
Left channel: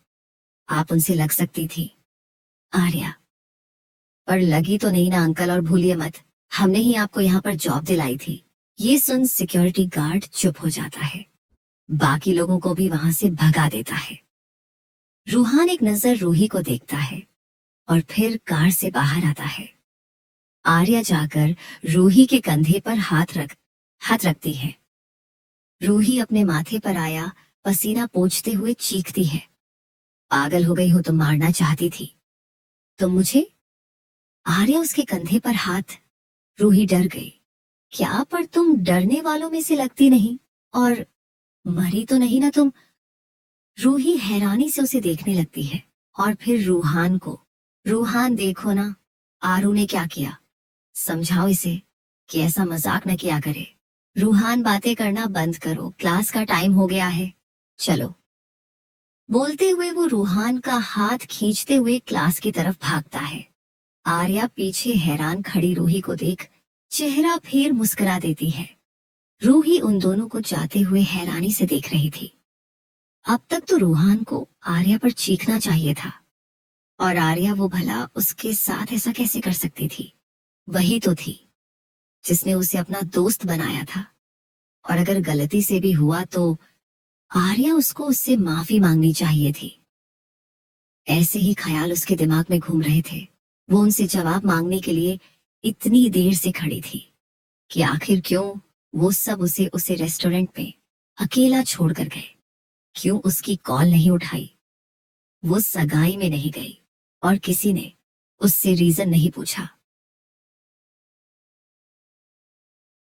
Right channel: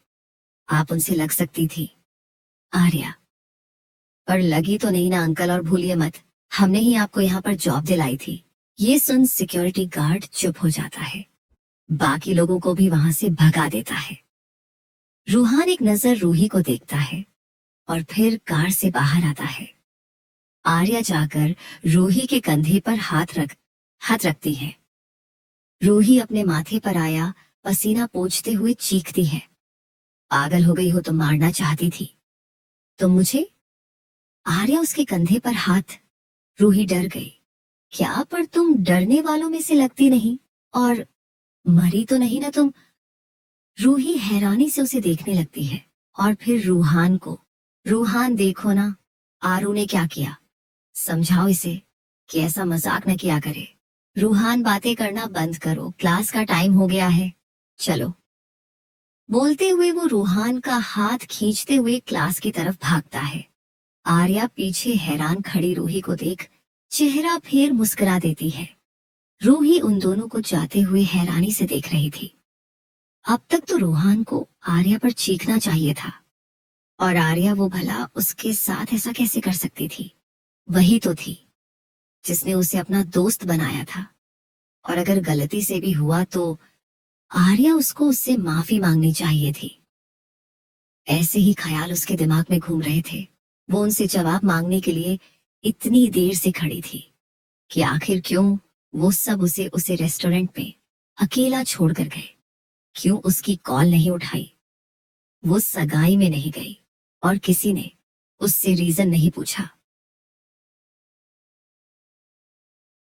आप उनसे लग सकती थी। आर्या, पर लगी तो नहीं ना अंकल, और भूलिए मत, हमने ही आपको यहाँ पर जॉब दिलाई थी। ये सुन सिक्योरिटी गार्ड चुप हो जाता है, बाकी लोगों को भी वहां से भगा देता है। रूहान एक नजर रूही को देखता है और फिर कार से बाहर आता है। आर्या जाकर रूही के कंधे पर हाथ रखती है। रूही अपने माथे पर आया पसीना पोंछते हुए चीखती है, पागल हो गई हो तुम, मारना चाहती थी तो मुझे? आर्या उसके कंधे पर हाथ। रूही डर गई। क्या, पर तुम डरने वालों में से लगती नहीं, और मरी तो नहीं ना तुम? रूही हैरानी से उसे देखने लगती है और फिर रूहान को। रूहान, देखो ना आरू ने क्या किया, समझाओ इसे कि ऐसा मजाक न किया करे। रूहान, बातें करना बंद करो, क्लास का टाइम हो गया है, चलो। बोलते हुए वो रूहान का हाथ खींचते हुए क्लास की तरफ भागता है। आर्या पीछे हैरान खड़ी रूही को देख चेहरा फेर मुस्कुरा देती है। रूही उन दोनों को जाते हुए हैरानी से देख रही थी। अब तक तो रूहान को आर्या पर चीखना चाहिए था, और आर्या वो भला उसके साथ ऐसा कैसे कर सकती थी? वही तो थी जिसने उसे अपना दोस्त बनाया था, और अगर गलती से भी हुआ तो आर्या उसको उससे माफी मांगनी चाहिए थी। ऐसे ही ख्याल उसके दिमाग में घूम रहे थे। वो उनसे जवाब मांगने के लिए इतनी देर से खड़ी थी कि आखिर क्यों वो सब उसे रेस्टोरेंट में अकेला छोड़कर गए। क्यों उसकी कॉल नहीं उठाई? वो सगाई में नहीं गई और किसी ने उससे रीजन नहीं पूछा।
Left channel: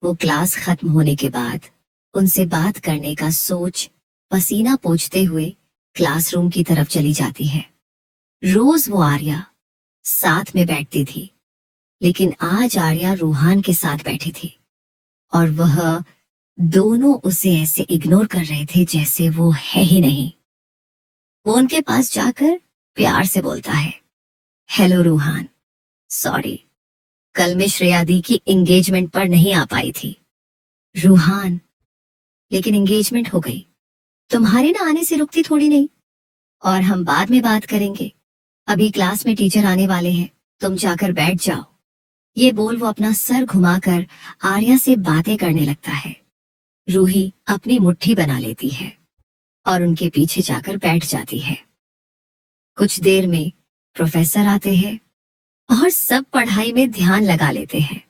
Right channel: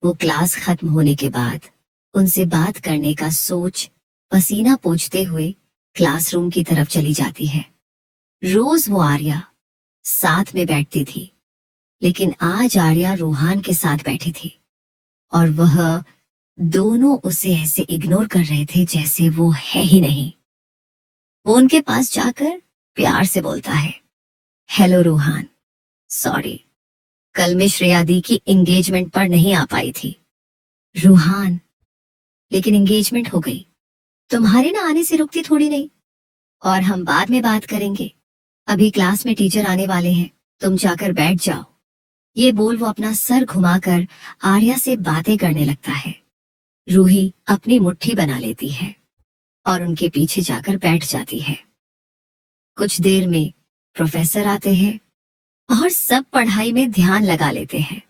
वो क्लास खत्म होने के बाद उनसे बात करने का सोच पसीना पोंछते हुए क्लासरूम की तरफ चली जाती है। रोज वो आर्या साथ में बैठती थी, लेकिन आज आर्या रूहान के साथ बैठी थी और वह दोनों उसे ऐसे इग्नोर कर रहे थे जैसे वो है ही नहीं। वो उनके पास जाकर प्यार से बोलता है, हेलो रूहान, सॉरी, कल मैं श्रेया दी की एंगेजमेंट पर नहीं आ पाई थी। रूहान, लेकिन एंगेजमेंट हो गई। तुम्हारे ना आने से रुकती थोड़ी नहीं। और हम बाद में बात करेंगे, अभी क्लास में टीचर आने वाले हैं, तुम जाकर बैठ जाओ। ये बोल वो अपना सर घुमाकर आर्या से बातें करने लगता है। रूही अपनी मुट्ठी बना लेती है और उनके पीछे जाकर बैठ जाती है। कुछ देर में प्रोफेसर आते हैं और सब पढ़ाई में ध्यान लगा लेते हैं।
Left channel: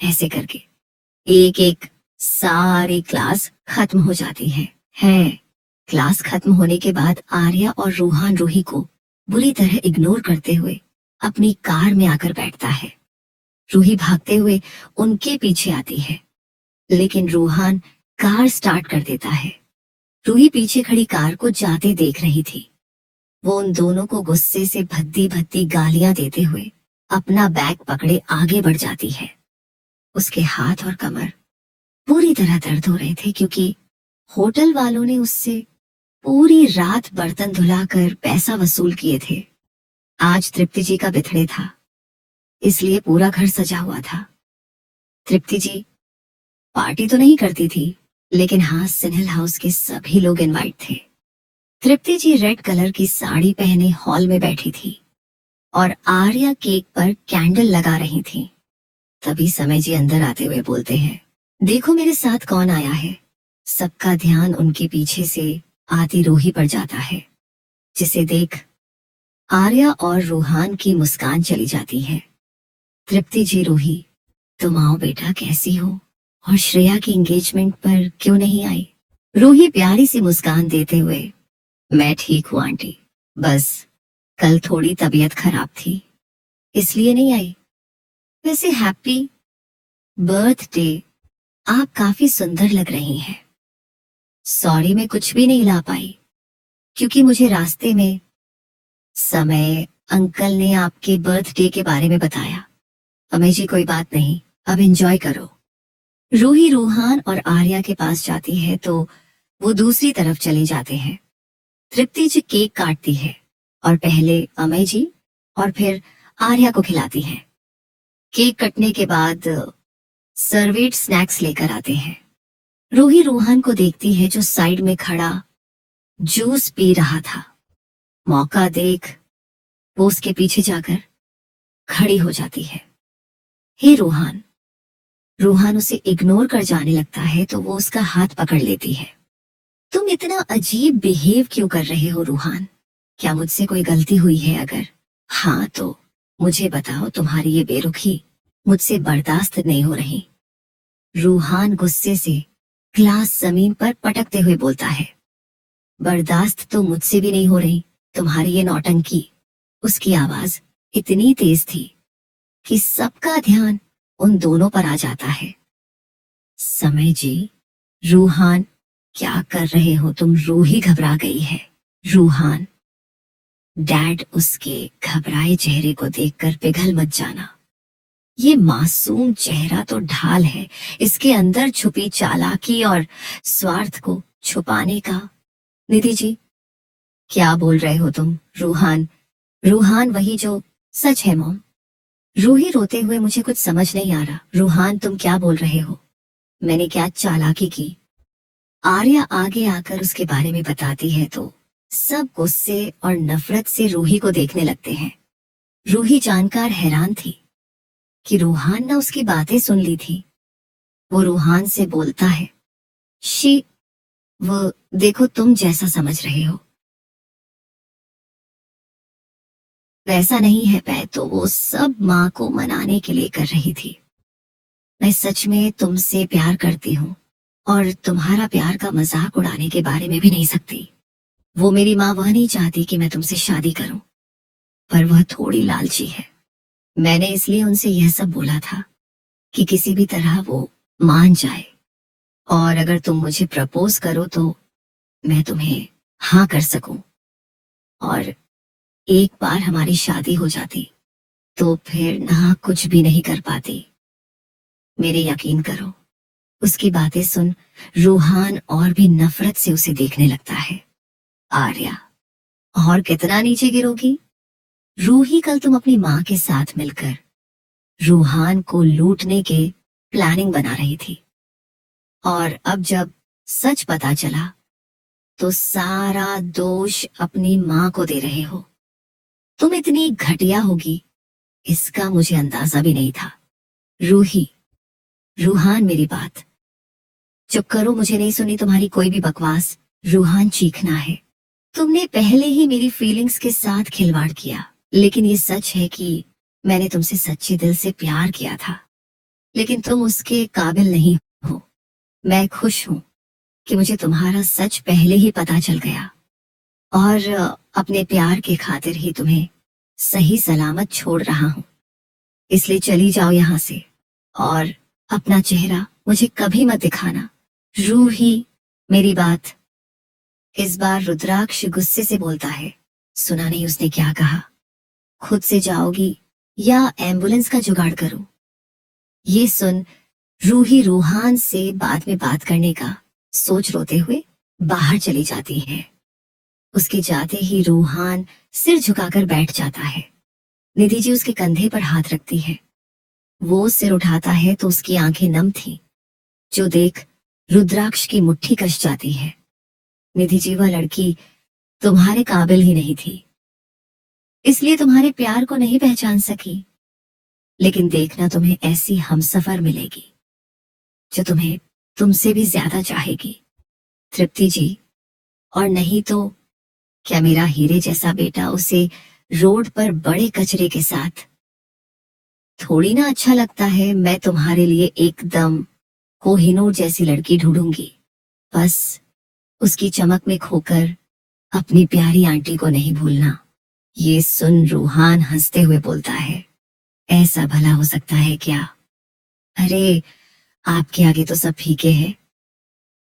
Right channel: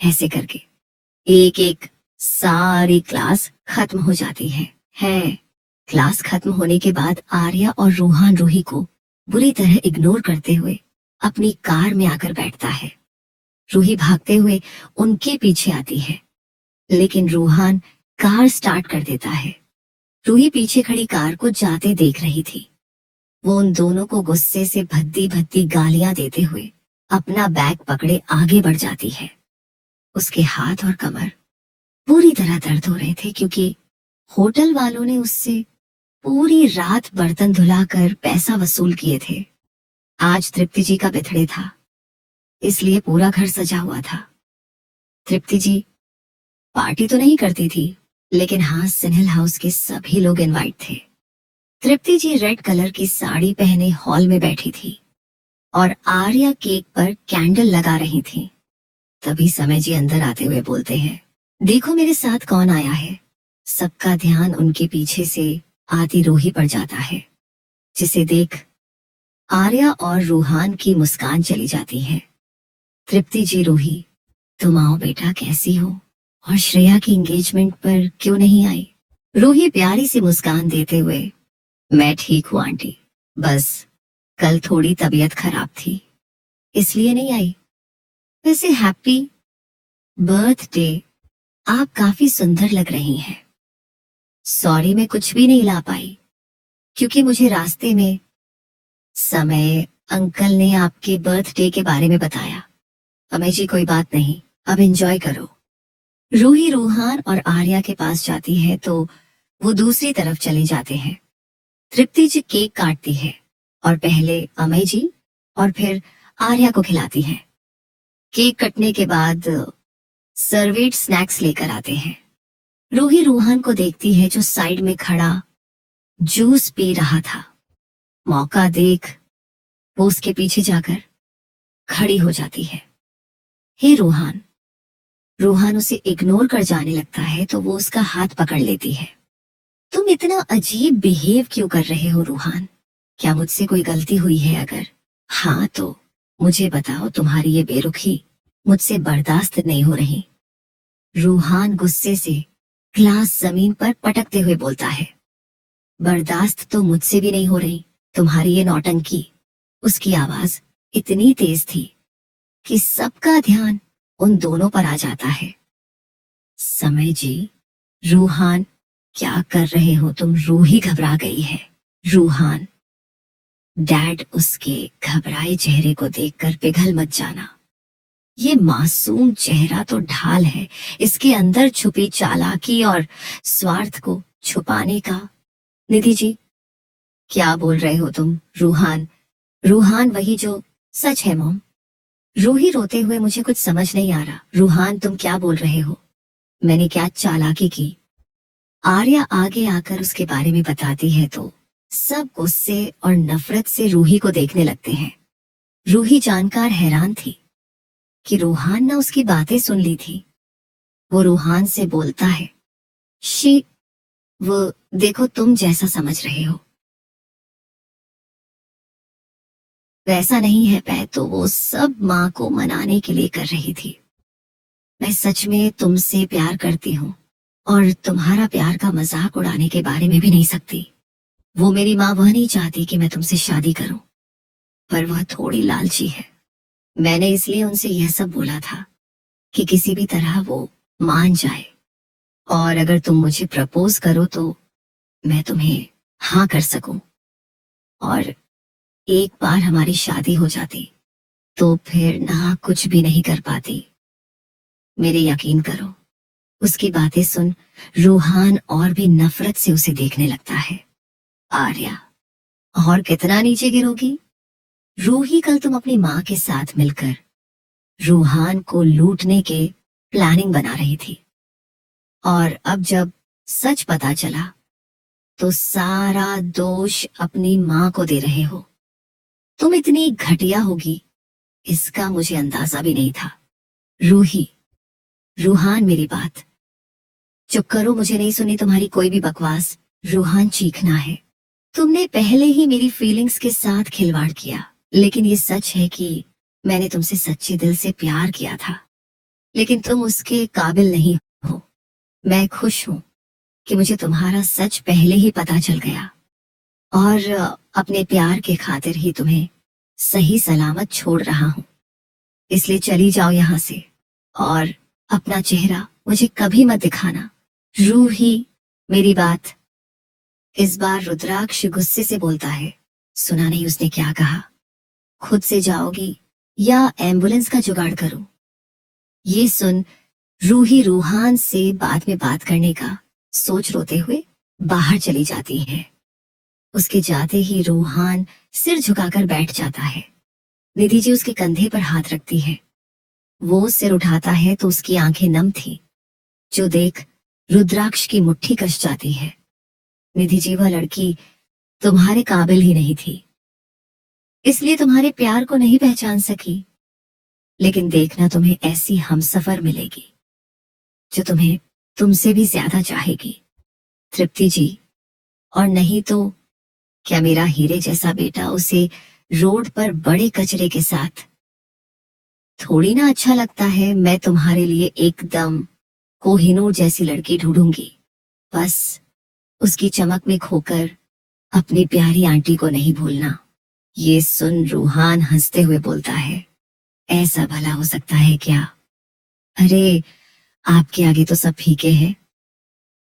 ऐसे करके एक एक सारी क्लास खत्म हो जाती है। क्लास खत्म होने के बाद आर्या और रूहान रूही को बुरी तरह इग्नोर करते हुए अपनी कार में आकर बैठता है। रूही भागते हुए उनके पीछे आती है, लेकिन रूहान कार स्टार्ट कर देता है। रूही पीछे खड़ी कार को जाते देख रही थी। वो उन दोनों को गुस्से से भद्दी भद्दी गालियां देते हुए अपना बैग पकड़े आगे बढ़ जाती है। उसके हाथ और कमर पूरी तरह दर्द हो रहे थे, क्योंकि होटल वालों ने उससे पूरी रात बर्तन धुलाकर पैसा वसूल किए थे। आज तृप्ति जी का बिथड़े था, इसलिए पूरा घर सजा हुआ था। तृप्ति जी पार्टी तो नहीं करती थी, लेकिन हाँ, सिन्हल हाउस के सभी लोग इनवाइट थे। तृप्ति जी रेड कलर की साड़ी पहने हॉल में बैठी थी और आर्या केक पर कैंडल लगा रही थी। तभी समय जी अंदर आते हुए बोलते हैं, देखो मेरे साथ कौन आया है। सबका ध्यान उनके पीछे से आती रूही पर जाता है, जिसे देख आर्या और रूहान की मुस्कान चली जाती है। तृप्ति जी, रूही तुम आओ बेटा, कैसी हो, और श्रेया की एंगेजमेंट पर क्यों नहीं आई। रूही प्यारी सी मुस्कान देते हुए, मैं ठीक हूँ आंटी, बस कल थोड़ी तबीयत खराब थी इसलिए नहीं आई। वैसे हैप्पी बर्थडे, आप काफी सुंदर लग रही हैं। सॉरी मैं कुछ भी नहीं ला पाई, क्योंकि मुझे रास्ते में समय अंकल ने आपके बर्थडे के बारे में बताया। अमें जी कोई बात नहीं, अब एंजॉय करो। रूही रूहान और आर्या के पास जाती है तो वो दूसरी तरफ चले जाते हैं। तृप्ति जी केक काटती है और पहले अमें जी और फिर आर्या को खिलाती है। केक कटने के बाद सर्वेट स्नैक्स लेकर आते हैं। रूही रूहान को देखती है जो साइड में खड़ा जूस पी रहा था। मौका देख वो उसके पीछे जाकर खड़ी हो जाती है। हे रूहान। रूहान उसे इग्नोर कर जाने लगता है तो वो उसका हाथ पकड़ लेती है। तुम इतना अजीब बिहेव क्यों कर रहे हो रूहान? क्या मुझसे कोई गलती हुई है? अगर हाँ तो मुझे बताओ, तुम्हारी ये बेरुखी मुझसे बर्दाश्त नहीं हो रही। रूहान गुस्से से ग्लास जमीन पर पटकते हुए बोलता है, बर्दाश्त तो मुझसे भी नहीं हो रही, तुम्हारी ये नौटंकी। उसकी आवाज इतनी तेज थी कि सबका ध्यान उन दोनों पर आ जाता है। समय जी, रूहान क्या कर रहे हो तुम? रूही घबरा गई है। रूहान। डैड, उसके घबराए चेहरे को देखकर पिघल मत जाना। ये मासूम चेहरा तो ढाल है इसके अंदर छुपी चालाकी और स्वार्थ को छुपाने का। निधि जी, क्या बोल रहे हो तुम? रूहान। रूहान वही जो सच है मॉम। रूही रोते हुए, मुझे कुछ समझ नहीं आ रहा। रूहान तुम क्या बोल रहे हो? मैंने क्या चालाकी की? आर्या आगे आकर उसके बारे में बताती है तो सब गुस्से और नफरत से रूही को देखने लगते हैं। रूही जानकर हैरान थी कि रूहान ने उसकी बातें सुन ली थी। वो रूहान से बोलता है, वो देखो, तुम जैसा समझ रहे हो वैसा नहीं है पै, तो वो सब माँ को मनाने के लिए कर रही थी। मैं सच में तुमसे प्यार करती हूँ और तुम्हारा प्यार का मजाक उड़ाने के बारे में भी नहीं सकती। वो मेरी माँ वह नहीं चाहती कि मैं तुमसे शादी करूं, पर वह थोड़ी लालची है। मैंने इसलिए उनसे यह सब बोला था कि किसी भी तरह वो मान जाए, और अगर तुम मुझे प्रपोज करो तो मैं तुम्हें हाँ कर सकूं, और एक बार हमारी शादी हो जाती तो फिर ना कुछ भी नहीं कर पाती। मेरे यकीन करो। उसकी बातें सुन रूहान और भी नफरत से उसे देखने लगता है। आर्या, और कितना नीचे गिरोगी? रूही कल तुम अपनी माँ के साथ मिलकर रूहान को लूटने के प्लानिंग बना रही थी, और अब जब सच पता चला तो सारा दोष अपनी माँ को दे रहे हो। तुम इतनी घटिया होगी इसका मुझे अंदाजा भी नहीं था। रूही, रूहान मेरी बात। चुप करो, मुझे नहीं सुनी तुम्हारी कोई भी बकवास। रूहान चीखना है। तुमने पहले ही मेरी फीलिंग्स के साथ खिलवाड़ किया, लेकिन ये सच है कि मैंने तुमसे सच्चे दिल से प्यार किया था, लेकिन तुम उसके काबिल नहीं हो। मैं खुश हूं कि मुझे तुम्हारा सच पहले ही पता चल गया और अपने प्यार के खातिर ही तुम्हें सही सलामत छोड़ रहा हूं। इसलिए चली जाओ यहां से और अपना चेहरा मुझे कभी मत दिखाना। रूही, मेरी बात। इस बार रुद्राक्ष गुस्से से बोलता है। सुना नहीं उसने क्या कहा? खुद से जाओगी या एम्बुलेंस का जुगाड़ करूं? ये सुन रूही रूहान से बाद में बात करने का सोच रोते हुए बाहर चली जाती है। उसके जाते ही रूहान सिर झुकाकर बैठ जाता है। निधि जी उसके कंधे पर हाथ रखती है। वो सिर उठाता है तो उसकी आंखें नम थी, जो देख रुद्राक्ष की मुट्ठी कस जाती है। निधि जी, वह लड़की तुम्हारे काबिल ही नहीं थी, इसलिए तुम्हारे प्यार को नहीं पहचान सकी। लेकिन देखना, तुम्हें ऐसी हमसफर मिलेगी जो तुम्हें तुमसे भी ज्यादा चाहेगी, तृप्ति जी। और नहीं तो क्या मेरा हीरे जैसा बेटा उसे रोड पर बड़े कचरे के साथ थोड़ी ना अच्छा लगता है। मैं तुम्हारे लिए एकदम कोहिनूर जैसी लड़की ढूंढूंगी, बस उसकी चमक में खोकर अपनी प्यारी आंटी को नहीं भूलना। ये सुन रूहान हंसते हुए बोलता है, ऐसा भला हो सकता है क्या? अरे, आपके आगे तो सब फीके हैं,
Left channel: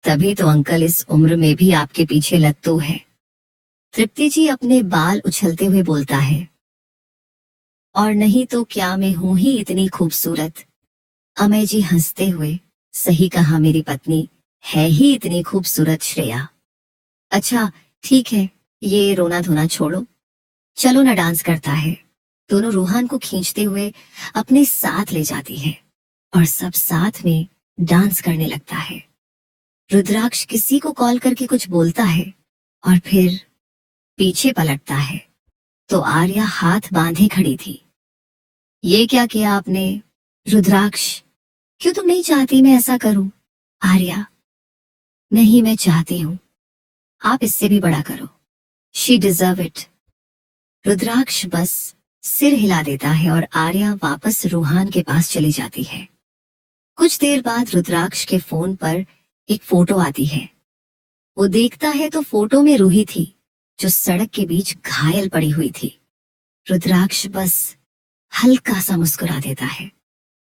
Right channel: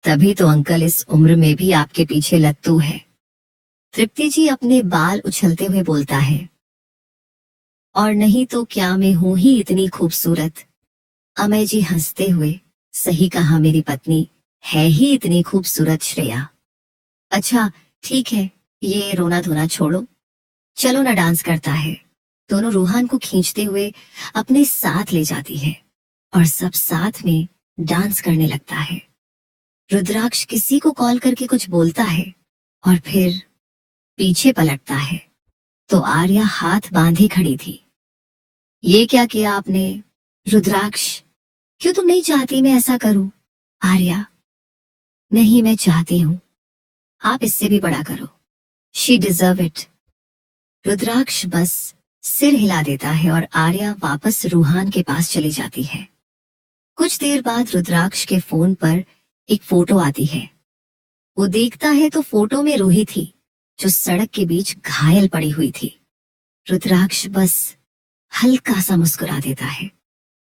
तभी तो अंकल इस उम्र में भी आपके पीछे लत्तू है। तृप्ति जी अपने बाल उछलते हुए बोलता है, और नहीं तो क्या मैं हूं ही इतनी खूबसूरत? अमय जी हंसते हुए, सही कहा मेरी पत्नी है ही इतनी खूबसूरत श्रेया। अच्छा ठीक है, ये रोना धोना छोड़ो, चलो ना डांस करता है। दोनों रूहान को खींचते हुए अपने साथ ले जाती है और सब साथ में डांस करने लगता है। रुद्राक्ष किसी को कॉल करके कुछ बोलता है और फिर पीछे पलटता है तो आर्या हाथ बांधे खड़ी थी। ये क्या किया आपने? रुद्राक्ष, क्यों तुम नहीं चाहती मैं ऐसा करूं? आर्या, नहीं मैं चाहती हूं, आप इससे भी बड़ा करो। She deserve it. रुद्राक्ष बस सिर हिला देता है और आर्या वापस रूहान के पास चली जाती है। कुछ देर बाद रुद्राक्ष के फोन पर एक फोटो आती है। वो देखता है तो फोटो में रूही थी, जो सड़क के बीच घायल पड़ी हुई थी। रुद्राक्ष बस हल्का सा मुस्कुरा देता है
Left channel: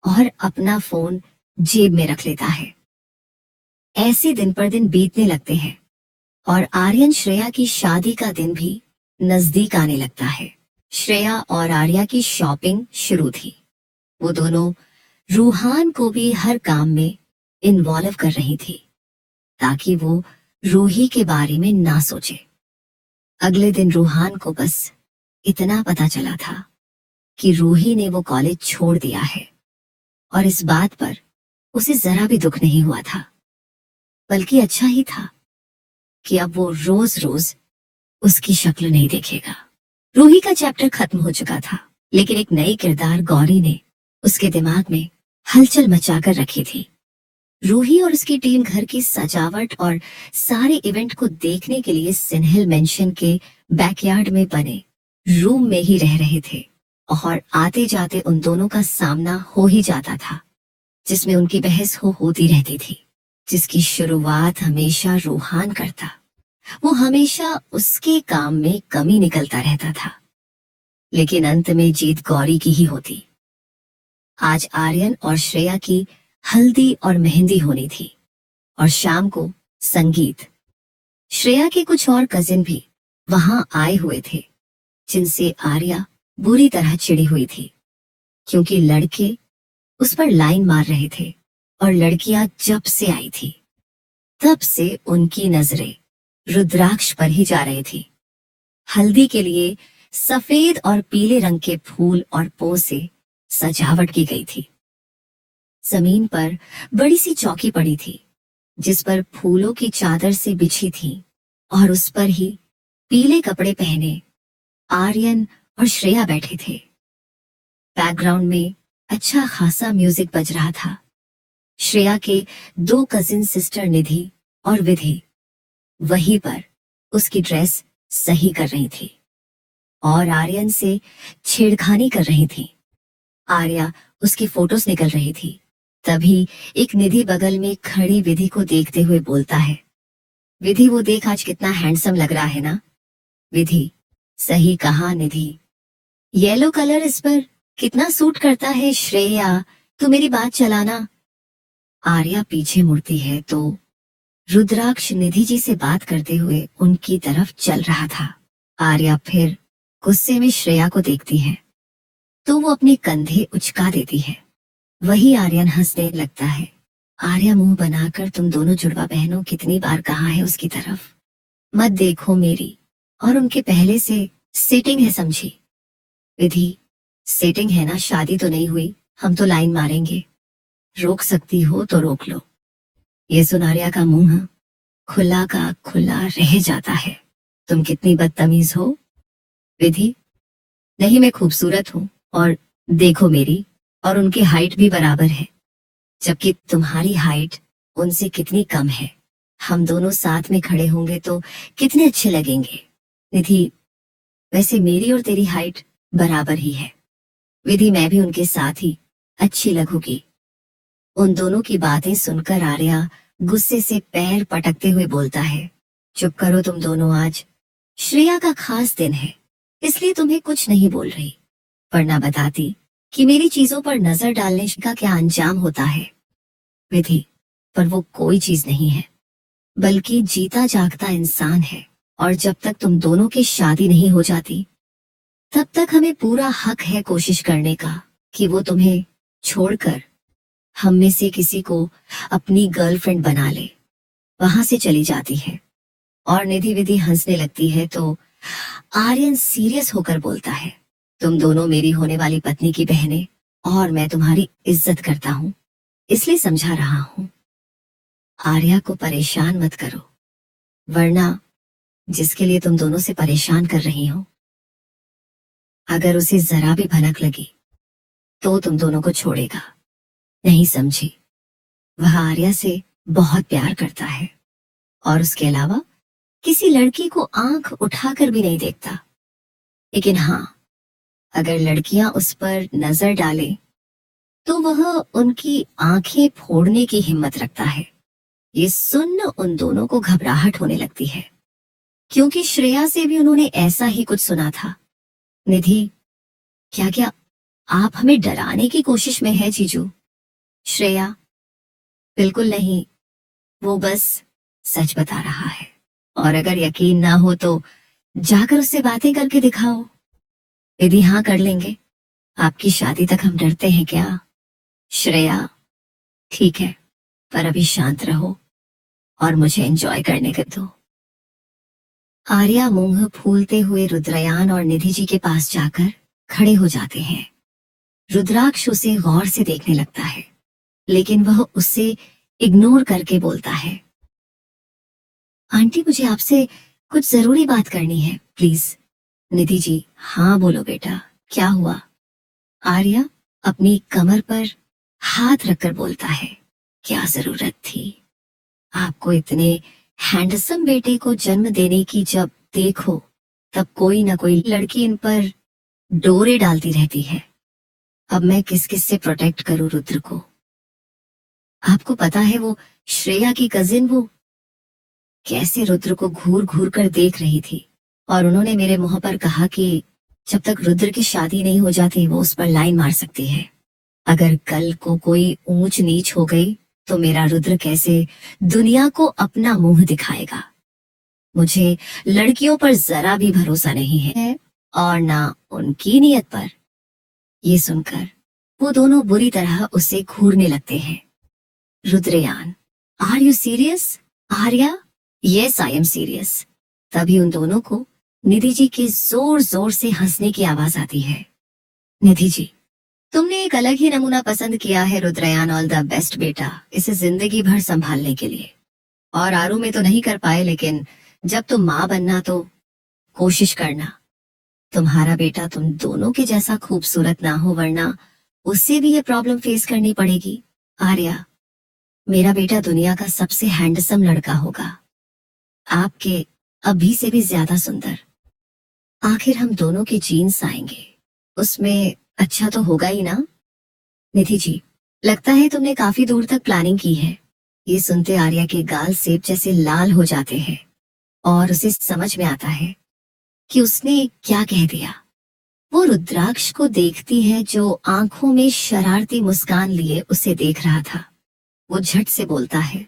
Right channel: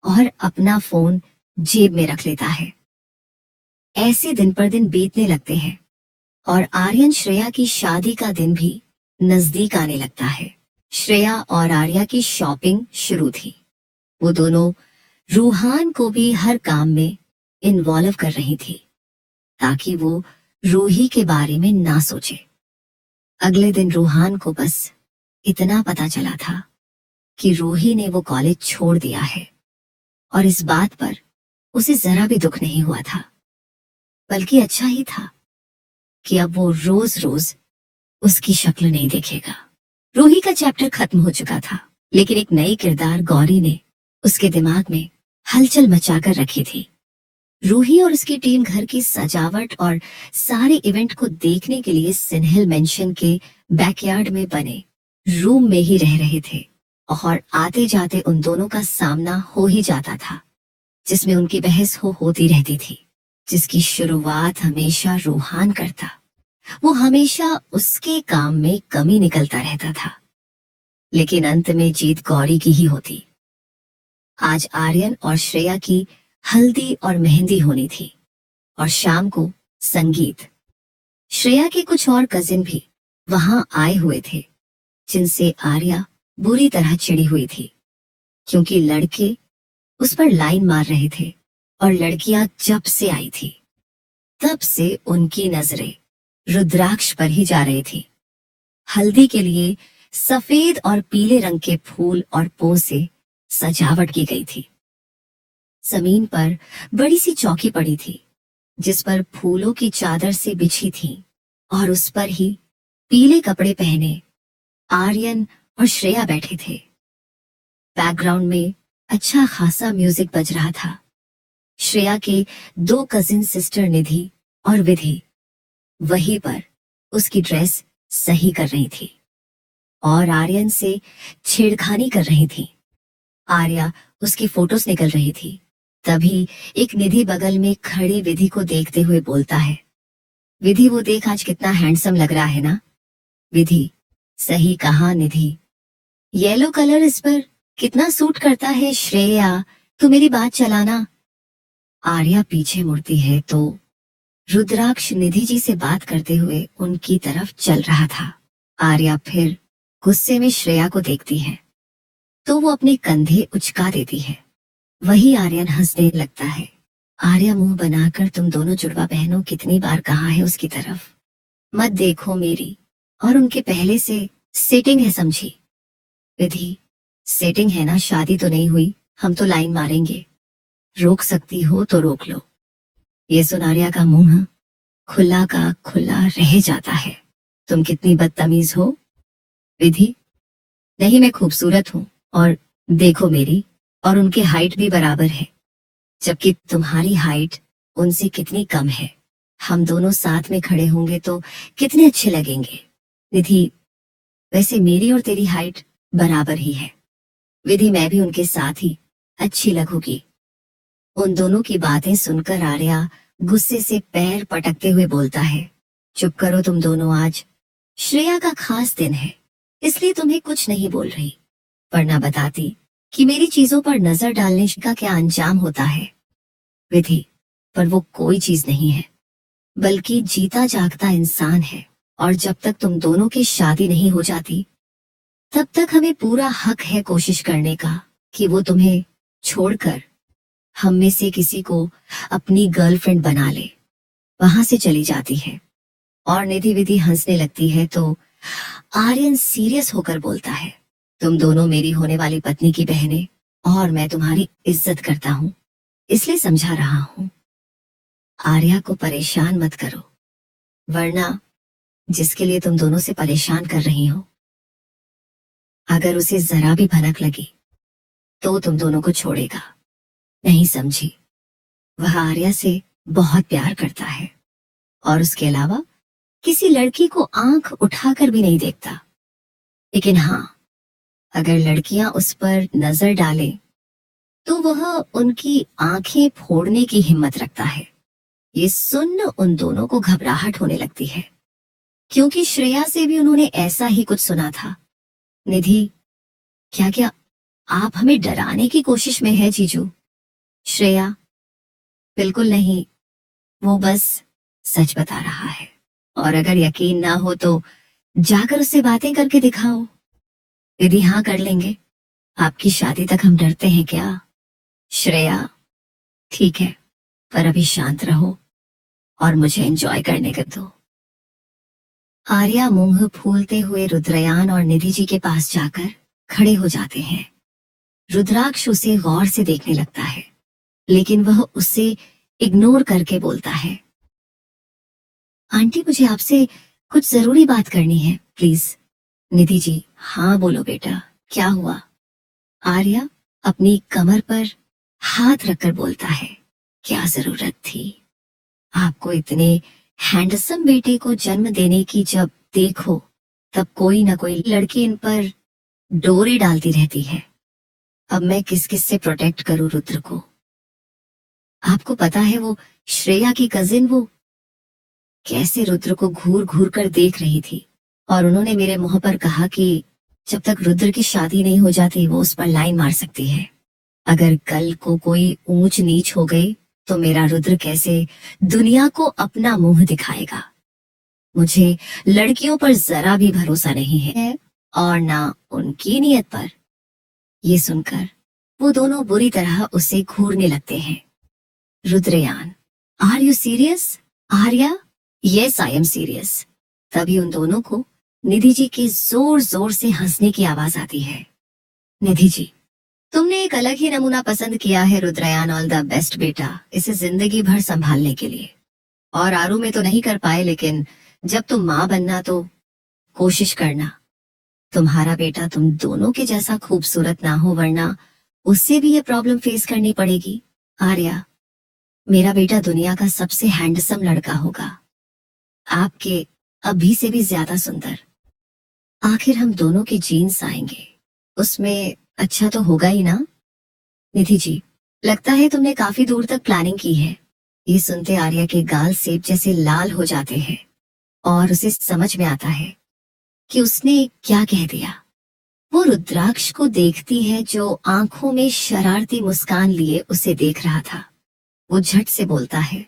और अपना फोन जेब में रख लेता है। ऐसे दिन पर दिन बीतने लगते हैं और आर्यन श्रेया की शादी का दिन भी नजदीक आने लगता है। श्रेया और आर्या की शॉपिंग शुरू थी। वो दोनों रूहान को भी हर काम में इन्वॉल्व कर रही थी ताकि वो रूही के बारे में ना सोचे। अगले दिन रूहान को बस इतना पता चला था कि रूही ने वो कॉलेज छोड़ दिया है और इस बात पर उसे जरा भी दुख नहीं हुआ था, बल्कि अच्छा ही था कि अब वो रोज रोज उसकी शक्ल नहीं देखेगा। रूही का चैप्टर खत्म हो चुका था, लेकिन एक नई किरदार गौरी ने उसके दिमाग में हलचल मचाकर रखी थी। रूही और उसकी टीम घर की सजावट और सारे इवेंट को देखने के लिए सिन्हेल मेंशन के बैकयार्ड में बने रूम में ही रह रहे थे और आते जाते उन दोनों का सामना हो ही जाता था, जिसमें उनकी बहस होती रहती थी, जिसकी शुरुआत हमेशा रूहान करता। वो हमेशा उसके काम में कमी निकलता रहता था, लेकिन अंत में जीत गौरी की ही होती। आज आर्यन और श्रेया की हल्दी और मेहंदी होनी थी और शाम को संगीत। श्रेया के कुछ और कजिन भी वहां आए हुए थे, जिनसे आर्या बुरी तरह चिढ़ी हुई थी, क्योंकि लड़के उस पर लाइन मार रहे थे और लड़कियां जब से आई थी तब से उनकी नजरें रुद्राक्ष पर ही जा रही थी। हल्दी के लिए सफेद और पीले रंग के फूल और पो से सजावट की गई थी। जमीन पर बड़ी सी चौकी पड़ी थी, जिस पर फूलों की चादर से बिछी थी और उस पर ही पीले कपड़े पहने आर्यन और श्रेया बैठे थे। बैकग्राउंड में अच्छा खासा म्यूजिक बज रहा था। श्रेया के 2 कजिन सिस्टर निधि और विधि वहीं पर उसकी ड्रेस सही कर रही थी और आर्यन से छेड़खानी कर रही थी। आर्या उसकी फोटोज निकल रही थी। तभी एक निधि बगल में खड़ी विधि को देखते हुए बोलता है, विधि वो देख आज कितना हैंडसम लग रहा है ना। विधि, सही कहा निधि, येलो कलर इस पर कितना सूट करता है। श्रेया, तू मेरी बात चलाना। आर्या पीछे मुड़ती है तो रुद्राक्ष निधि जी से बात करते हुए उनकी तरफ चल रहा था। आर्या फिर गुस्से में श्रेया को देखती है तो वो अपने कंधे उचका देती है। वही आर्यन हंसने लगता है। आर्या मुंह बनाकर तुम दोनों जुड़वा बहनों कितनी बार कहा है उसकी तरफ मत देखो मेरी और उनके पहले से सेटिंग है समझी। विधि, सेटिंग है ना, शादी तो नहीं हुई, हम तो लाइन मारेंगे, रोक सकती हो तो रोक लो। ये सुन आर्या का मुंह खुला का खुला रह जाता है। तुम कितनी बदतमीज हो। विधि, नहीं मैं खूबसूरत हूँ और देखो मेरी और उनकी हाइट भी बराबर है, जबकि तुम्हारी हाइट उनसे कितनी कम है। हम दोनों साथ में खड़े होंगे तो कितने अच्छे लगेंगे। विधि, वैसे मेरी और तेरी हाइट बराबर ही है। विधि, मैं भी उनके साथ ही अच्छी लगूंगी। उन दोनों की बातें सुनकर आर्या गुस्से से पैर पटकते हुए बोलता है, चुप करो तुम दोनों, आज श्रेया का खास दिन है इसलिए तुम्हें कुछ नहीं बोल रही, वरना बताती कि मेरी चीजों पर नजर डालने का क्या अंजाम होता है। विधि, पर वो कोई चीज नहीं है बल्कि जीता जागता इंसान है और जब तक तुम दोनों की शादी नहीं हो जाती तब तक हमें पूरा हक है कोशिश करने का कि वो तुम्हें छोड़कर हम में से किसी को अपनी गर्लफ्रेंड बना ले। वहां से चली जाती है और निधि विधि हंसने लगती है तो आर्यन सीरियस होकर बोलता है, तुम दोनों मेरी होने वाली पत्नी की बहनें और मैं तुम्हारी इज्जत करता हूँ इसलिए समझा रहा हूँ। आर्या को परेशान मत करो, वरना जिसके लिए तुम दोनों से परेशान कर रही हो अगर उसे जरा भी भनक लगी तो तुम दोनों को छोड़ेगा नहीं, समझी। वह आर्या से बहुत प्यार करता है और उसके अलावा किसी लड़की को आंख उठाकर भी नहीं देखता। लेकिन हाँ, अगर लड़कियां उस पर नजर डाले तो वह उनकी आंखें फोड़ने की हिम्मत रखता है। ये सुन उन दोनों को घबराहट होने लगती है क्योंकि श्रेया से भी उन्होंने ऐसा ही कुछ सुना था। निधि, क्या क्या आप हमें डराने की कोशिश में है जीजू? श्रेया, बिल्कुल नहीं, वो बस सच बता रहा है और अगर यकीन ना हो तो जाकर उससे बातें करके दिखाओ। यदि हाँ कर लेंगे, आपकी शादी तक हम डरते हैं क्या? श्रेया, ठीक है, पर अभी शांत रहो और मुझे एंजॉय करने कर दो। आर्या मुंह फूलते हुए रुद्रयान और निधि जी के पास जाकर खड़े हो जाते हैं। रुद्राक्ष उसे गौर से देखने लगता है लेकिन वह उससे इग्नोर करके बोलता है, आंटी मुझे आपसे कुछ जरूरी बात करनी है प्लीज। निधि जी, हाँ बोलो बेटा, क्या हुआ? आर्या अपनी कमर पर हाथ रखकर बोलता है, क्या जरूरत थी? आपको इतने हैंडसम बेटे को जन्म देने की जब देखो तब कोई ना कोई लड़की इन पर डोरे डालती रहती है। अब मैं किस किस से प्रोटेक्ट करूं रुद्र को? आपको पता है वो श्रेया की कजिन वो कैसे रुद्र को घूर घूर कर देख रही थी और उन्होंने मेरे मुंह पर कहा कि जब तक रुद्र की शादी नहीं हो जाती वो उस पर लाइन मार सकती है। अगर कल को कोई ऊंच नीच हो गई तो मेरा रुद्र कैसे दुनिया को अपना मुंह दिखाएगा? मुझे लड़कियों पर जरा भी भरोसा नहीं है और ना उनकी नीयत पर। ये सुनकर वो दोनों बुरी तरह उसे घूरने लगते हैं। Rudrayan, are you serious? Arya, yes I am serious. तभी उन दोनों को निधि जी की जोर जोर से हंसने की आवाज आती है। निधि जी, तुमने एक अलग ही नमूना पसंद किया है रुद्रयान, ऑल द बेस्ट बेटा, इसे जिंदगी भर संभालने के लिए। और आरू में तो नहीं कर पाए, लेकिन जब तुम माँ बनना तो कोशिश करना। तुम्हारा बेटा तुम दोनों के जैसा खूबसूरत ना हो, वरना उससे भी ये प्रॉब्लम फेस करनी पड़ेगी। आर्या, मेरा बेटा दुनिया का सबसे हैंडसम लड़का होगा, आपके अभी से भी ज्यादा सुंदर। आखिर हम दोनों के जीन्स आएंगे, उसमें अच्छा तो होगा ही ना। निधि जी, लगता है तुमने काफी दूर तक प्लानिंग की है। ये सुनते आर्या के गाल सेब जैसे लाल हो जाते हैं और उसे समझ में आता है कि उसने क्या कह दिया। वो रुद्राक्ष को देखती है जो आंखों में शरारती मुस्कान लिए उसे देख रहा था। वो झट से बोलता है,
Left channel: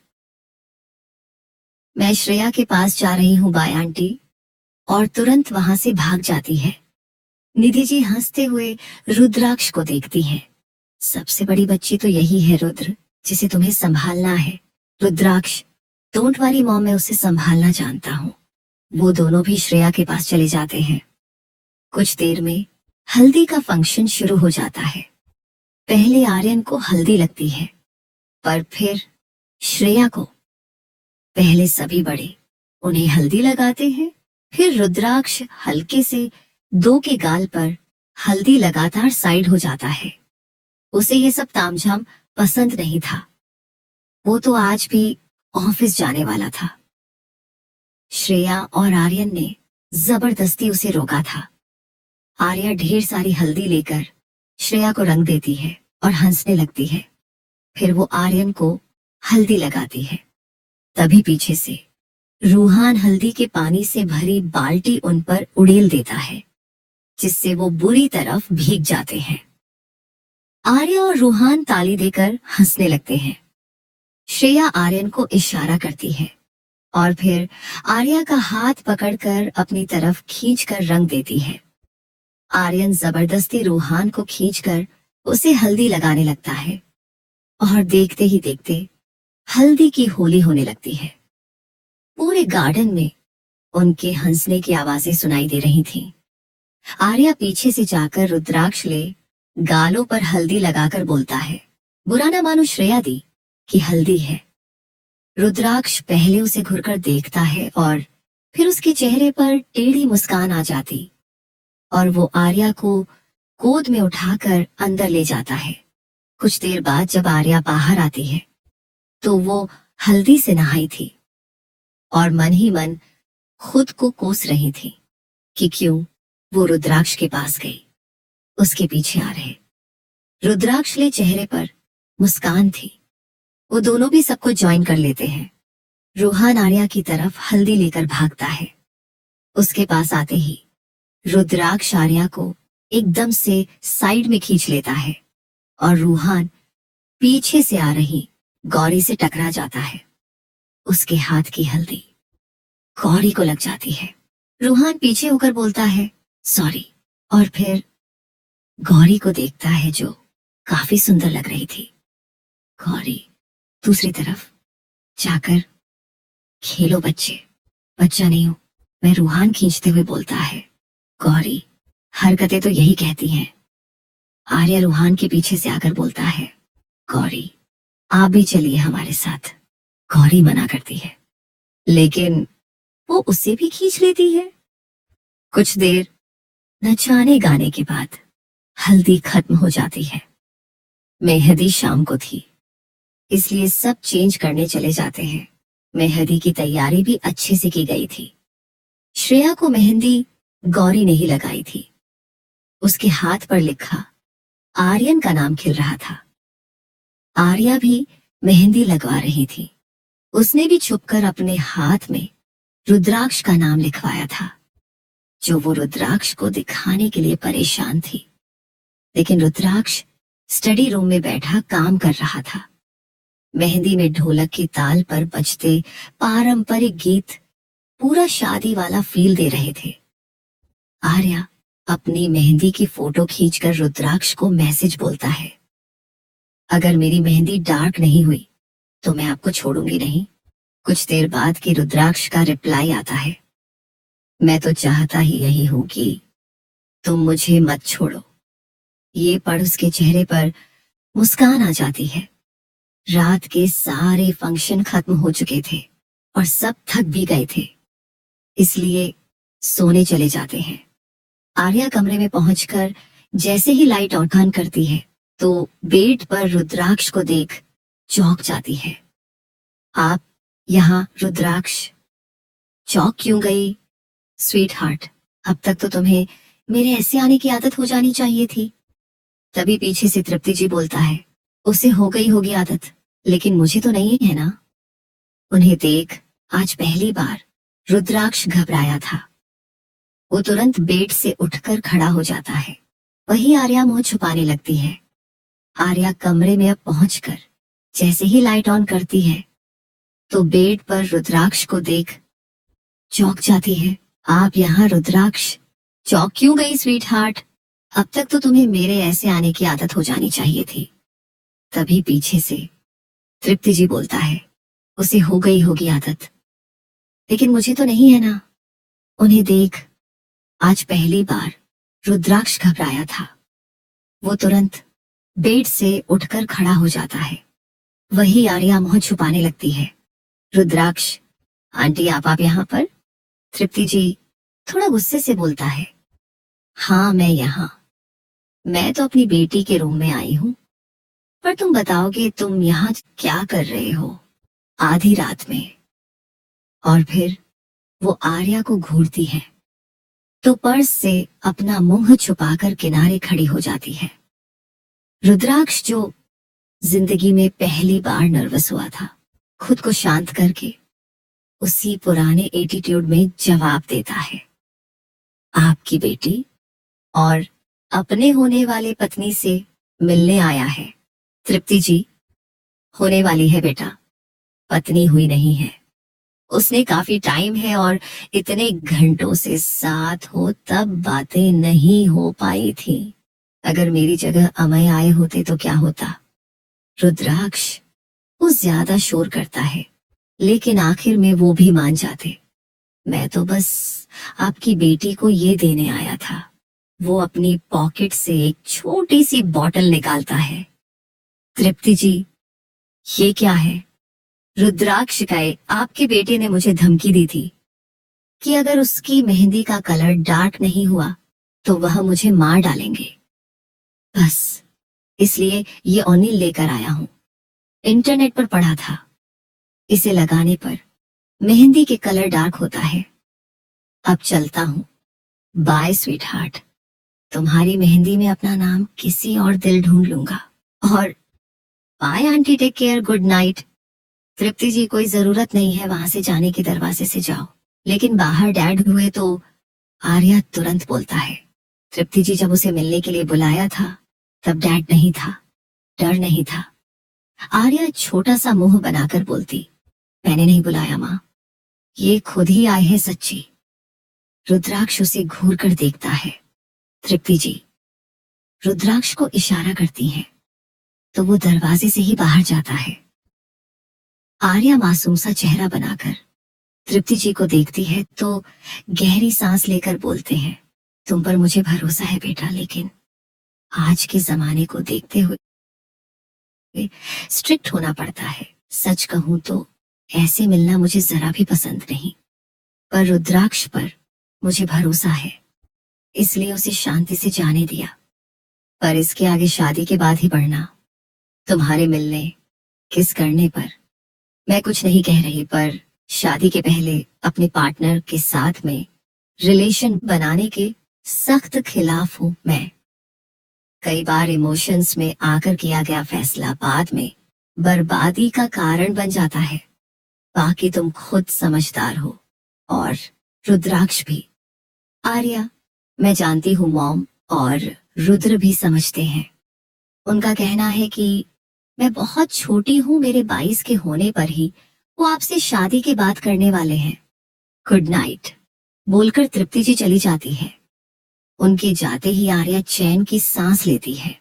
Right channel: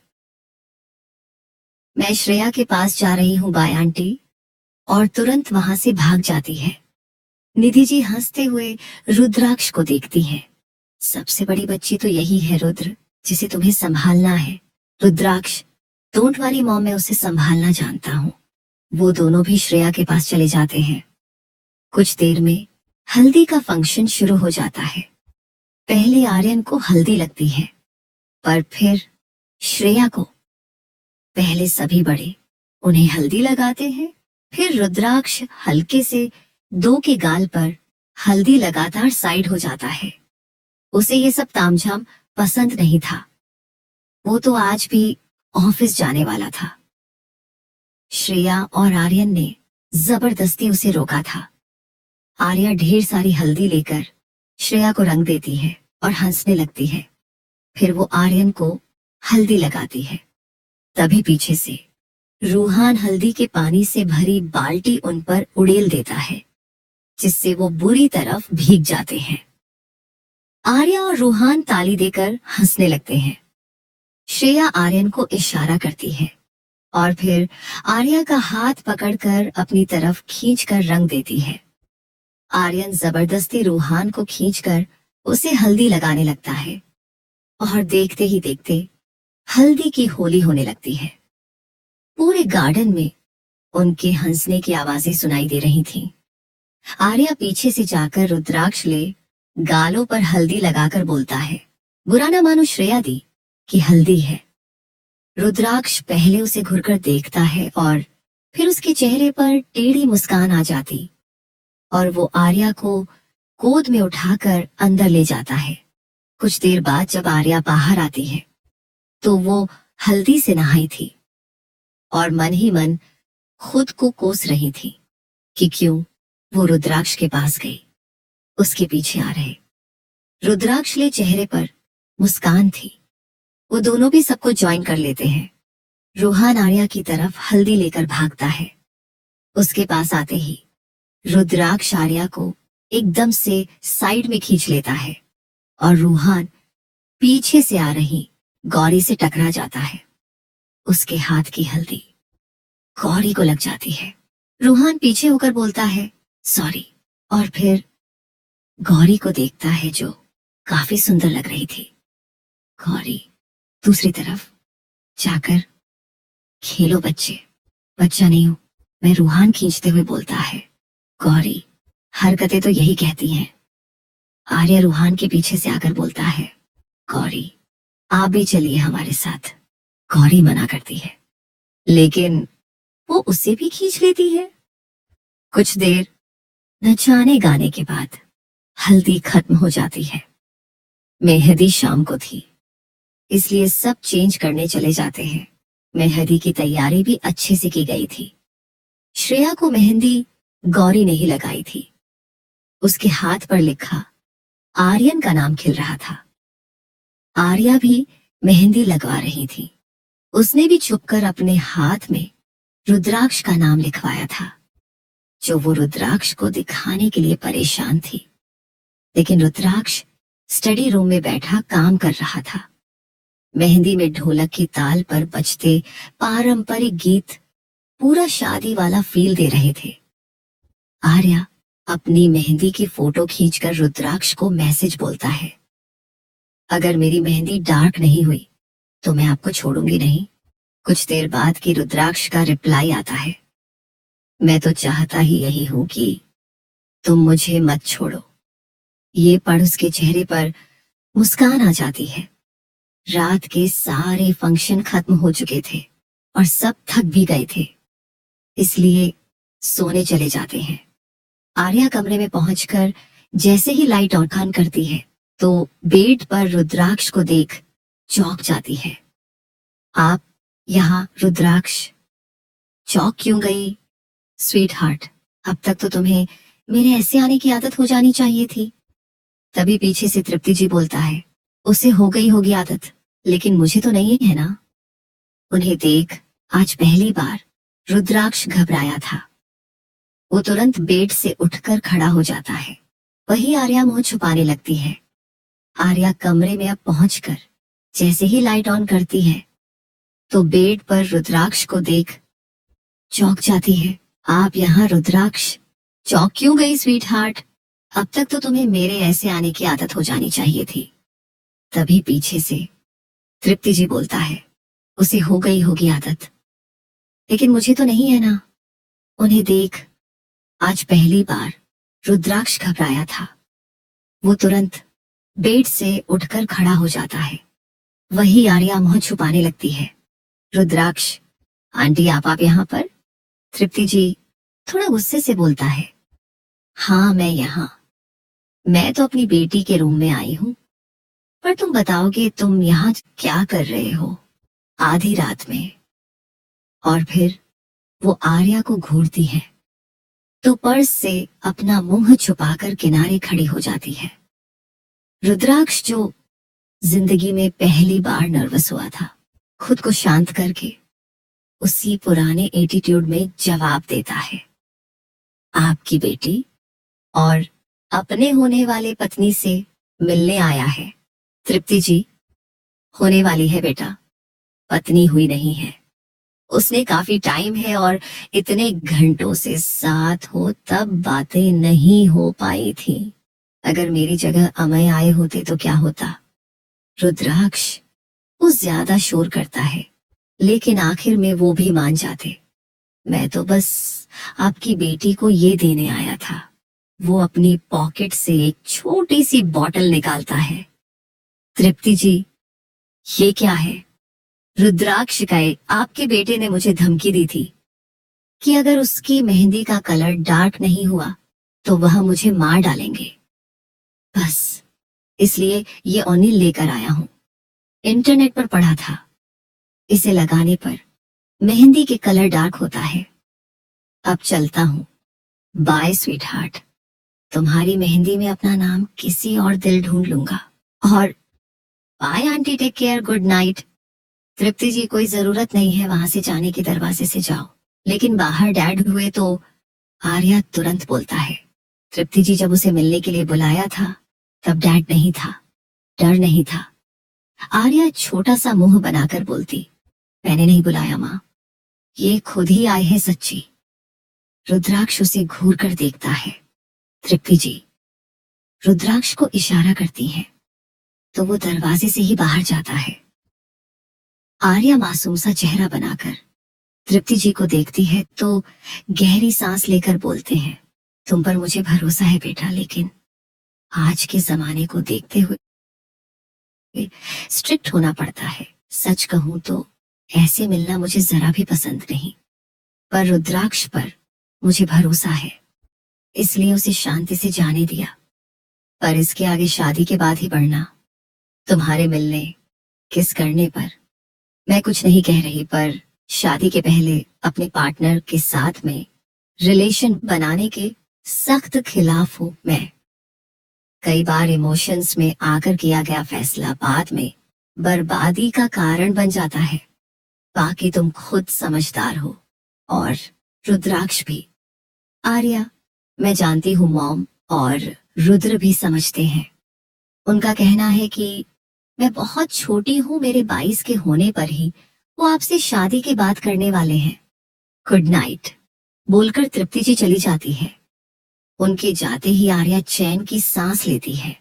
मैं श्रेया के पास जा रही हूँ बाय आंटी, और तुरंत वहां से भाग जाती है। निधि जी हंसते हुए रुद्राक्ष को देखती है। सबसे बड़ी बच्ची तो यही है रुद्र, जिसे तुम्हें संभालना है। रुद्राक्ष, डोंट वरी मॉम, मैं उसे संभालना जानता हूँ। वो दोनों भी श्रेया के पास चले जाते हैं। कुछ देर में हल्दी का फंक्शन शुरू हो जाता है। पहले आर्यन को हल्दी लगती है, पर फिर श्रेया को। पहले सभी बड़े उन्हें हल्दी लगाते हैं, फिर रुद्राक्ष हल्के से दो के गाल पर हल्दी लगातार साइड हो जाता है। उसे ये सब तामझाम पसंद नहीं था। वो तो आज भी ऑफिस जाने वाला था। श्रेया और आर्यन ने जबरदस्ती उसे रोका था। आर्या ढेर सारी हल्दी लेकर श्रेया को रंग देती है और हंसने लगती है। फिर वो आर्यन को हल्दी लगाती है। तभी पीछे से रूहान हल्दी के पानी से भरी बाल्टी उन पर उड़ेल देता है, जिससे वो बुरी तरफ भीग जाते हैं। आर्या और रूहान ताली देकर हंसने लगते हैं। श्रेया आर्यन को इशारा करती है और फिर आर्या का हाथ पकड़कर अपनी तरफ खींचकर रंग देती है। आर्यन जबरदस्ती रूहान को खींचकर उसे हल्दी लगाने लगता है और देखते ही देखते हल्दी की होली होने लगती है। पूरे गार्डन में उनके हंसने की आवाजें सुनाई दे रही थीं। आर्या पीछे से जाकर रुद्राक्ष ले गालों पर हल्दी लगाकर बोलता है, बुरा न मानो श्रेया दी कि हल्दी है। रुद्राक्ष पहले उसे घुरकर देखता है और फिर उसके चेहरे पर टेढ़ी मुस्कान आ जाती और वो आर्या को गोद में उठाकर अंदर ले जाता है। कुछ देर बाद जब आर्या बाहर आती है तो वो हल्दी से नहाई थी और मन ही मन खुद को कोस रही थी कि क्यों वो रुद्राक्ष के पास गई, उसके पीछे आ रहे। रुद्राक्ष ले चेहरे पर मुस्कान थी। वो दोनों भी सबको ज्वाइन कर लेते हैं। रूहान आर्या की तरफ हल्दी लेकर भागता है। उसके पास आते ही रुद्राक्ष आर्या को एकदम से साइड में खींच लेता है और रूहान पीछे से आ रही गौरी से टकरा जाता है। उसके हाथ की हल्दी गौरी को लग जाती है। रूहान पीछे होकर बोलता है, सॉरी, और फिर गौरी को देखता है जो काफी सुंदर लग रही थी। गौरी दूसरी तरफ जाकर, खेलो बच्चे, बच्चा नहीं हूं मैं, रूहान खींचते हुए बोलता है। गौरी, हरकतें तो यही कहती हैं। आर्या रूहान के पीछे से आकर बोलता है, गौरी आप भी चलिए हमारे साथ। गौरी मना करती है, लेकिन वो उसे भी खींच लेती है। कुछ देर नचाने गाने के बाद हल्दी खत्म हो जाती है। मेहंदी शाम को थी, इसलिए सब चेंज करने चले जाते हैं। मेहंदी की तैयारी भी अच्छे से की गई थी। श्रेया को मेहंदी गौरी ने ही लगाई थी। उसके हाथ पर लिखा आर्यन का नाम खिल रहा था। आर्या भी मेहंदी लगवा रही थी। उसने भी छुपकर अपने हाथ में रुद्राक्ष का नाम लिखवाया था, जो वो रुद्राक्ष को दिखाने के लिए परेशान थी। लेकिन रुद्राक्ष स्टडी रूम में बैठा काम कर रहा था। मेहंदी में ढोलक की ताल पर बजते पारंपरिक गीत पूरा शादी वाला फील दे रहे थे। आर्या अपनी मेहंदी की फोटो खींचकर रुद्राक्ष को मैसेज बोलता है, अगर मेरी मेहंदी डार्क नहीं हुई तो मैं आपको छोड़ूंगी नहीं। कुछ देर बाद की रुद्राक्ष का रिप्लाई आता है, मैं तो चाहता ही यही हूं कि तुम मुझे मत छोड़ो। ये पढ़ उसके चेहरे पर मुस्कान आ जाती है। रात के सारे फंक्शन खत्म हो चुके थे। और सब थक भी गए थे, इसलिए सोने चले जाते हैं। आर्या कमरे में पहुंचकर जैसे ही लाइट ऑन करती है तो बेड पर रुद्राक्ष को देख चौंक जाती है। आप यहाँ? रुद्राक्ष चौंक क्यों गई? स्वीट हार्ट, अब तक तो तुम्हें मेरे ऐसे आने की आदत हो जानी चाहिए थी। तभी पीछे से तृप्ति जी बोलता है, उसे हो गई होगी आदत, लेकिन मुझे तो नहीं है ना। उन्हें देख आज पहली बार रुद्राक्ष घबराया था। वो तुरंत बेड से उठकर खड़ा हो जाता है। वही आर्या मुंह छुपाने लगती है। आर्या कमरे में अब पहुंचकर जैसे ही लाइट ऑन करती है तो बेड पर रुद्राक्ष को देख चौंक जाती है। आप यहाँ? रुद्राक्ष चौंक क्यों गई स्वीट हार्ट? अब तक तो तुम्हें मेरे ऐसे आने की आदत हो जानी चाहिए थी। तभी पीछे से तृप्ति जी बोलता है, उसे हो गई होगी आदत, लेकिन मुझे तो नहीं है ना। उन्हें देख आज पहली बार रुद्राक्ष घबराया था। वो तुरंत बेड से उठकर खड़ा हो जाता है। वही आर्या मुंह छुपाने लगती है। रुद्राक्ष, आंटी आप यहाँ पर? तृप्ति जी थोड़ा गुस्से से बोलता है, हाँ मैं यहाँ। मैं तो अपनी बेटी के रूम में आई हूँ, पर तुम बताओगे तुम यहाँ क्या कर रहे हो आधी रात में? और फिर वो आर्या को घूरती है तो पर्स से अपना मुंह छुपाकर किनारे खड़ी हो जाती है। रुद्राक्ष जो जिंदगी में पहली बार नर्वस हुआ था, खुद को शांत करके उसी पुराने एटीट्यूड में जवाब देता है, आपकी बेटी और अपने होने वाले पत्नी से मिलने आया है। तृप्ति जी, होने वाली है बेटा, पत्नी हुई नहीं है। उसने काफी टाइम है और इतने घंटों से साथ हो तब बातें नहीं हो पाई थी। अगर मेरी जगह अमय आए होते तो क्या होता? रुद्राक्ष वो ज्यादा शोर करता है, लेकिन आखिर में वो भी मान जाते। मैं तो बस आपकी बेटी को ये देने आया था। वो अपनी पॉकेट से एक छोटी सी बॉटल निकालता है। तृप्ति जी, ये क्या है? रुद्राक्ष शिकायत, आपके बेटे ने मुझे धमकी दी थी कि अगर उसकी मेहंदी का कलर डार्क नहीं हुआ तो वह मुझे मार डालेंगे। बस इसलिए ये ऑनिल लेकर आया हूँ। इंटरनेट पर पढ़ा था, इसे लगाने पर मेहंदी के कलर डार्क होता है। अब चलता हूँ, बाय स्वीट हार्ट। तुम्हारी मेहंदी में अपना नाम किसी और दिल ढूंढ लूंगा। और bye aunty, take care, good night. Tripti ji, कोई जरूरत नहीं है वहां से जाने के, दरवाजे से जाओ। लेकिन बाहर डैड हुए तो आर्या तुरंत बोलता है। तृप्ति जी जब उसे मिलने के लिए बुलाया था तब डैड नहीं था, डर नहीं था। आर्या छोटा सा मुंह बनाकर बोलती, मैंने नहीं बुलाया माँ, ये खुद ही आए हैं सच्ची। रुद्राक्ष उसे घूर कर देखता है। तृप्ति जी रुद्राक्ष को इशारा करती है तो वो दरवाजे से ही बाहर जाता है। आर्या मासूम सा चेहरा बनाकर तृप्ति जी को देखती है तो गहरी सांस लेकर बोलते हैं, तुम पर मुझे भरोसा है बेटा, लेकिन आज के जमाने को देखते हुए स्ट्रिक्ट होना पड़ता है। सच कहूं तो ऐसे मिलना मुझे जरा भी पसंद नहीं, पर रुद्राक्ष पर मुझे भरोसा है, इसलिए उसे शांति से जाने दिया। पर इसके आगे शादी के बाद ही बढ़ना, तुम्हारे मिलने किस करने पर मैं कुछ नहीं कह रही, पर शादी के पहले अपने पार्टनर के साथ में रिलेशन बनाने के सख्त खिलाफ हूं मैं। कई बार इमोशंस में आकर किया गया फैसला बाद में बर्बादी का कारण बन जाता है। बाकी तुम खुद समझदार हो, और रुद्राक्ष भी। आर्या, मैं जानती हूँ मॉम और रुद्र भी समझते हैं। उनका कहना है कि मैं बहुत छोटी हूँ, मेरे 22 के होने पर ही वो आपसे शादी की बात करने वाले हैं। गुड नाइट बोलकर तृप्ति जी चली जाती है। उनके जाते ही आर्या चैन की सांस लेती है।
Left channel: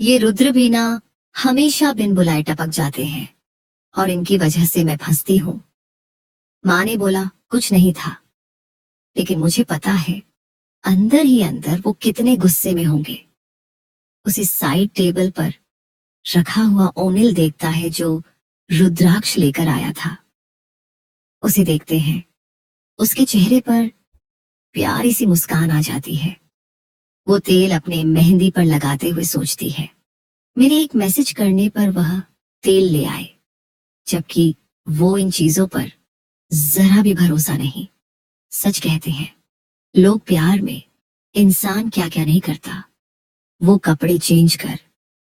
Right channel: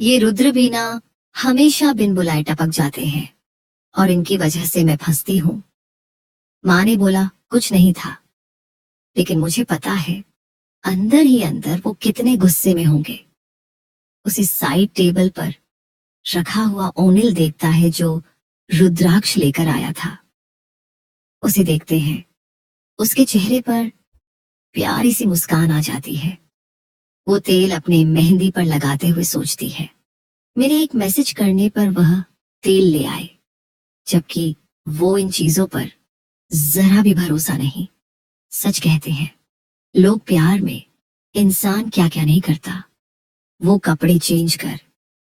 ये रुद्र भी ना हमेशा बिन बुलाए टपक जाते हैं और इनकी वजह से मैं फंसती हूँ। माँ ने बोला कुछ नहीं था, लेकिन मुझे पता है अंदर ही अंदर वो कितने गुस्से में होंगे। उसे साइड टेबल पर रखा हुआ ओनिल देखता है जो रुद्राक्ष लेकर आया था। उसे देखते हैं। उसके चेहरे पर प्यारी सी मुस्कान आ जाती है। वो तेल अपने मेहंदी पर लगाते हुए सोचती है, मेरे एक मैसेज करने पर वह तेल ले आए, जबकि वो इन चीजों पर जरा भी भरोसा नहीं। सच कहते हैं लोग प्यार में, इंसान क्या क्या नहीं करता। वो कपड़े चेंज कर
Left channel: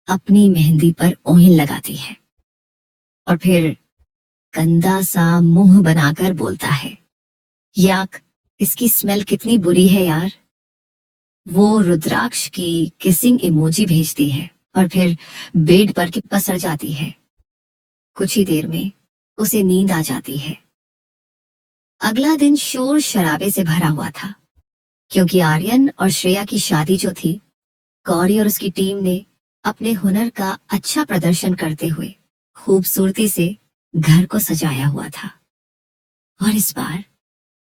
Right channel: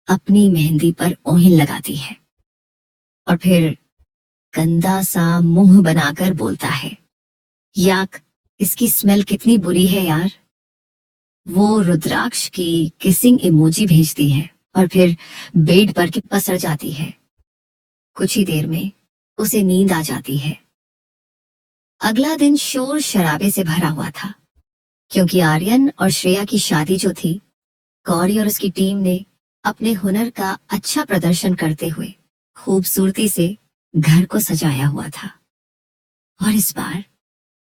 अपनी मेहंदी पर ओहिन लगाती है और फिर गंदा सा मुंह बनाकर बोलता है, याक, इसकी स्मेल कितनी बुरी है यार। वो रुद्राक्ष की किसिंग इमोजी भेजती है और फिर बेड पर के पसर जाती है। कुछ ही देर में उसे नींद आ जाती है। अगला दिन शोर शराबे से भरा हुआ था, क्योंकि आर्यन और श्रेया की शादी जो थी, गौरी और उसकी टीम ने अपने हुनर का अच्छा प्रदर्शन करते हुए खूबसूरती से घर को सजाया हुआ था। और इस बार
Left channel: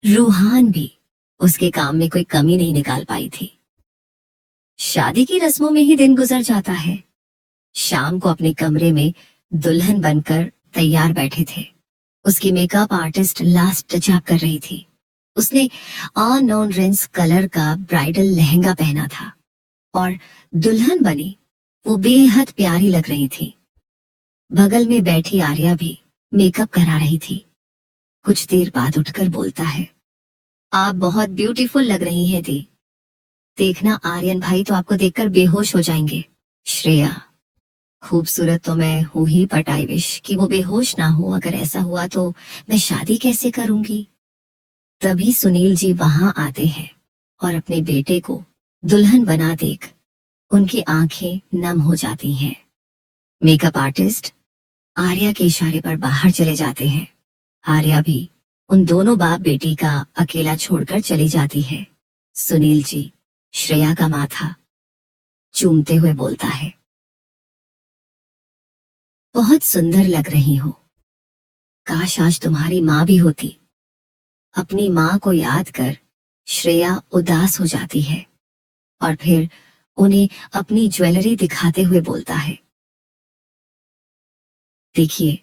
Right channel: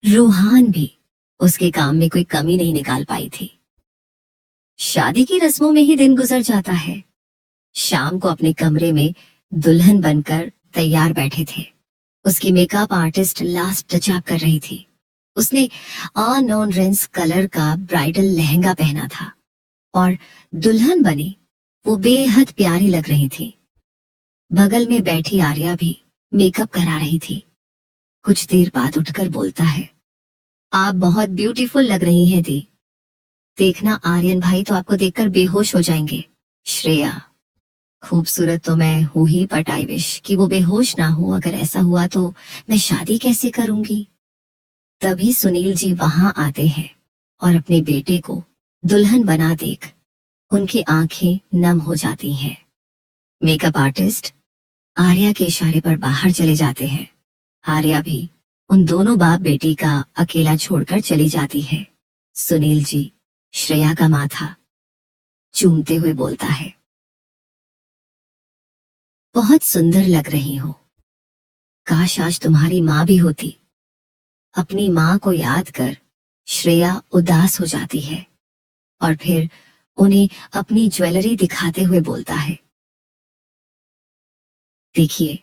रूहान भी उसके काम में कोई कमी नहीं निकाल पाई थी। शादी की रस्मों में ही दिन गुजर जाता है। शाम को अपने कमरे में दुल्हन बनकर तैयार बैठे थे। उसकी मेकअप आर्टिस्ट लास्ट टचअप कर रही थी। उसने अननोन रेंस कलर का ब्राइडल लहंगा पहना था और दुल्हन बनी वो बेहद प्यारी लग रही थी। बगल में बैठी आर्या भी मेकअप करा रही थी। कुछ देर बाद उठकर बोलता है, आप बहुत ब्यूटीफुल लग रही हैं दी। देखना आर्यन भाई तो आपको देखकर बेहोश हो जाएंगे। श्रेया, खूबसूरत तो मैं हूं ही, बट आई विश कि वो बेहोश ना हो। अगर ऐसा हुआ तो मैं शादी कैसे करूंगी। तभी सुनील जी वहां आते हैं और अपने बेटे को दुल्हन बना देख उनकी आंखें नम हो जाती हैं। मेकअप आर्टिस्ट आर्या के इशारे पर बाहर चले जाते हैं। आर्या भी उन दोनों बाप बेटी का अकेला छोड़कर चली जाती है। सुनील जी श्रेया का माथा चूमते हुए बोलता है, बहुत सुंदर लग रही हो। काश आज तुम्हारी माँ भी होती। अपनी माँ को याद कर श्रेया उदास हो जाती है और फिर उन्हें अपनी ज्वेलरी दिखाते हुए बोलता है, देखिए,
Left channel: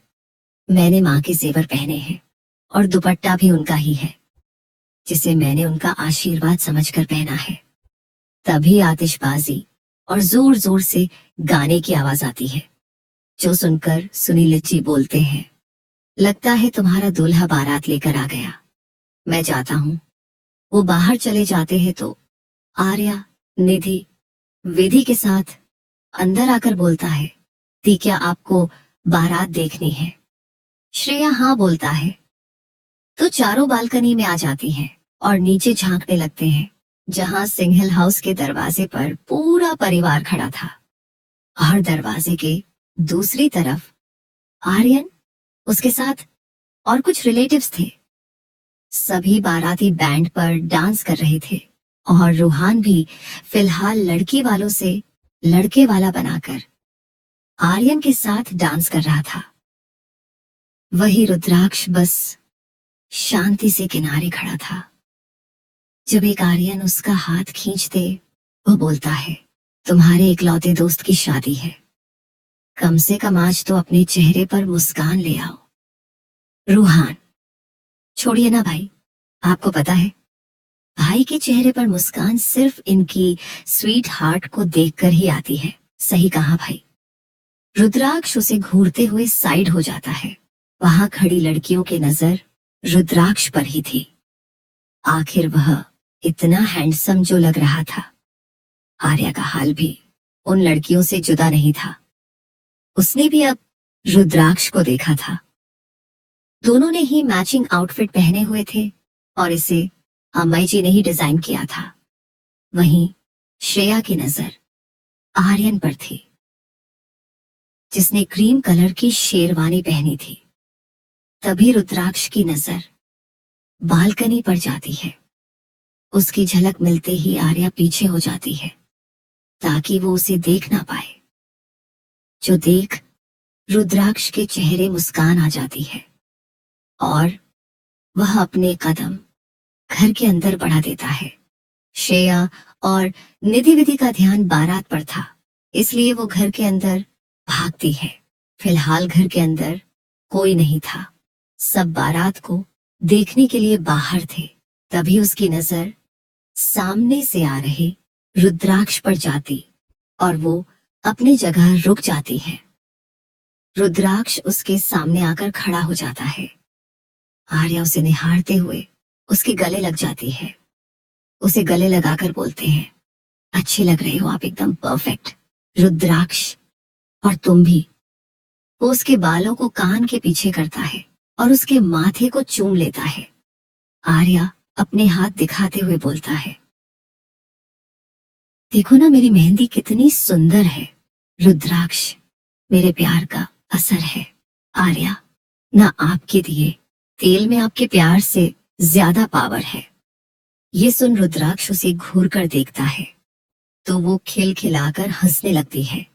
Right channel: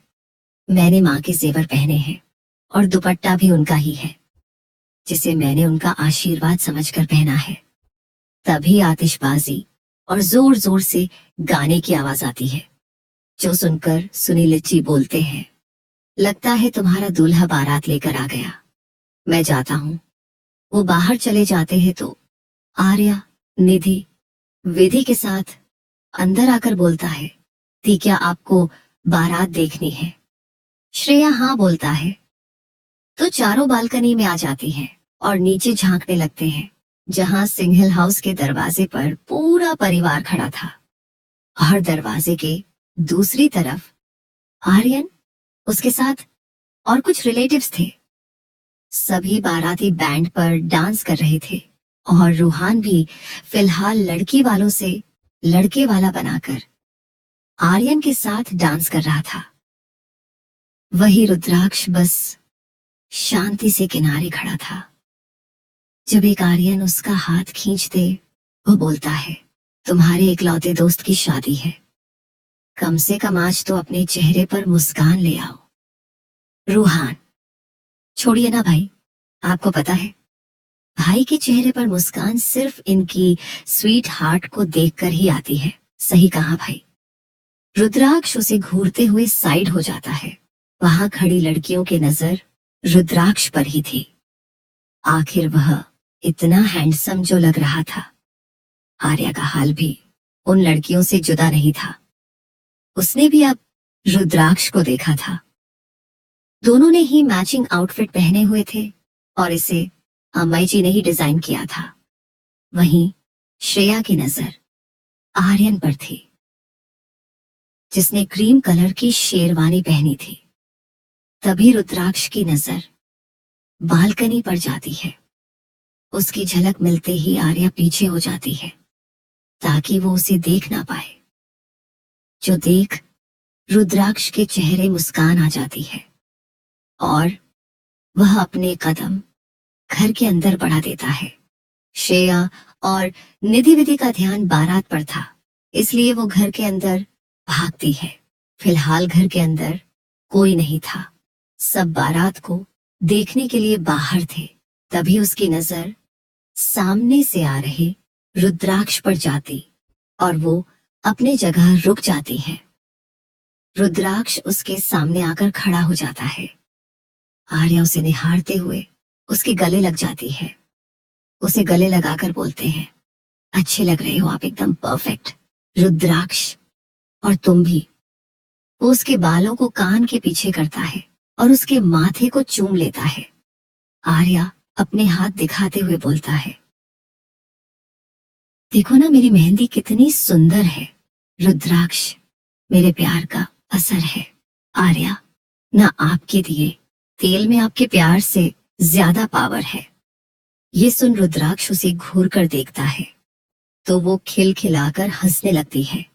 मैंने माँ के जेवर पहने हैं और दुपट्टा भी उनका ही है, जिसे मैंने उनका आशीर्वाद समझकर पहना है। तभी आतिशबाजी और जोर जोर से गाने की आवाज आती है, जो सुनकर सुनील जी बोलते हैं, लगता है तुम्हारा दूल्हा बारात लेकर आ गया। मैं जाता हूँ। वो बाहर चले जाते हैं तो आर्या निधि विधि के साथ अंदर आकर बोलता है, दी क्या आपको बारात देखनी है। श्रेया हाँ बोलता है तो चारों बालकनी में आ जाती हैं और नीचे झांकने लगते हैं, जहां सिंघल हाउस के दरवाजे पर पूरा परिवार खड़ा था और दरवाजे के दूसरी तरफ आर्यन, उसके साथ और कुछ रिलेटिव्स थे। सभी बाराती बैंड पर डांस कर रहे थे और रूहान भी फिलहाल लड़की वालों से लड़के वाला बनाकर आर्यन के साथ डांस कर रहा था। वही रुद्राक्ष बस शांति से किनारे खड़ा था। जब एक आर्यन उसका हाथ खींच दे, वो बोलता है, तुम्हारे इकलौते दोस्त की शादी है, कम से कम आज तो अपने चेहरे पर मुस्कान ले आओ। रूहान, छोड़िए ना भाई, आपको पता है भाई के चेहरे पर मुस्कान सिर्फ इनकी स्वीट हार्ट को देखकर ही आती है। सही कहा भाई। रुद्राक्ष उसे घूरते हुए साइड हो जाता है। वहां खड़ी लड़कियों की नजर रुद्राक्ष पर ही थी। आखिर वह इतना हैंडसम जो लग रहा था। आर्या का हाल भी उन लड़कियों से जुदा नहीं था। उसने भी अब रुद्राक्ष को देखा था। दोनों ने ही मैचिंग आउटफिट पहने हुए थे और इसे अम्माई जी ने ही डिजाइन किया था। वहीं श्रेया की नजर आर्यन पर थी, जिसने क्रीम कलर की शेरवानी पहनी थी। तभी रुद्राक्ष की नजर बालकनी पर जाती है। उसकी झलक मिलते ही आर्या पीछे हो जाती है ताकि वो उसे देख ना पाए। जो देख रुद्राक्ष के चेहरे मुस्कान आ जाती है और वह अपने कदम घर के अंदर बढ़ा देता है। श्रेया और निधि विधि का ध्यान बारात पर था, इसलिए वो घर के अंदर भागती है। फिलहाल घर के अंदर कोई नहीं था। सब बारात को देखने के लिए बाहर थे, तभी उसकी नजर सामने से आ रहे रुद्राक्ष पर जाती और वो अपनी जगह रुक जाती है। रुद्राक्ष उसके सामने आकर खड़ा हो जाता है। आर्या उसे निहारते हुए उसके गले लग जाती है। उसे गले लगाकर बोलते हैं, अच्छी लग रही हो आप, एकदम परफेक्ट। रुद्राक्ष, और तुम भी। वो उसके बालों को कान के पीछे करता है और उसके माथे को चूम लेता है। आर्या अपने हाथ दिखाते हुए बोलता है, देखो ना मेरी मेहंदी कितनी सुंदर है। रुद्राक्ष, मेरे प्यार का असर है। आर्या, ना आपके दिए तेल में आपके प्यार से ज्यादा पावर है। ये सुन रुद्राक्ष उसे घूर कर देखता है तो वो खिलखिलाकर हंसने लगती है।